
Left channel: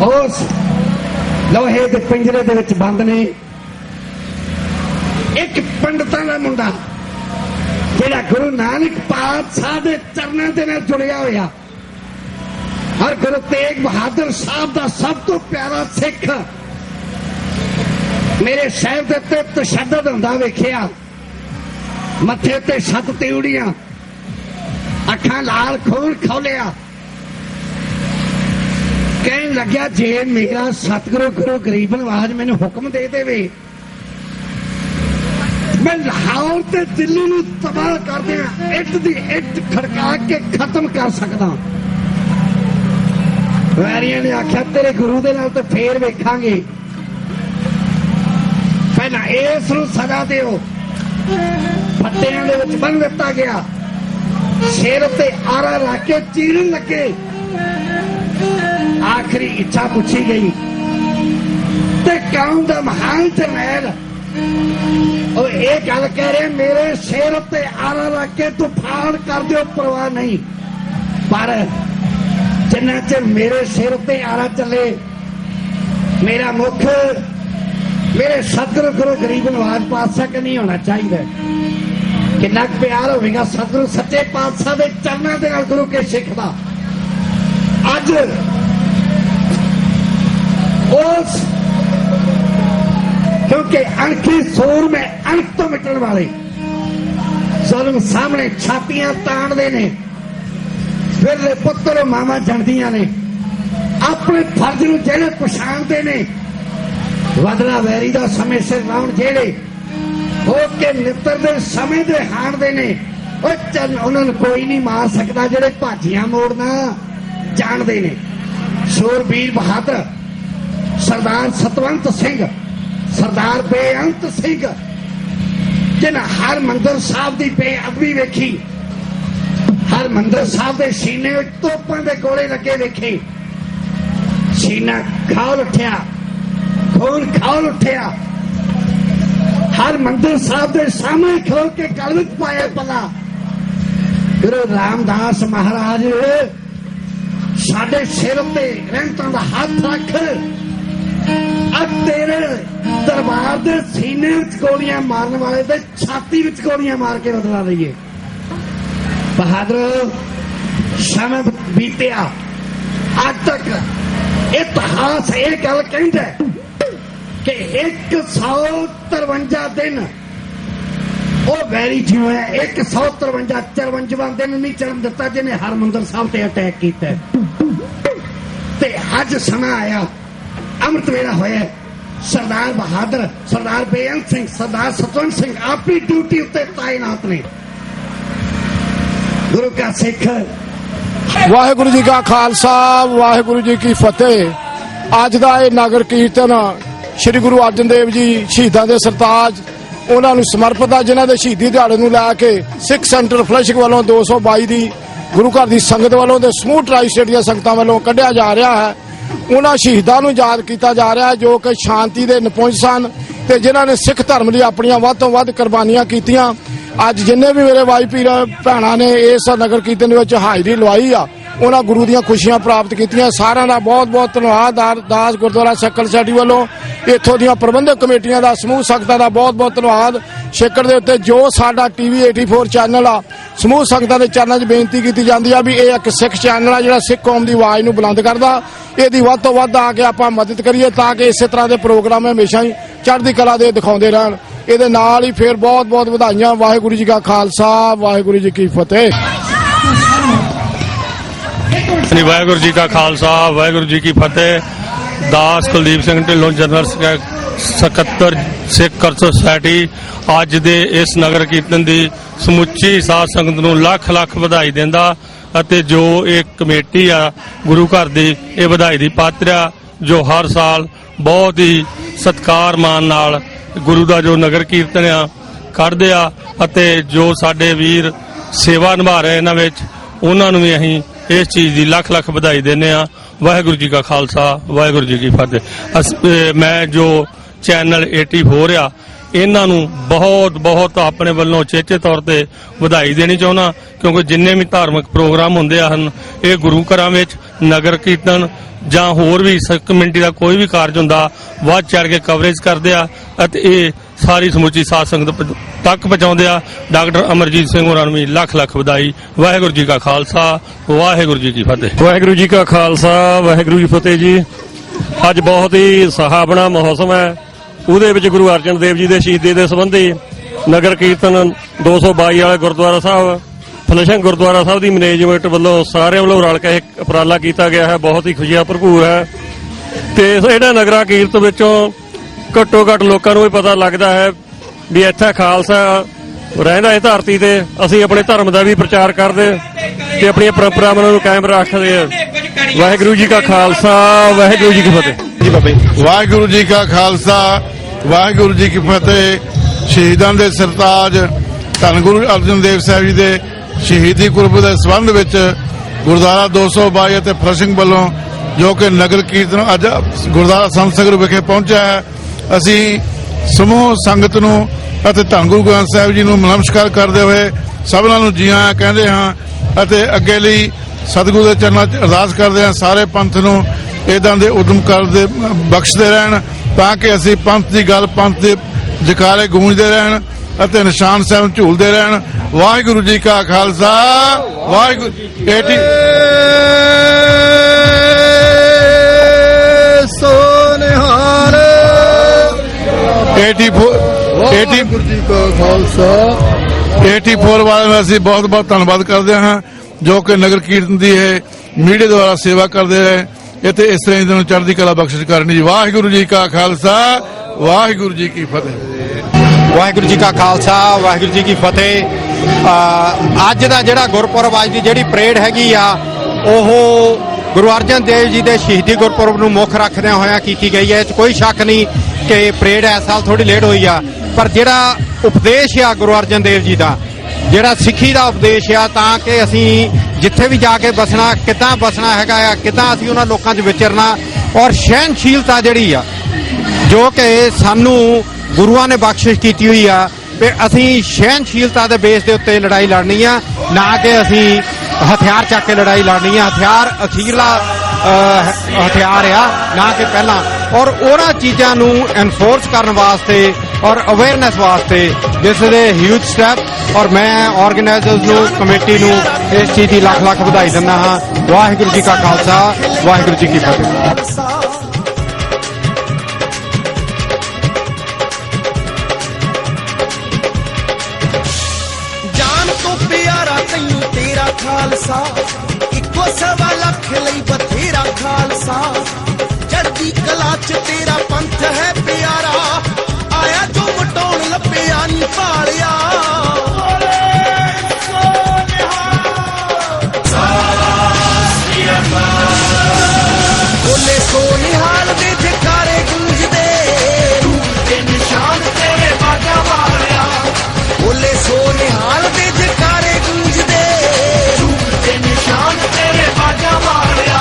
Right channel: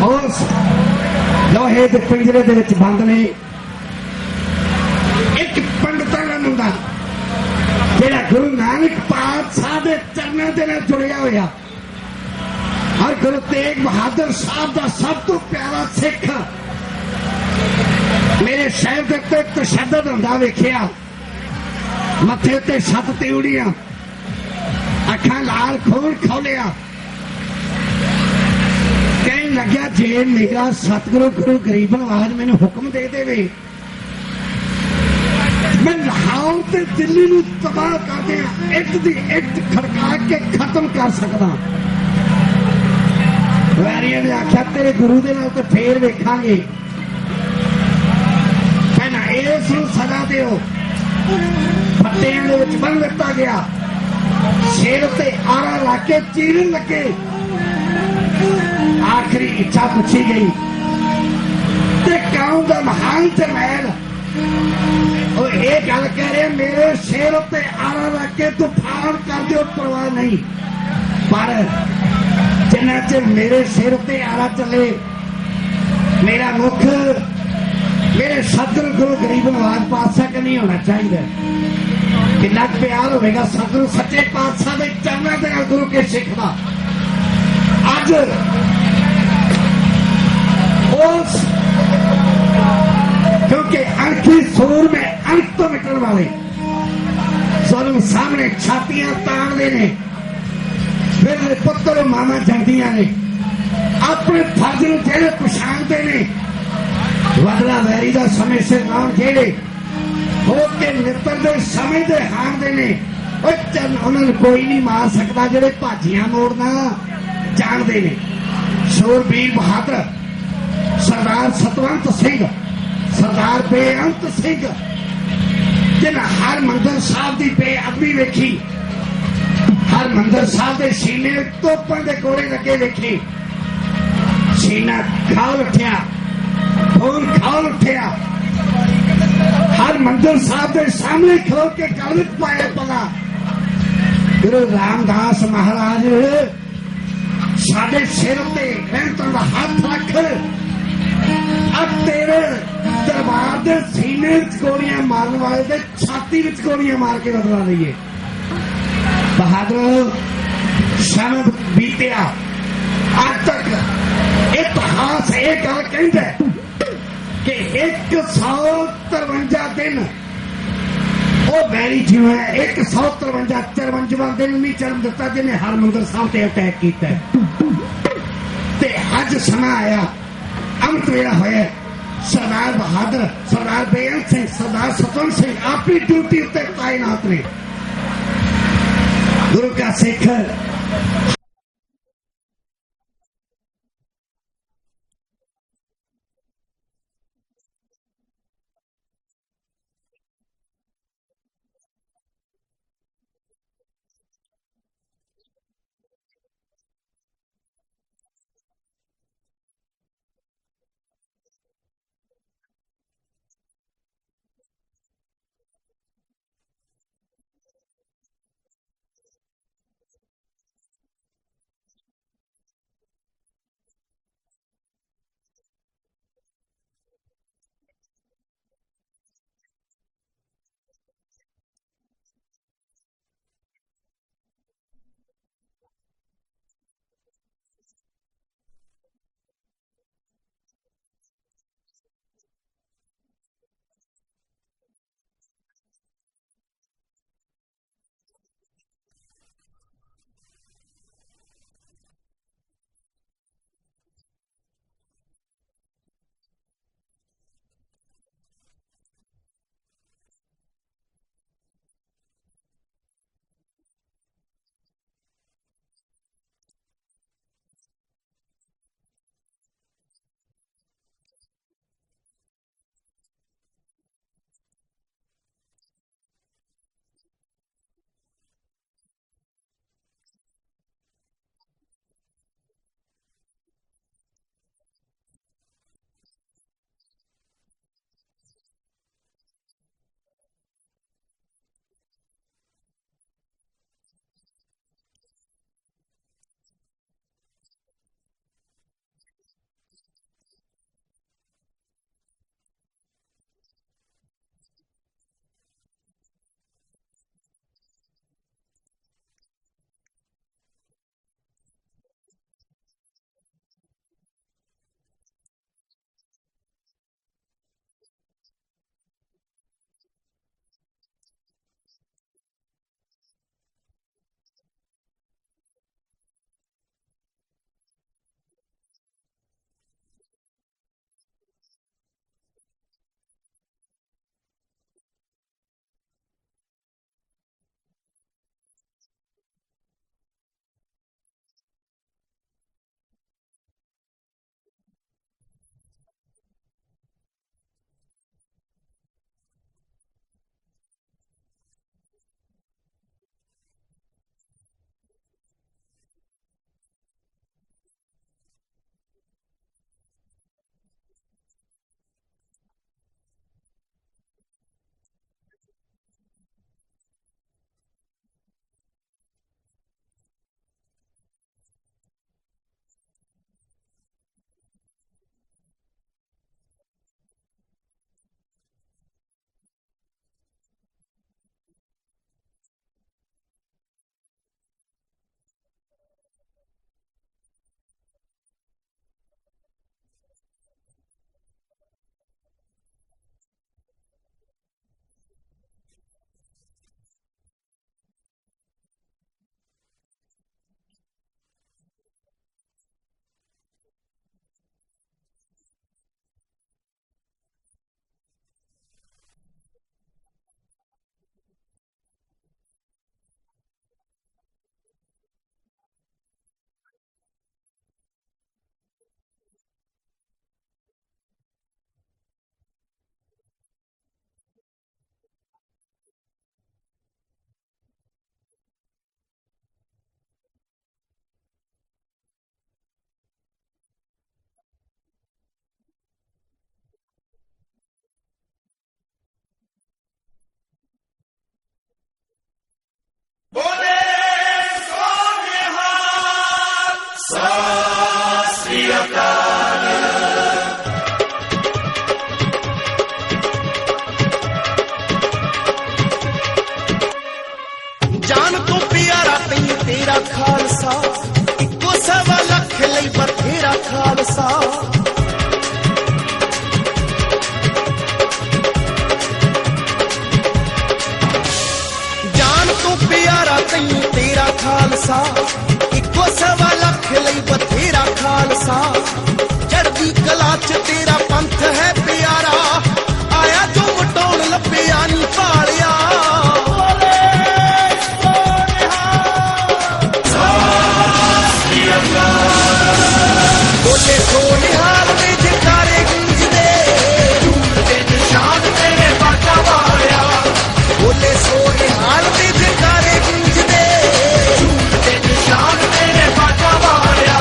उस लोहे के पिंजरे दे विच बंद ने एक पंडितां दा मुंडा जिहड़ा गुरु नानक पातशाह के चरणों के नाल जुड़िया होया, और गुरु तेग बहादुर साहब का सब तो प्यारा सिख मेरे शहर के उत्ते तशद्दुद हुंदा वेखिया, मथे उत्ते 7 तिउड़ियां, अखां लाल खून खोलिया, कहन लग्या जे मेरा सतगुरु गुरु गरीब नवाज मैनू हुक्म दे देवे, मैं लाहौर ते दिल्ली नूं तबाह कर दियां, इट दी इट खड़का के खत्म कर सकदा। वैरिया ने आख्या तेरे गुरु दे नाल ते फेर वेखांगे, पहला इस नूं सजा दिओ। पट्टियां दे विच बन दिता गया, सिर ते आरा ला के चीरन लगे, आखिरी इच्छा पूछी गई ते कौम दा महान जरनैल और ये गल कह रहे मेरे सिर ते आरा ला के तूफान कर दिओ, परवाह नहीं, पर जिन्ना चਿਰ मेरे सिर ते आरा चले मेरा मुख मेरे सतगुरु गुरु गरीब नवाज पातशाह के नहीं होना चाहिए। कितना प्यार होगा सतगुरु सच्चे पातशाह के चरणों के गुरु के सिख का। अज उस क्योंकि अणखी सूर में अणख तो मिटन वाले जुल्म सामने छातियां ताणदे ने, फिर पुत्र मावा जंदियां ने, अपने फर्ज नूं जेड़े पछाणदे ने, बदला वैरी दा समय सिर लाउण जेड़े होर ते मित्र दे समय दे हारदे ने, उन्हां नूं कोई नहीं मार सकदा जेड़े भाजियां मोड़ना जाणदे ने। शूरवीर बहादुर सरदार सतवंत सिंह, सरदार बेअंत सिंह, जिन्हां हरमंदर साहब दी बेअदबी वेखी, हरमंदर साहब के सीने तोपां दे गोले लगे देखे, सीना खौल उठिया, खून खौल उठिया, हरमंदर साहब के सामने खो के गल विच पाया पला, गुरु रामदास महाराज साडे सिर ते रहमतां दा हाथ रख, अब तेरे दरबार दे सीने विच गोलियां मारन वाले ते छाती विच गोलियां मार के बदला लईए। ਬਹਾਦਰ ਸਮੇਂ ਬੀਤਿਆ ਅੱਜ ਤੱਕ ਇਤਿਹਾਸ ਇਹ ਗੱਲ ਕਹਿੰਦਾ ਕਿ 153 ਦਿਨ ਉਹ ਵੈਰੀ ਜਿਵੇਂ 153 ਦਿਨ ਨਹੀਂ ਚੜ੍ਹਨ ਦਿੱਤਾ ਜਿਹਨੇ ਹਰਮੰਦਰ ਸਾਹਿਬ ਤੇ ਅਟੈਕ ਕੀਤਾ ਤੇ ਅੱਜ ਸਮਾਂ ਆਇਆ ਅੰਮ੍ਰਿਤ ਵੇਲਾ ਹੋਇਆ ਸਰਦਾਰ ਬਹਾਦਰ ਸਰਦਾਰ ਬੇਅੰਤ ਸਿੰਘ ਸਰਦਾਰ ਸਤਵੰਤ ਸਿੰਘ ਆਪਣੀ ਡਿਊਟੀ ਉੱਤੇ ਤਾਇਨਾਤ ਨੇ ਗੁਰੂ ਕਾ ਸਿੱਖ ਵਾਹਿਗੁਰੂ ਜੀ ਕਾ ਖਾਲਸਾ ਵਾਹਿਗੁਰੂ ਜੀ ਕੀ ਫਤਿਹ। ਅੱਜ ਦਾ ਇਹ ਨਗਰ ਕੀਰਤਨ ਸ੍ਰੀ ਗੁਰੂ ਅਰਜਨ ਦੇਵ ਜੀ ਸ਼ਹੀਦਾਂ ਦੇ ਸਰਤਾਜ ਉਹਨਾਂ ਨੂੰ ਸਮਰਪਿਤ ਆ ਜਿਨ੍ਹਾਂ ਦੇ ਸ਼ਹੀਦੀ ਦਿਹਾੜੇ ਨੂੰ ਲੈ ਕੇ ਸਿੱਖ ਸੈਂਟਰ ਫਲੈਸ਼ਿੰਗ ਵੱਲੋਂ 222 ਦੀ ਗੁਰੂ ਘਰ ਦੀ ਸੰਗਤ ਵੱਲੋਂ ਤੇ ਸਮੂਹ ਟਰਾਈ ਸਟੇਟ ਦੀਆਂ ਸੰਗਤਾਂ ਵੱਲੋਂ ਕੱਢਿਆ ਜਾ ਰਿਹਾ ਹੈ। ਉਹਨਾਂ ਸ਼ਹੀਦਾਂ ਨੂੰ ਯਾਦ ਕੀਤਾ ਜਾ ਰਿਹਾ ਹੈ ਜੋ ਕਿ ਸ਼ਾਂਤੀ ਦੇ ਨਿਪੁੰਜ ਸਨ ਤੇ ਜਿਨ੍ਹਾਂ ਨੇ ਸਿੱਖ ਧਰਮ ਲਈ ਆਪਣੀਆਂ ਵੱਧ ਤੋਂ ਵੱਧ ਕੁਰਬਾਨੀਆਂ ਕੀਤੀਆਂ। ਅੱਜ ਜਿੰਨੇ ਵੀ ਮੇਰੇ ਭਾਈ ਪੀਰ ਭੈਣਾਂ ਨੇ ਇਸ ਨਗਰ ਕੀਰਤਨ ਵਿੱਚ ਹਾਜ਼ਰੀ ਲਵਾਈ ਆ ਉਹਨਾਂ ਗੁਰੂ ਦੀਆਂ ਖੁਸ਼ੀਆਂ ਪ੍ਰਾਪਤ ਕੀਤੀਆਂ। ਸਾਰਿਆਂ ਦਾ ਬਹੁਤ ਬਹੁਤ ਧੰਨਵਾਦ। ਦਾਸ ਗੁਰਦੁਆਰਾ ਸੈਕਲ ਸੋਸਾਇਟੀ ਵੱਲੋਂ ਇੱਥੋਂ ਦੀਆਂ ਪ੍ਰਬੰਧਕ ਕਮੇਟੀਆਂ ਦਾ ਸਮੂਹ ਸੰਗਤਾਂ ਦਾ ਬਹੁਤ ਬਹੁਤ ਧੰਨਵਾਦ। ਛੇਕੜ ਦੇ ਉੱਤੇ ਜੋ ਸਾਡਾ TV 84 ਚੈਨਲ ਆ ਸਮੂਹ ਸੰਗਤਾਂ ਦੇ ਚੈਨਲਾਂ 'ਚ ਬੇਨਤੀ ਕੀਤੀ ਜਾਂਦੀ ਆ ਵੀ ਇਹ ਇੱਕ ਸਿੱਖ ਚੈਨਲ ਆ ਜਿਹੜਾ ਸਿੱਖ ਕੌਮ ਦੀ ਆਵਾਜ਼ ਨੂੰ ਬੁਲੰਦ ਕਰਦਾ। ਇਹਦੀ ਵੱਧ ਤੋਂ ਵੱਧ ਆ ਕੇ ਆਪਾਂ ਮਦਦ ਕਰੀਏ ਤਾਂ ਕਿ ਇਸੇ ਤਰ੍ਹਾਂ ਦੇ ਪ੍ਰੋਗਰਾਮ ਹਮੇਸ਼ਾ ਹੀ ਚੜ੍ਹਦੀ ਕਲਾ ਦੇ ਦਿਖਾਉਂਦੇ ਰਹਿਣ। ਇਹਦੇ ਨਾਲ ਹੀ ਫੇਰ ਬਹੁਤ ਬਹੁਤ ਵਧਾਈਆਂ। ਵਾਹਿਗੁਰੂ ਜੀ ਕਾ ਖਾਲਸਾ ਵਾਹਿਗੁਰੂ ਜੀ ਕੀ ਫਤਿਹ। ਵਾਹਿਗੁਰੂ ਜੀ ਕਾ ਖਾਲਸਾ ਵਾਹਿਗੁਰੂ ਜੀ ਕੀ ਫਤਿਹ। ਦਾਸ ਕੁਲਦੀਪ ਸਿੰਘ ਢਿੱਲੋਂ ਜਨਰਲ ਸਕੱਤਰ ਸਿੱਖ ਕਲਚਰਲ ਸੁਸਾਇਟੀ ਅੱਜ ਦੇ ਇਸ ਨਗਰ ਕੀਰਤਨ ਦੀ ਸਮੁੱਚੀ ਸਾਧ ਸੰਗਤ ਨੂੰ ਲੱਖ ਲੱਖ ਵਧਾਈ ਦਿੰਦਾ ਅਤੇ ਜੋ ਇਹ ਕਮੇਟੀ ਆ ਗੁਰੂ ਘਰ ਦੀ ਇਹ ਵਧਾਈ ਦੀ ਪਾਤਰ ਆ ਜੋ ਹਰ ਸਾਲ ਬਹੁਤ ਹੀ ਸਤਿਕਾਰ ਮਾਨ ਨਾਲ ਗੁਰੂ ਦਾ ਜੋ ਨਗਰ ਕੀਰਤਨ ਆ ਕੱਢਦੇ ਆ ਅਤੇ ਜੋ ਸਾਡੇ ਵੀਰ ਸੇਵਾ ਨਿਭਾ ਰਹੇ ਇਹਨਾਂ ਵਿੱਚ ਉਹਨਾਂ ਨੂੰ ਵੀ ਅਸੀਂ ਇਸ ਚੀਜ਼ ਦੀ ਲੱਖ ਲੱਖ ਵਧਾਈ ਦਿੰਦੇ ਆ। ਵਾਹਿਗੁਰੂ ਜੀ ਕਾ ਖਾਲਸਾ ਵਾਹਿਗੁਰੂ ਜੀ ਕੀ ਫਤਿਹ। ਮੈਂ ਜੋ ਚੈਨਲ 84 ਆ ਇਹਨਾਂ ਨੂੰ ਬਹੁਤ ਬਹੁਤ ਆਪਣੇ ਵੱਲੋਂ ਚੇਚੇ ਤੌਰ ਤੇ ਵਧਾਈ ਦੇਣੀ ਚਾਹੁੰਦਾ ਕਿਉਂਕਿ ਜਿੰਨੇ ਵੀ ਧਾਰਮਿਕ ਪ੍ਰੋਗਰਾਮ ਹੁੰਦੇ ਹਨ ਇਹ ਗੁਰੂ ਘਰਾਂ ਵਿੱਚ ਨਗਰ ਕੀਰਤਨ ਜਾਂ ਹੋਰ ਵੀ ਕਮੇਟੀ ਦਾ ਕੋਈ ਵੀ ਕਾਰਜ ਹੁੰਦਾ ਵੱਧ ਚੜ ਕੇ ਕਵਰੇਜ ਕਰਦੇ ਆ ਅਤੇ ਇਹ ਸਾਰੀ ਸਮੁੱਚੀ ਸਾਧ ਸੰਗਤ ਤੱਕ ਪਹੁੰਚਾਉਂਦੇ ਆ। ਡਾਕਟਰ ਅਮਰਜੀਤ ਸਿੰਘ ਹੋਰਾਂ ਨੂੰ ਵੀ ਲੱਖ ਲੱਖ ਵਧਾਈ। ਵਾਹਿਗੁਰੂ ਜੀ ਕਾ ਖਾਲਸਾ ਵਾਹਿਗੁਰੂ ਜੀ ਕੀ ਫਤਿਹ। ਵਾਹਿਗੁਰੂ ਜੀ ਕਾ ਖਾਲਸਾ ਵਾਹਿਗੁਰੂ ਜੀ ਫਤਿਹ ਜੀ। ਅੱਜ ਬਹੁਤ ਹੀ ਸੁਹਾਵਣਾ ਮੌਸਮ ਹੈ। ਉਹਦੇ ਵਿੱਚ ਗੁਰੂ ਅਰਜਨ ਦੇਵ ਜੀ ਦੇ ਸ਼ਹੀਦੀ ਦੇ ਸੰਬੰਧੀ ਨਗਰ ਕੀਰਤਨ 222 ਵਾਲੇ ਗੁਰਦੁਆਰਾ ਸਾਹਿਬ ਫਲੈਸ਼ਿੰਗ ਗੁਰਦੁਆਰਾ ਸਾਹਿਬ ਦੀ ਮੈਨੇਜਮੈਂਟ ਵੱਲੋਂ ਸਾਰਿਆਂ ਵੱਲੋਂ ਰਲ ਕੇ ਇੱਕ ਉਪਰਾਲਾ ਕੀਤਾ ਗਿਆ ਹੈ। ਬਹੁਤ ਹੀ ਖੁਸ਼ੀਆਂ ਭਰਪੂਰ ਹੈ ਤੇ ਇਹਨਾਂ ਨਗਰਾ ਕੀਰਤਨ ਵਿੱਚੋਂ ਘੱਟੋ ਘੱਟ ਲੋਕਾਂ ਨੂੰ ਵੀ ਪਤਾ ਲੱਗਦਾ ਹੈ ਵੀ ਇੱਥੇ ਖਾਲਸਾ ਰਹਿੰਦਾ ਹੈ ਧਰਤੀ ਤੇ। ਅਸੀਂ ਆਪਣੇ ਧਰਮ ਦਾ ਵੀ ਪ੍ਰਚਾਰ ਕਰਦੇ ਤੇ ਆਪਣੀਆਂ ਪਰੰਪਰਾਵਾਂ ਨੂੰ ਕਾਇਮ ਰੱਖਦੇ ਆ। ਵਾਹਿਗੁਰੂ ਜੀ ਕਾ ਖਾਲਸਾ ਵਾਹਿਗੁਰੂ ਜੀ ਕੀ ਫਤਿਹ। ਵਾਹਿਗੁਰੂ ਜੀ ਕਾ ਖਾਲਸਾ ਵਾਹਿਗੁਰੂ ਜੀ ਕੀ ਫਤਿਹ। ਸ਼ਹੀਦਾਂ ਦੇ ਸਰਤਾਜ ਧੰਨ ਗੁਰੂ ਅਰਜਨ ਦੇਵ ਸਾਹਿਬ ਜੀ ਦੇ ਸ਼ਹੀਦੀ ਗੁਰਪੁਰਬ ਦੇ ਸੰਬੰਧ ਵਿੱਚ ਗੁਰਦੁਆਰਾ 222 ਅਤੇ ਫਲੈਸ਼ਿੰਗ ਵੱਲੋਂ ਜੋ ਕਿ ਨਗਰ ਕੀਰਤਨ ਅੱਜ ਗੁਰਦੁਆਰਾ ਸੰਤ ਸਗਰ ਵਿਖੇ ਪਹੁੰਚਿਆ ਹੈ। ਅਸੀਂ ਸਮੂਹ ਸੰਗਤ ਨੂੰ ਅਤੇ ਧੰਨ ਗੁਰੂ ਗ੍ਰੰਥ ਸਾਹਿਬ ਜੀ ਨੂੰ ਨਮਸਕਾਰ ਕਰਦੇ ਹੋਏ ਸਭਨਾਂ ਨੂੰ ਜੀ ਆਇਆਂ ਕਹਿੰਦੇ ਹਾਂ ਅਤੇ ਅੱਗੇ ਲਈ ਸਤਿਗੁਰੂ ਦੇ ਚਰਨਾਂ 'ਚ ਅਰਦਾਸ ਕਰਦੇ ਹਾਂ ਸਾਰੇ ਪੰਥ ਨੂੰ ਇਦਾਂ ਦੇ ਉਦਮ ਕਰਦੇ ਬਖਸ਼ਦੇ ਰਹਿਣ ਤਾਂ ਕਿ ਅਸੀਂ ਪੰਥ ਦੀ ਗੱਲ ਪੰਥ ਦੇ ਜਕਾਰੇ ਗੂੰਜਦੇ ਰਹਿਣ ਅਤੇ ਨਿਸ਼ਾਨ ਸਾਹਿਬ ਝੂਲਦੇ ਰਹਿਣ। ਵਾਹਿਗੁਰੂ ਜੀ ਕਾ ਖਾਲਸਾ ਵਾਹਿਗੁਰੂ 84 ਵਾਲਿਆਂ ਦਾ ਅਸੀਂ ਬਹੁਤ ਬਹੁਤ ਧੰਨਵਾਦ ਕਰਦੇ ਹਾਂ ਜੋ ਕਿ ਨਗਰ ਕੀਰਤਨ ਦੀ ਇਹ ਮੀਡੀਆ ਦੁਆਰਾ ਸੇਵਾ ਕਰਦੇ ਰਹੇ ਇੱਥੇ ਇਸ ਤਰ੍ਹਾਂ ਇਹਨਾਂ ਨੂੰ ਚੜ੍ਹਦੀ ਕਲਾ ਬਖਸ਼ਿਸ਼ ਕਰਨੀ। ਵਾਹਿਗੁਰੂ ਜੀ ਕਾ ਖਾਲਸਾ ਵਾਹਿਗੁਰੂ ਜੀ ਕੀ ਫਤਿਹ। ਵਾਹਿਗੁਰੂ ਜੀ ਕਾ ਖਾਲਸਾ ਵਾਹਿਗੁਰੂ ਜੀ ਕੀ ਫਤਿਹ। ਅੱਜ ਦਾ ਜਿਹੜਾ ਗੁਰਪੁਰਬ ਅੱਜ ਦੀ ਜਿਹੜੀ ਪਰੇਡ ਹੈਗੀ ਆ ਉਹ ਗੁਰੂ ਅਰਜਨ ਦੇਵ ਜੀ ਦੇ ਸ਼ਹੀਦੀ ਗੁਰਪੁਰਬ ਨੂੰ ਮੁੱਖ ਰੱਖਦਿਆਂ ਹੋਇਆਂ ਕੀਤੀ ਗਈ ਹੈ। ਇਹ 'ਚ ਕੋਈ ਸ਼ੱਕ ਨਹੀਂ ਕਿ ਪਰੇਡ ਇਸ ਸਾਲ ਥੋੜੀ ਲੇਟ ਹੋਈ ਆ ਪਰ ਜਿਹੜਾ ਉਪਦੇਸ਼ ਆ ਗੁਰੂ ਅਰਜਨ ਦੇਵ ਜੀ ਦਾ ਜਿਹੜਾ ਸਿੱਖੀ ਦਾ ਉਪਦੇਸ਼ ਆ ਤਾਂ ਕਿ ਅਸੀਂ ਜਿੱਥੇ ਵੀ ਜਾ ਕੇ ਬਸਣਾ ਕਿੱਦਾਂ ਬਸਣਾ ਹੈਗਾ ਆ ਕਿੱਦਾਂ ਅਸੀਂ ਉਹਨਾਂ ਲੋਕਾਂ 'ਚ ਵਿਚਰਨਾ ਔਰ ਸਹਿਣਸ਼ੀਲਤਾ ਜਿਹੜੀ ਆ ਜੋ ਕਿ ਸਾਨੂੰ ਗੁਰੂਆਂ ਨੇ ਬਖਸ਼ਿਸ਼ ਕੀਤੀ ਹੋਈ ਆ ਤੇ ਅਸੀਂ ਸਹਿਣਸ਼ੀਲਤਾ ਦੇ ਬੇਸ ਦੇ ਉੱਤੇ ਲੜਾਈ ਲੜਨੀ ਆ ਨਾ ਕਿ ਅਸੀਂ ਹਥਿਆਰ ਚੱਕ ਕੇ ਲੜਾਈ ਲੜਨੀ ਆ। ਹਥਿਆਰ ਅਖੀਰਲਾ ਹਥਿਆਰ ਆ ਨਾ ਕਿ ਪਹਿਲਾਂ ਔਰ ਉਹਨਾਂ ਚੀਜ਼ਾਂ ਨੂੰ ਐਨਫੋਰਸ ਕਰਨ ਵਾਸਤੇ ਔਰ ਅਵੇਅਰਨੈਸ ਵਾਸਤੇ this is a huge step ਔਰ ਮੈਂ ਆਰਗੇਨਾਈਜ਼ਰਸ ਨੂੰ ਕਮੇਟੀ ਨੂੰ ਇਸ ਚੀਜ਼ ਦੀ ਲੱਖ ਲੱਖ ਵਧਾਈ ਦਿੰਦਾ ਹਾਂ। ਵਾਹਿਗੁਰੂ ਜੀ ਕਾ ਖਾਲਸਾ ਵਾਹਿਗੁਰੂ ਜੀ ਕੀ ਫਤਿਹ। ਜਾਨ ਤੋਂ ਪਿਆਰਾ ਤੈਨੂੰ ਤੇਰਾ ਖਾਲਸਾ, ਇੱਕੋ ਸਵਾ ਲੱਖ ਲਈ ਬਥੇਰਾ ਖਾਲਸਾ। ਚੜ੍ਹਦੀ ਕਲਾ ਚ ਤੇਰਾ ਪੰਥ ਹੈ ਪਿਆਰਾ, ਆਇਆ ਜੋ ਮਟਾਉਣ ਲੱਭਿਆ ਨਹੀਂ ਪਾਲਿਆ। ਬੋਲੇ ਸੋਨਿਹਾਲ ਦੇ ਜਕਾਰੇ ਗੂੰਜਦੇ, ਧੂਲ ਦੇ ਨਿਸ਼ਾਨ ਤੇਰੇ ਬਾਟਾ ਵਾਲਿਆ। ਬੋਲੇ ਸੋਨਿਹਾਲ ਦੇ ਜਕਾਰੇ ਗੂੰਜਦੇ, ਧੂਲ ਦੇ ਨਿਸ਼ਾਨ ਤੇਰੇ ਬਾਟਾ ਵਾਲਿਆ।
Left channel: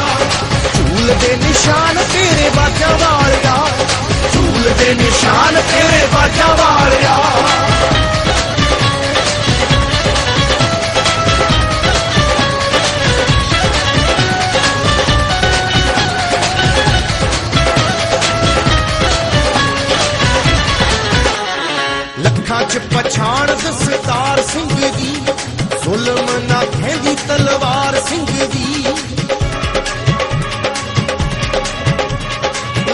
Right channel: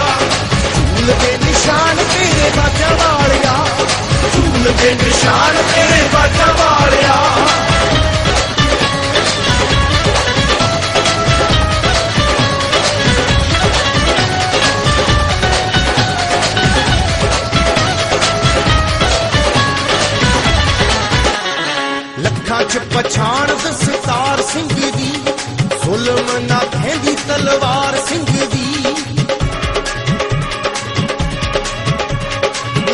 ਧੂਲ ਦੇ ਨਿਸ਼ਾਨ ਤੇਰੇ ਬਾਟਾ ਵਾਲਿਆ, ਧੂਲ ਦੇ ਨਿਸ਼ਾਨ ਤੇਰੇ ਬਾਟਾ ਵਾਲਿਆ। ਲੱਖਾਂ ਚ ਪਛਾਣ ਦਸਤਾਰ ਸਿੰਘ ਦੀ, ਜ਼ੁਲਮ ਨਾ ਖੈਂਦੀ ਤਲਵਾਰ ਸਿੰਘ ਦੀ।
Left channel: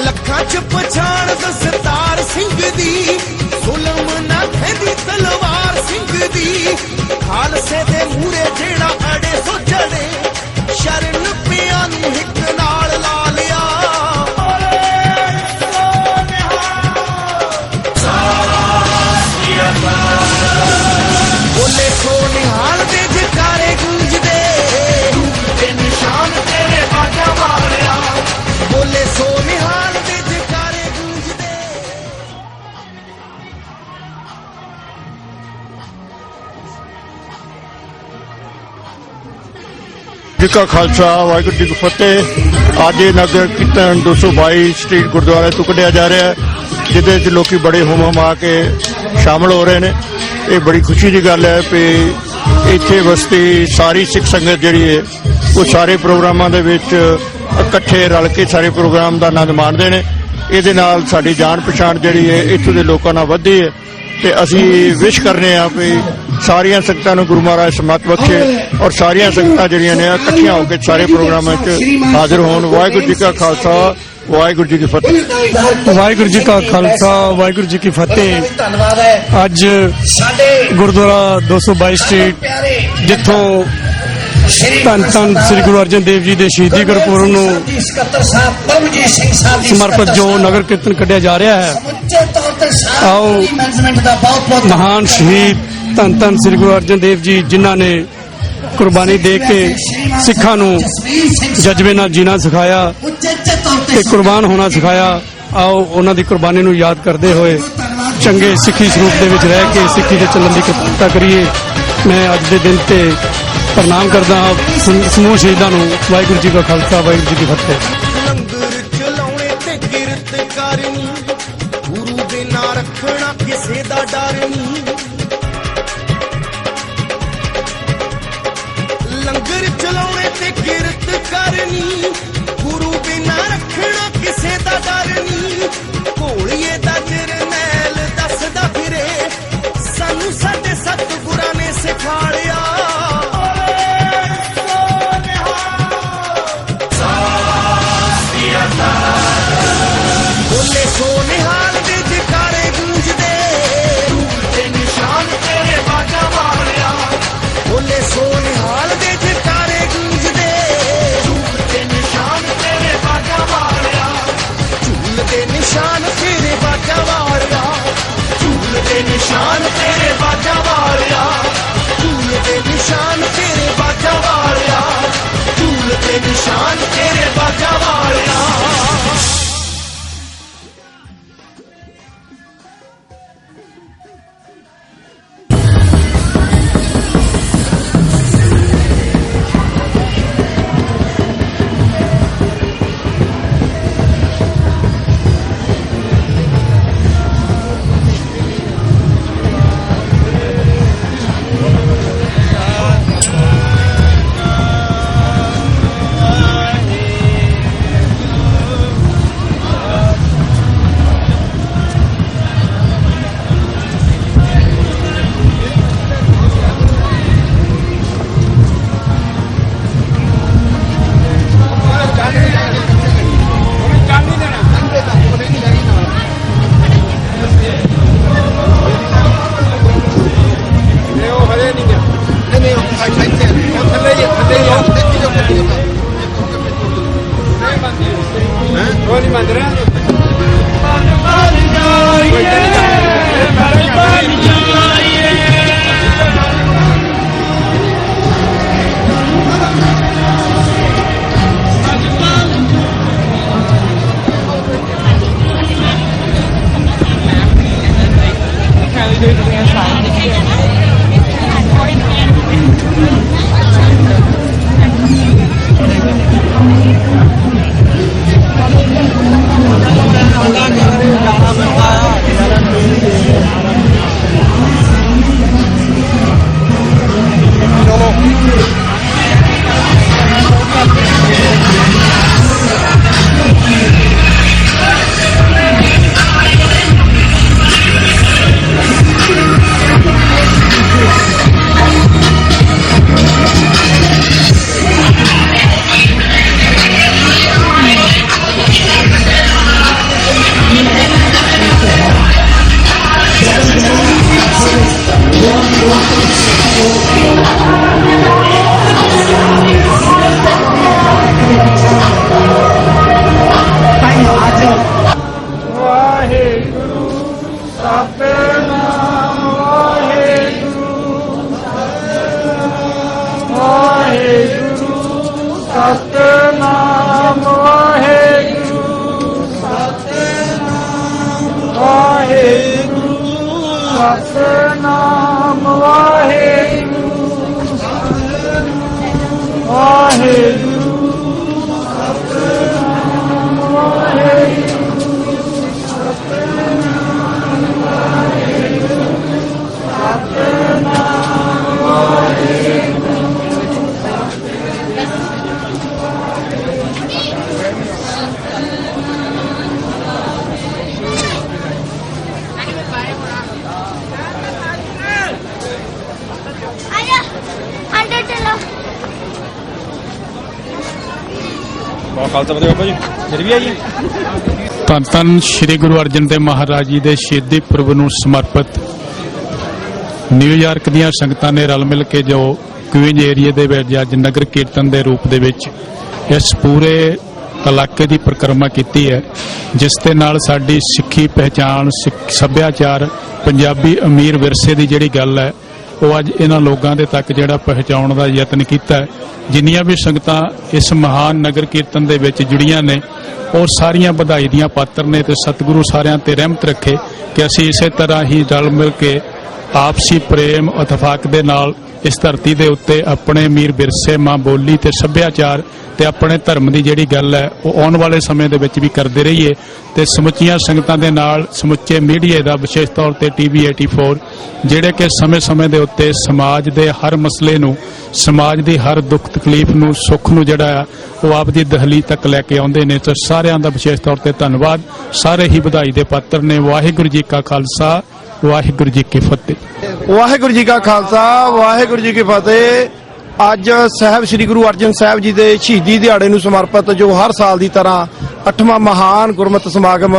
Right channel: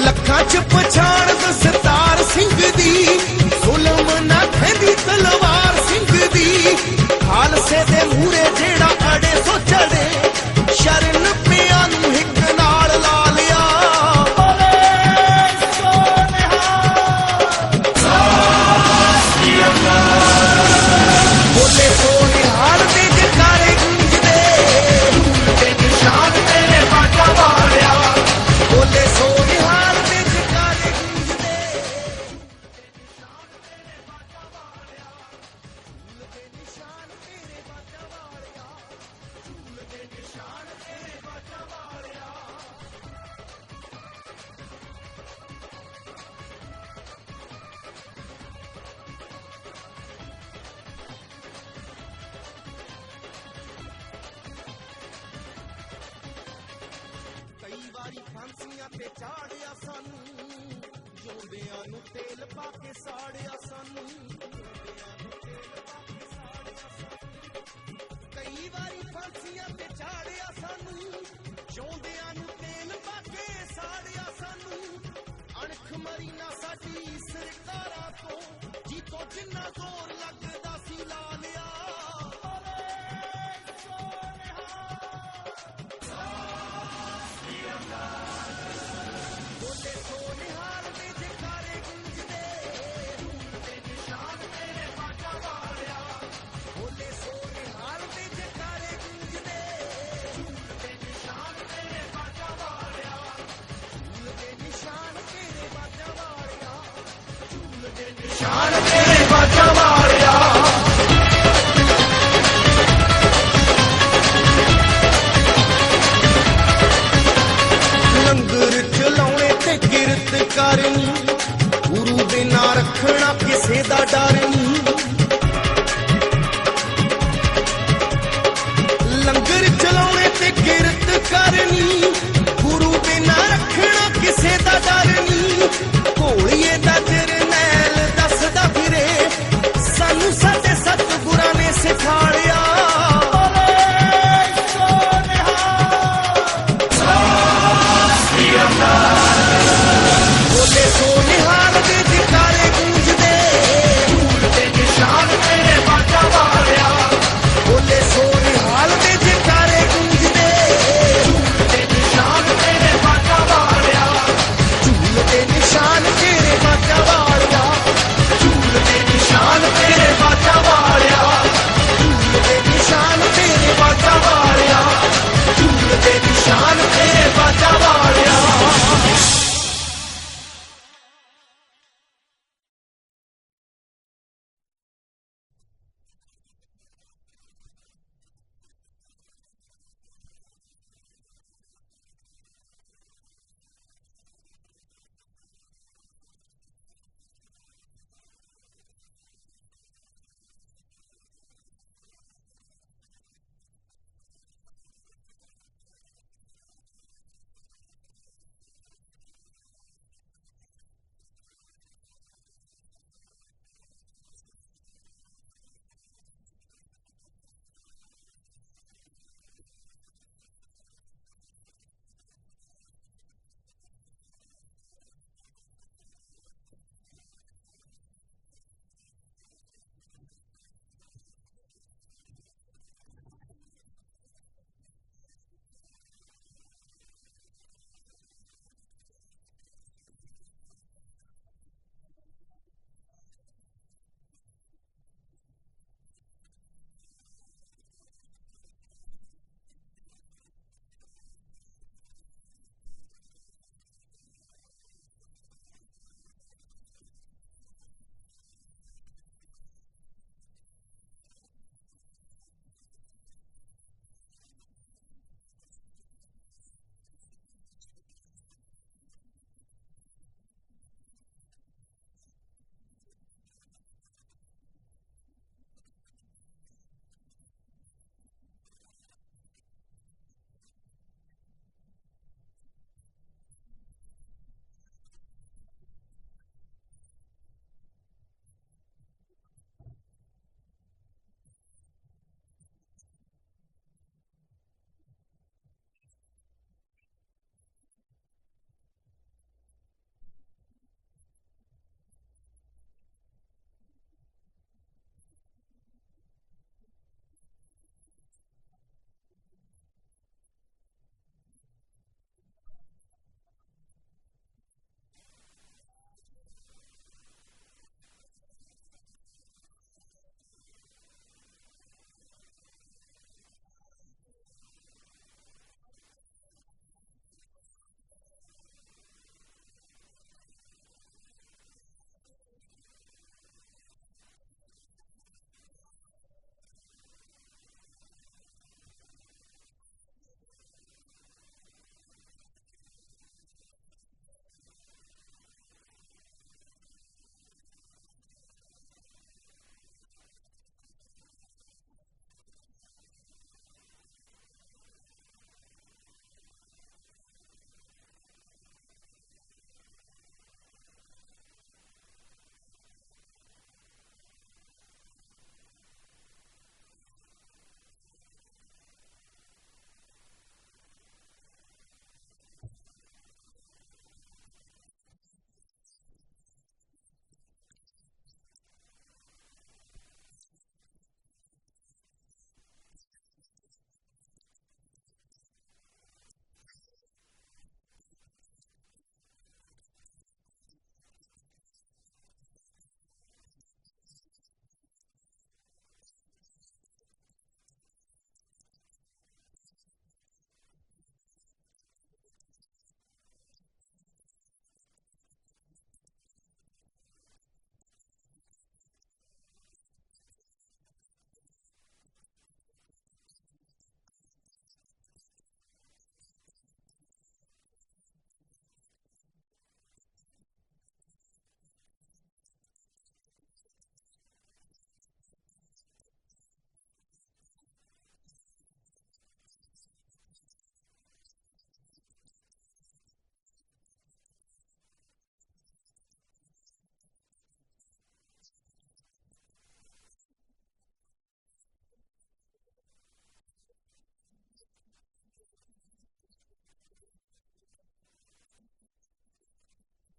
ਲੱਖਾਂ ਚ ਪਛਾਣ ਦਸਤਾਰ ਸਿੰਘ ਦੀ, ਜ਼ੁਲਮ ਨਾ ਖੈਂਦੀ ਤਲਵਾਰ ਸਿੰਘ ਦੀ। ਖਾਲਸੇ ਦੇ ਮੂਹਰੇ ਜਿਹੜਾ ਅੜੇ ਸੋ ਚੜੇ, ਸ਼ਰਨ ਪਿਆਂ ਨੂੰ ਹਿੱਕ ਨਾਲ ਲਾ ਲਿਆ। ਬੋਲੇ ਸੋਨਿਹਾਲ ਦੇ ਜਕਾਰੇ ਗੂੰਜਦੇ, ਧੂਲ ਦੇ ਨਿਸ਼ਾਨ ਤੇਰੇ ਬਾਟਾ ਵਾਲਿਆ। ਬੋਲੇ ਸੋਨਿਹਾਲ ਦੇ ਜਕਾਰੇ ਗੂੰਜਦੇ। ਜੀ ਕਾ ਖਾਲਸਾ ਵਾਹਿਗੁਰੂ ਜੀ ਕੀ ਫਤਿਹ। ਅੱਜ ਇਹ ਨਗਰ ਕੀਰਤਨ 222 ਸਟਰੀਟ ਗੁਰਦੁਆਰੇ ਤੋਂ ਕੱਢਿਆ ਜਾ ਰਿਹਾ ਹੈ, ਜਿਹਦੇ ਵਿੱਚ ਲੋਕੀ ਬੜੇ ਹੁਮ ਹੁਮਾ ਕੇ ਸ਼ਾਮਲ ਹੋ ਰਹੇ ਨੇ। ਇਹ ਬੜੀ ਖੁਸ਼ੀ ਦੀ ਗੱਲ ਹੈ ਕਿ ਇੱਥੇ ਵਸਤੀ ਸਾਰੀ ਸਿੱਖ ਸੰਗਤ ਜਿਹੜੀ ਹੈ ਉਹ ਸਾਰੇ ਪ੍ਰੋਗਰਾਮਾਂ ਦੇ ਵਿੱਚ ਇਕੱਠੇ ਰਲ ਕੇ ਸਾਰੇ ਪ੍ਰੋਗਰਾਮ ਦਾ ਆਨੰਦ ਮਾਣਦੇ ਨੇ। ਇਹਦੇ ਨਾਲ ਸਾਡੀ ਜਾਣ ਪਛਾਣ ਜਿਹੜੀ ਹੈ ਇੱਥੋਂ ਦੇ ਲੋਕਾਂ ਨਾਲ ਵੱਧਦੀ ਹੈ ਤੇ ਅਸੀਂ ਵਿਸ਼ ਕਰਨੇ ਆ ਵੀ ਸਾਰੀਆਂ ਸੰਗਤਾਂ ਨੂੰ ਗੁਰੂ ਮਹਾਰਾਜ ਸਮਤ ਬਖਸ਼ੇ ਔਰ ਸਾਰੀਆਂ ਸੰਗਤਾਂ ਜਿਹੜੀਆਂ ਨੇ ਇਕੱਠੀਆਂ ਹੋ ਕੇ ਸਾਰੇ ਪ੍ਰੋਗਰਾਮਾਂ 'ਚ ਹਾਜ਼ਰ ਹੋਣ। ਵਾਹਿਗੁਰੂ ਜੀ ਕਾ ਖਾਲਸਾ ਵਾਹਿਗੁਰੂ ਜੀ ਕੀ ਫਤਿਹ। ਵਾਹਿਗੁਰੂ ਜੀ ਕਾ ਖਾਲਸਾ ਵਾਹਿਗੁਰੂ ਜੀ ਕੀ ਫਤਿਹ। ਅੱਜ ਗੁਰਦੁਆਰਾ 222 ਸਟਰੀਟ, ਜਿੱਥੋਂ ਧੰਨ ਧੰਨ ਸ੍ਰੀ ਗੁਰੂ ਅਰਜਨ ਦੇਵ ਜੀ ਦੇ ਸ਼ਹੀਦੀ ਗੁਰਪੁਰਬ ਨੂੰ ਸਮਰਪਿਤ ਜੋ ਨਗਰ ਕੀਰਤਨ ਕੱਢਿਆ ਜਾ ਰਿਹਾ ਹੈ, ਆਓ ਮਹਾਨ ਸ਼ਹੀਦ ਧੰਨ ਧੰਨ ਸ੍ਰੀ ਗੁਰੂ ਅਰਜਨ ਦੇਵ ਜੀ, ਜਿਨ੍ਹਾਂ ਨੇ ਕੁਰਬਾਨੀ ਦੇ ਕੇ ਸਿੱਖਾਂ ਨੂੰ ਜਜ਼ਬੇ ਨਾਲ ਜੀਣਾ ਸਿਖਾਇਆ ਤੇ ਕੁਰਬਾਨ ਹੋਣਾ ਸਿਖਾਇਆ, ਆਓ ਉਹਨਾਂ ਦੀ ਕੁਰਬਾਨੀ ਨੂੰ ਯਾਦ ਕਰਦੇ ਹੋਏ ਚੰਗੇ ਸਿੱਖੀ ਸਰੂਪ ਦੇ ਵਿੱਚ ਰਹਿ ਕੇ ਸਿੱਖੀ ਦੇ ਚੱਲਣ ਦੀ ਕਿਰਪਾ ਕਰੀਏ। ਮੈਂ ਅੱਜ ਦੇ ਦਿਨ ਤੇ ਪ੍ਰਣਾਮ ਕਰਦਾ ਹਾਂ ਸਮੂਹ ਸ਼ਹੀਦਾਂ ਨੂੰ। ਵਾਹਿਗੁਰੂ ਜੀ ਕਾ ਖਾਲਸਾ ਵਾਹਿਗੁਰੂ ਜੀ ਕੀ ਫਤਿਹ। ਲੰਗਰ ਚਲਾਉਣੇ ਤੇ ਕਿਰਤ ਕਰਨੀ, ਗੁਰੂ ਦੇ ਨਾਂ ਰੱਖਣਾ ਕਿਸੇ ਦਾ ਡਰ ਨਹੀਂ। ਲੰਗਰ ਚਲਾਉਣੇ ਤੇ ਕਿਰਤ ਕਰਨੀ, ਗੁਰੂ ਦੇ ਨਾਂ ਰੱਖਣਾ ਕਿਸੇ ਦਾ ਡਰ ਨਹੀਂ। ਘੋਲੀਏ ਦਾ ਜਰਨੈਲ ਦੱਸਦਾ ਫਿਰੇ, ਸਾਨੂੰ ਸਾਡੇ ਸਤਿਗੁਰਾਂ ਨੇ ਸਿਖਾਲਿਆ। ਬੋਲੇ ਸੋਨਿਹਾਲ ਦੇ ਜਕਾਰੇ ਗੂੰਜਦੇ, ਧੂਲ ਦੇ ਨਿਸ਼ਾਨ ਤੇਰੇ ਬਾਟਾ ਵਾਲਿਆ। ਬੋਲੇ ਸੋਨਿਹਾਲ ਦੇ ਜਕਾਰੇ ਗੂੰਜਦੇ, ਧੂਲ ਦੇ ਨਿਸ਼ਾਨ ਤੇਰੇ ਬਾਟਾ ਵਾਲਿਆ। ਧੂਲ ਦੇ ਨਿਸ਼ਾਨ ਤੇਰੇ ਬਾਟਾ ਵਾਲਿਆ, ਧੂਲ ਦੇ ਨਿਸ਼ਾਨ ਤੇਰੇ ਬਾਟਾ ਵਾਲਿਆ। ਧੂਲ ਦੇ ਨਿਸ਼ਾਨ ਤੇਰੇ ਬਾਟਾ ਵਾਲਿਆ, ਧੂਲ ਦੇ ਨਿਸ਼ਾਨ ਤੇਰੇ ਬਾਟਾ ਵਾਲਿਆ। ਧੰਨ ਧੰਨ ਸ੍ਰੀ ਗੁਰੂ ਅਰਜਨ ਦੇਵ ਮਹਾਰਾਜ ਜੀ ਦੇ ਸ਼ਹੀਦੀ ਪੁਰਬ ਨੂੰ ਸਮਰਪਿਤ ਨਿਊਯਾਰਕ ਦੀਆਂ ਸੰਗਤਾਂ ਨੇ ਰਲ ਮਿਲ ਕੇ ਜੋ ਕੁਈਨਜ਼ ਏਰੀਆ ਦੇ ਵਿੱਚ ਅੱਜ ਨਗਰ ਕੀਰਤਨ ਦੇ ਰੂਪ ਦੇ ਵਿੱਚ ਇਸ ਪੂਰੇ ਇਲਾਕੇ ਦੀ ਪਰਿਕਰਮਾ ਕੀਤੀ ਹੈ, ਜਿਸ ਦੇ ਨਾਲ ਸਾਡੀ ਸਿੱਖੀ ਪਹਿਚਾਣ, ਸੱਭਿਆਚਾਰ, ਪੰਜਾਬੀ ਅਮੀਰ ਵਿਰਸੇ ਦੀ ਜਿਹੜੀ ਗੱਲ ਹੈ ਉਹ ਅੱਜ ਇਹਨਾਂ ਲੋਕਾਂ ਦੇ ਤੱਕ ਜਿਹੜਾ ਪਹੁੰਚਾਉਣ ਦਾ ਯਤਨ ਕੀਤਾ ਹੈ। ਜਿੰਨੀਆਂ ਵੀ ਸੰਗਤਾਂ ਇਸ ਮਹਾਨ ਨਗਰ ਕੀਰਤਨ ਦੇ ਵਿੱਚ ਜੁੜੀਆਂ ਨੇ ਉਹ ਸਾਰੀਆਂ ਵਧਾਈ ਦੀਆਂ ਪਾਤਰ ਨੇ ਤੇ ਸਤਿਗੁਰੂ ਸਾਰਿਆਂ ਤੇ ਰਹਿਮਤ ਰੱਖੇ ਕਿ ਅਸੀਂ ਇਸੇ ਤਰ੍ਹਾਂ ਹੀ ਰਲ ਮਿਲ ਕੇ ਆਪਸੀ ਪ੍ਰੇਮ ਇਤਫਾਕ ਦੇ ਨਾਲ ਇਸ ਧਰਤੀ ਦੇ ਉੱਤੇ ਆਪਣੇ ਅਮੀਰ ਵਿਰਸੇ, ਮਾਂ ਬੋਲੀ ਤੇ ਸੱਭਿਆਚਾਰ ਤੇ ਆਪਣੇ ਧਰਮ ਦੀ ਜਿਹੜੀ ਗੱਲ ਹੈ ਉਹ ਆਉਣ ਵਾਲੇ ਸਮੇਂ ਦੇ ਵਿੱਚ ਵੀ ਕਰਦੇ ਰਹੀਏ ਤੇ ਸਮੁੱਚੀਆਂ ਸੰਗਤਾਂ ਦੇ ਨਾਲ ਸਮੁੱਚੇ ਮੀਡੀਆ ਦਾ ਵਿਸ਼ੇਸ਼ ਤੌਰ ਤੇ TV 84 ਜਿਹੜੇ ਕਿ ਸਮੇਂ-ਸਮੇਂ ਦੇ ਉੱਤੇ ਸਮਾਜ ਦੇ ਹਰ ਮਸਲੇ ਨੂੰ, ਸਮਾਜ ਦੀ ਹਰ ਦੁੱਖ ਤਕਲੀਫ ਨੂੰ, ਸੁੱਖ ਨੂੰ ਜਿਹੜਾ ਆ ਉਹ ਆਪ ਦੀ ਦਹਲੀਜ਼ ਤੱਕ ਲੈ ਕੇ ਆਉਂਦੇ ਨੇ। ਤੇ ਸਾਰਿਆਂ ਦਾ ਵਿਸ਼ੇਸ਼ ਤੌਰ ਤੇ ਧੰਨਵਾਦ। ਸਾਰੇ ਹੀ ਵਧਾਈ ਦੇ ਪਾਤਰ ਨੇ। ਵਾਹਿਗੁਰੂ ਜੀ ਕਾ ਖਾਲਸਾ, ਵਾਹਿਗੁਰੂ ਜੀ ਕੀ ਫਤਿਹ। ਵਾਹਿਗੁਰੂ ਜੀ ਕਾ ਖਾਲਸਾ, ਵਾਹਿਗੁਰੂ ਜੀ ਕੀ ਫਤਿਹ। ਅੱਜ ਸਾਹਿਬ ਸ੍ਰੀ ਗੁਰੂ ਅਰਜਨ ਸਾਹਿਬ ਜੀ ਦੇ ਸ਼ਹੀਦੀ ਦਿਹਾੜੇ ਨੂੰ ਸਮਰਪਿਤ ਜੋ ਹਰ ਸਾਲ ਦੀ ਤਰ੍ਹਾਂ 8ਵਾਂ ਮਹਾਨ ਗੁਰਮਤਿ ਸਮਾਗਮ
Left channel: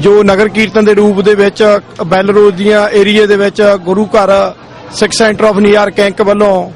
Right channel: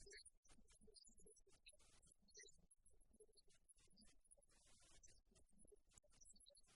ਜੋ ਨਗਰ ਕੀਰਤਨ ਦੇ ਰੂਪ ਦੇ ਵਿੱਚ ਬੈਲ ਰੋਡ ਦੀਆਂ ਏਰੀਏ ਦੇ ਵਿੱਚ ਗੁਰੂ ਘਰ ਸਿੱਖ ਸੈਂਟਰ ਆਫ ਨਿਊਯਾਰਕ ਕੈਂਕ ਵੱਲੋਂ,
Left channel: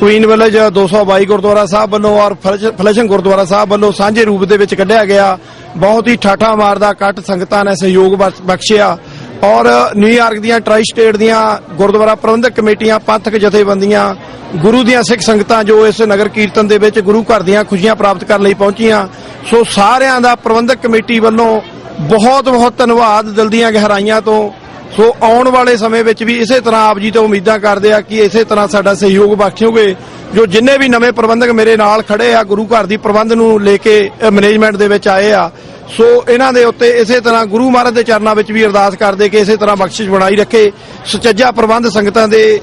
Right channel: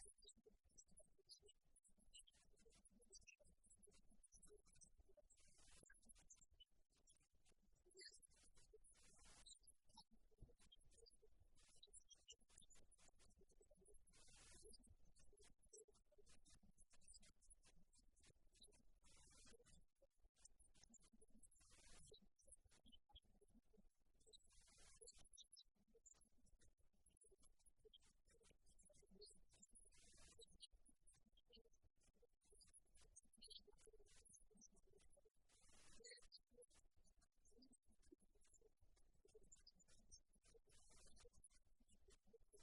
ਕੁਈਨ ਵਿਲੇਜ 222 ਗੁਰਦੁਆਰਾ ਸਾਹਿਬ ਵੱਲੋਂ ਔਰ ਫਲੈਸ਼ਿੰਗ ਗੁਰਦੁਆਰਾ ਸਾਹਿਬ ਵੱਲੋਂ ਸਾਂਝੇ ਰੂਪ ਦੇ ਵਿੱਚ ਕੱਢਿਆ ਗਿਆ। ਬਹੁਤ ਹੀ ਠਾਠਾ ਮਾਰਦਾ ਇਕੱਠ ਸੰਗਤਾਂ ਨੇ ਸਹਿਯੋਗ ਬਖਸ਼ਿਆ ਔਰ ਨਿਊਯਾਰਕ ਦੀਆਂ ਟਰਾਈ ਸਟੇਟ ਦੀਆਂ ਗੁਰਦੁਆਰਾ ਪ੍ਰਬੰਧਕ ਕਮੇਟੀਆਂ, ਪੰਥਕ ਜਥੇਬੰਦੀਆਂ, ਗੁਰੂ ਦੀਆਂ ਸਿੱਖ ਸੰਗਤਾਂ ਜੋ ਇਸ ਨਗਰ ਕੀਰਤਨ ਦੇ ਵਿੱਚ ਗੁਰੂ ਘਰ ਦੀਆਂ ਖੁਸ਼ੀਆਂ ਪ੍ਰਾਪਤ ਕਰਨ ਲਈ ਪਹੁੰਚੀਆਂ। ਸੋ ਸਾਰਿਆਂ ਦਾ ਪ੍ਰਬੰਧਕ ਕਮੇਟੀ ਵੱਲੋਂ ਬਹੁਤ ਬਹੁਤ ਧੰਨਵਾਦ ਦਿਲ ਦੀਆਂ ਗਹਿਰਾਈਆਂ ਤੋਂ। ਸੋ ਆਉਣ ਵਾਲੇ ਸਮੇਂ ਵਿੱਚ ਵੀ ਇਸੇ ਤਰ੍ਹਾਂ ਆਪ ਜੀ ਤੋਂ ਉਮੀਦਾਂ ਕਰਦੇ ਆ ਕਿ ਇਸੇ ਤਰ੍ਹਾਂ ਸਾਡਾ ਸਹਿਯੋਗ ਬਖਸ਼ੋਗੇ। ਜੋ ਜਿੰਨੇ ਵੀ ਨਵੇਂ ਪ੍ਰਬੰਧਕ ਮੇਰੇ ਨਾਲ ਖੜੇ ਆ ਗੁਰੂ ਘਰ ਦੀ ਪ੍ਰਬੰਧ ਨੂੰ ਲੈ ਕੇ ਮੈਨੇਜਮੈਂਟ ਦੇ ਵਿੱਚ ਆਏ ਆ, ਸੋ ਇਹਨਾਂ ਦੇ ਉੱਤੇ ਇਸੇ ਤਰ੍ਹਾਂ ਗੁਰੂ ਮਹਾਰਾਜ ਦੇ ਚਰਨਾਂ ਵਿੱਚ ਵੀ ਅਰਦਾਸ ਕਰਦੇ ਕਿ ਇਸੇ ਤਰ੍ਹਾਂ ਬਖਸ਼ਿਸ਼ ਬਣਾਈ ਰੱਖੇ, ਸੁਚੱਜਾ ਪ੍ਰਬੰਧ ਸੰਗਤਾਂ ਦੇ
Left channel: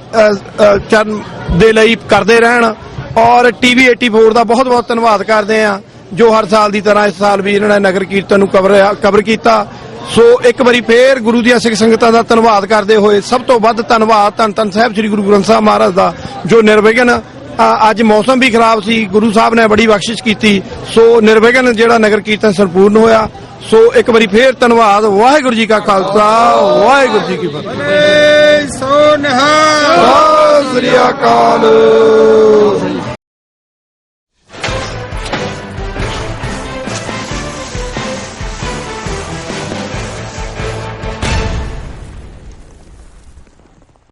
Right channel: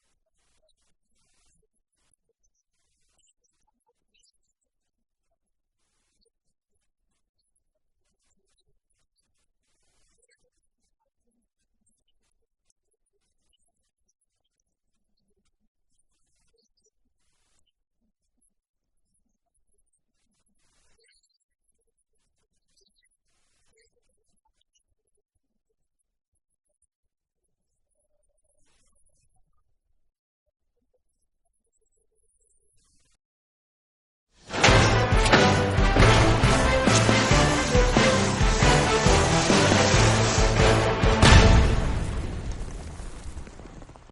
ਚਰਨ ਦੇ ਲਈ ਕਰਦੇ ਰਹਿਣ। ਔਰ TV 84 ਦਾ ਬਹੁਤ ਬਹੁਤ ਧੰਨਵਾਦ ਕਰਦੇ ਆ ਜੋ ਹਰ ਸਾਲ ਦੀ ਤਰ੍ਹਾਂ ਇਸ ਸਾਲ ਵੀ ਇਹਨਾਂ ਨੇ ਨਗਰ ਕੀਰਤਨ ਨੂੰ ਕਵਰ ਕੀਤਾ। ਸੋ ਇੱਕ ਵਾਰੀ ਫੇਰ ਗੁਰੂ ਦੀਆਂ ਸਿੱਖ ਸੰਗਤਾਂ ਦਾ ਧੰਨਵਾਦ ਕਰਦੇ ਹੋਏ ਸਭ ਤੋਂ ਵੱਧ ਧੰਨਵਾਦ ਧੰਨ ਧੰਨ ਸਾਹਿਬ ਸ੍ਰੀ ਗੁਰੂ ਗ੍ਰੰਥ ਸਾਹਿਬ ਮਹਾਰਾਜ ਦਾ ਜੋ ਨਿਰਵਿਘਨ, ਅੱਜ ਮੌਸਮ ਵੀ ਖਰਾਬ ਸੀ, ਗੁਰੂ ਸਾਹਿਬ ਨੇ ਬੜੀ ਬਖਸ਼ਿਸ਼ ਕੀਤੀ, ਸੋ ਨਿਰਵਿਘਨ ਜਿਹੜਾ ਨਗਰ ਕੀਰਤਨ ਸੰਪੂਰਨ ਹੋਇਆ। ਸੋ ਇੱਕ ਵਾਰੀ ਫੇਰ ਧੰਨਵਾਦ। ਵਾਹਿਗੁਰੂ ਜੀ ਕਾ ਖਾਲਸਾ, ਵਾਹਿਗੁਰੂ ਜੀ ਕੀ ਫਤਿਹ। ਸੋ ਨਿਹਾਲ, ਸਤਿ ਸ੍ਰੀ ਅਕਾਲ।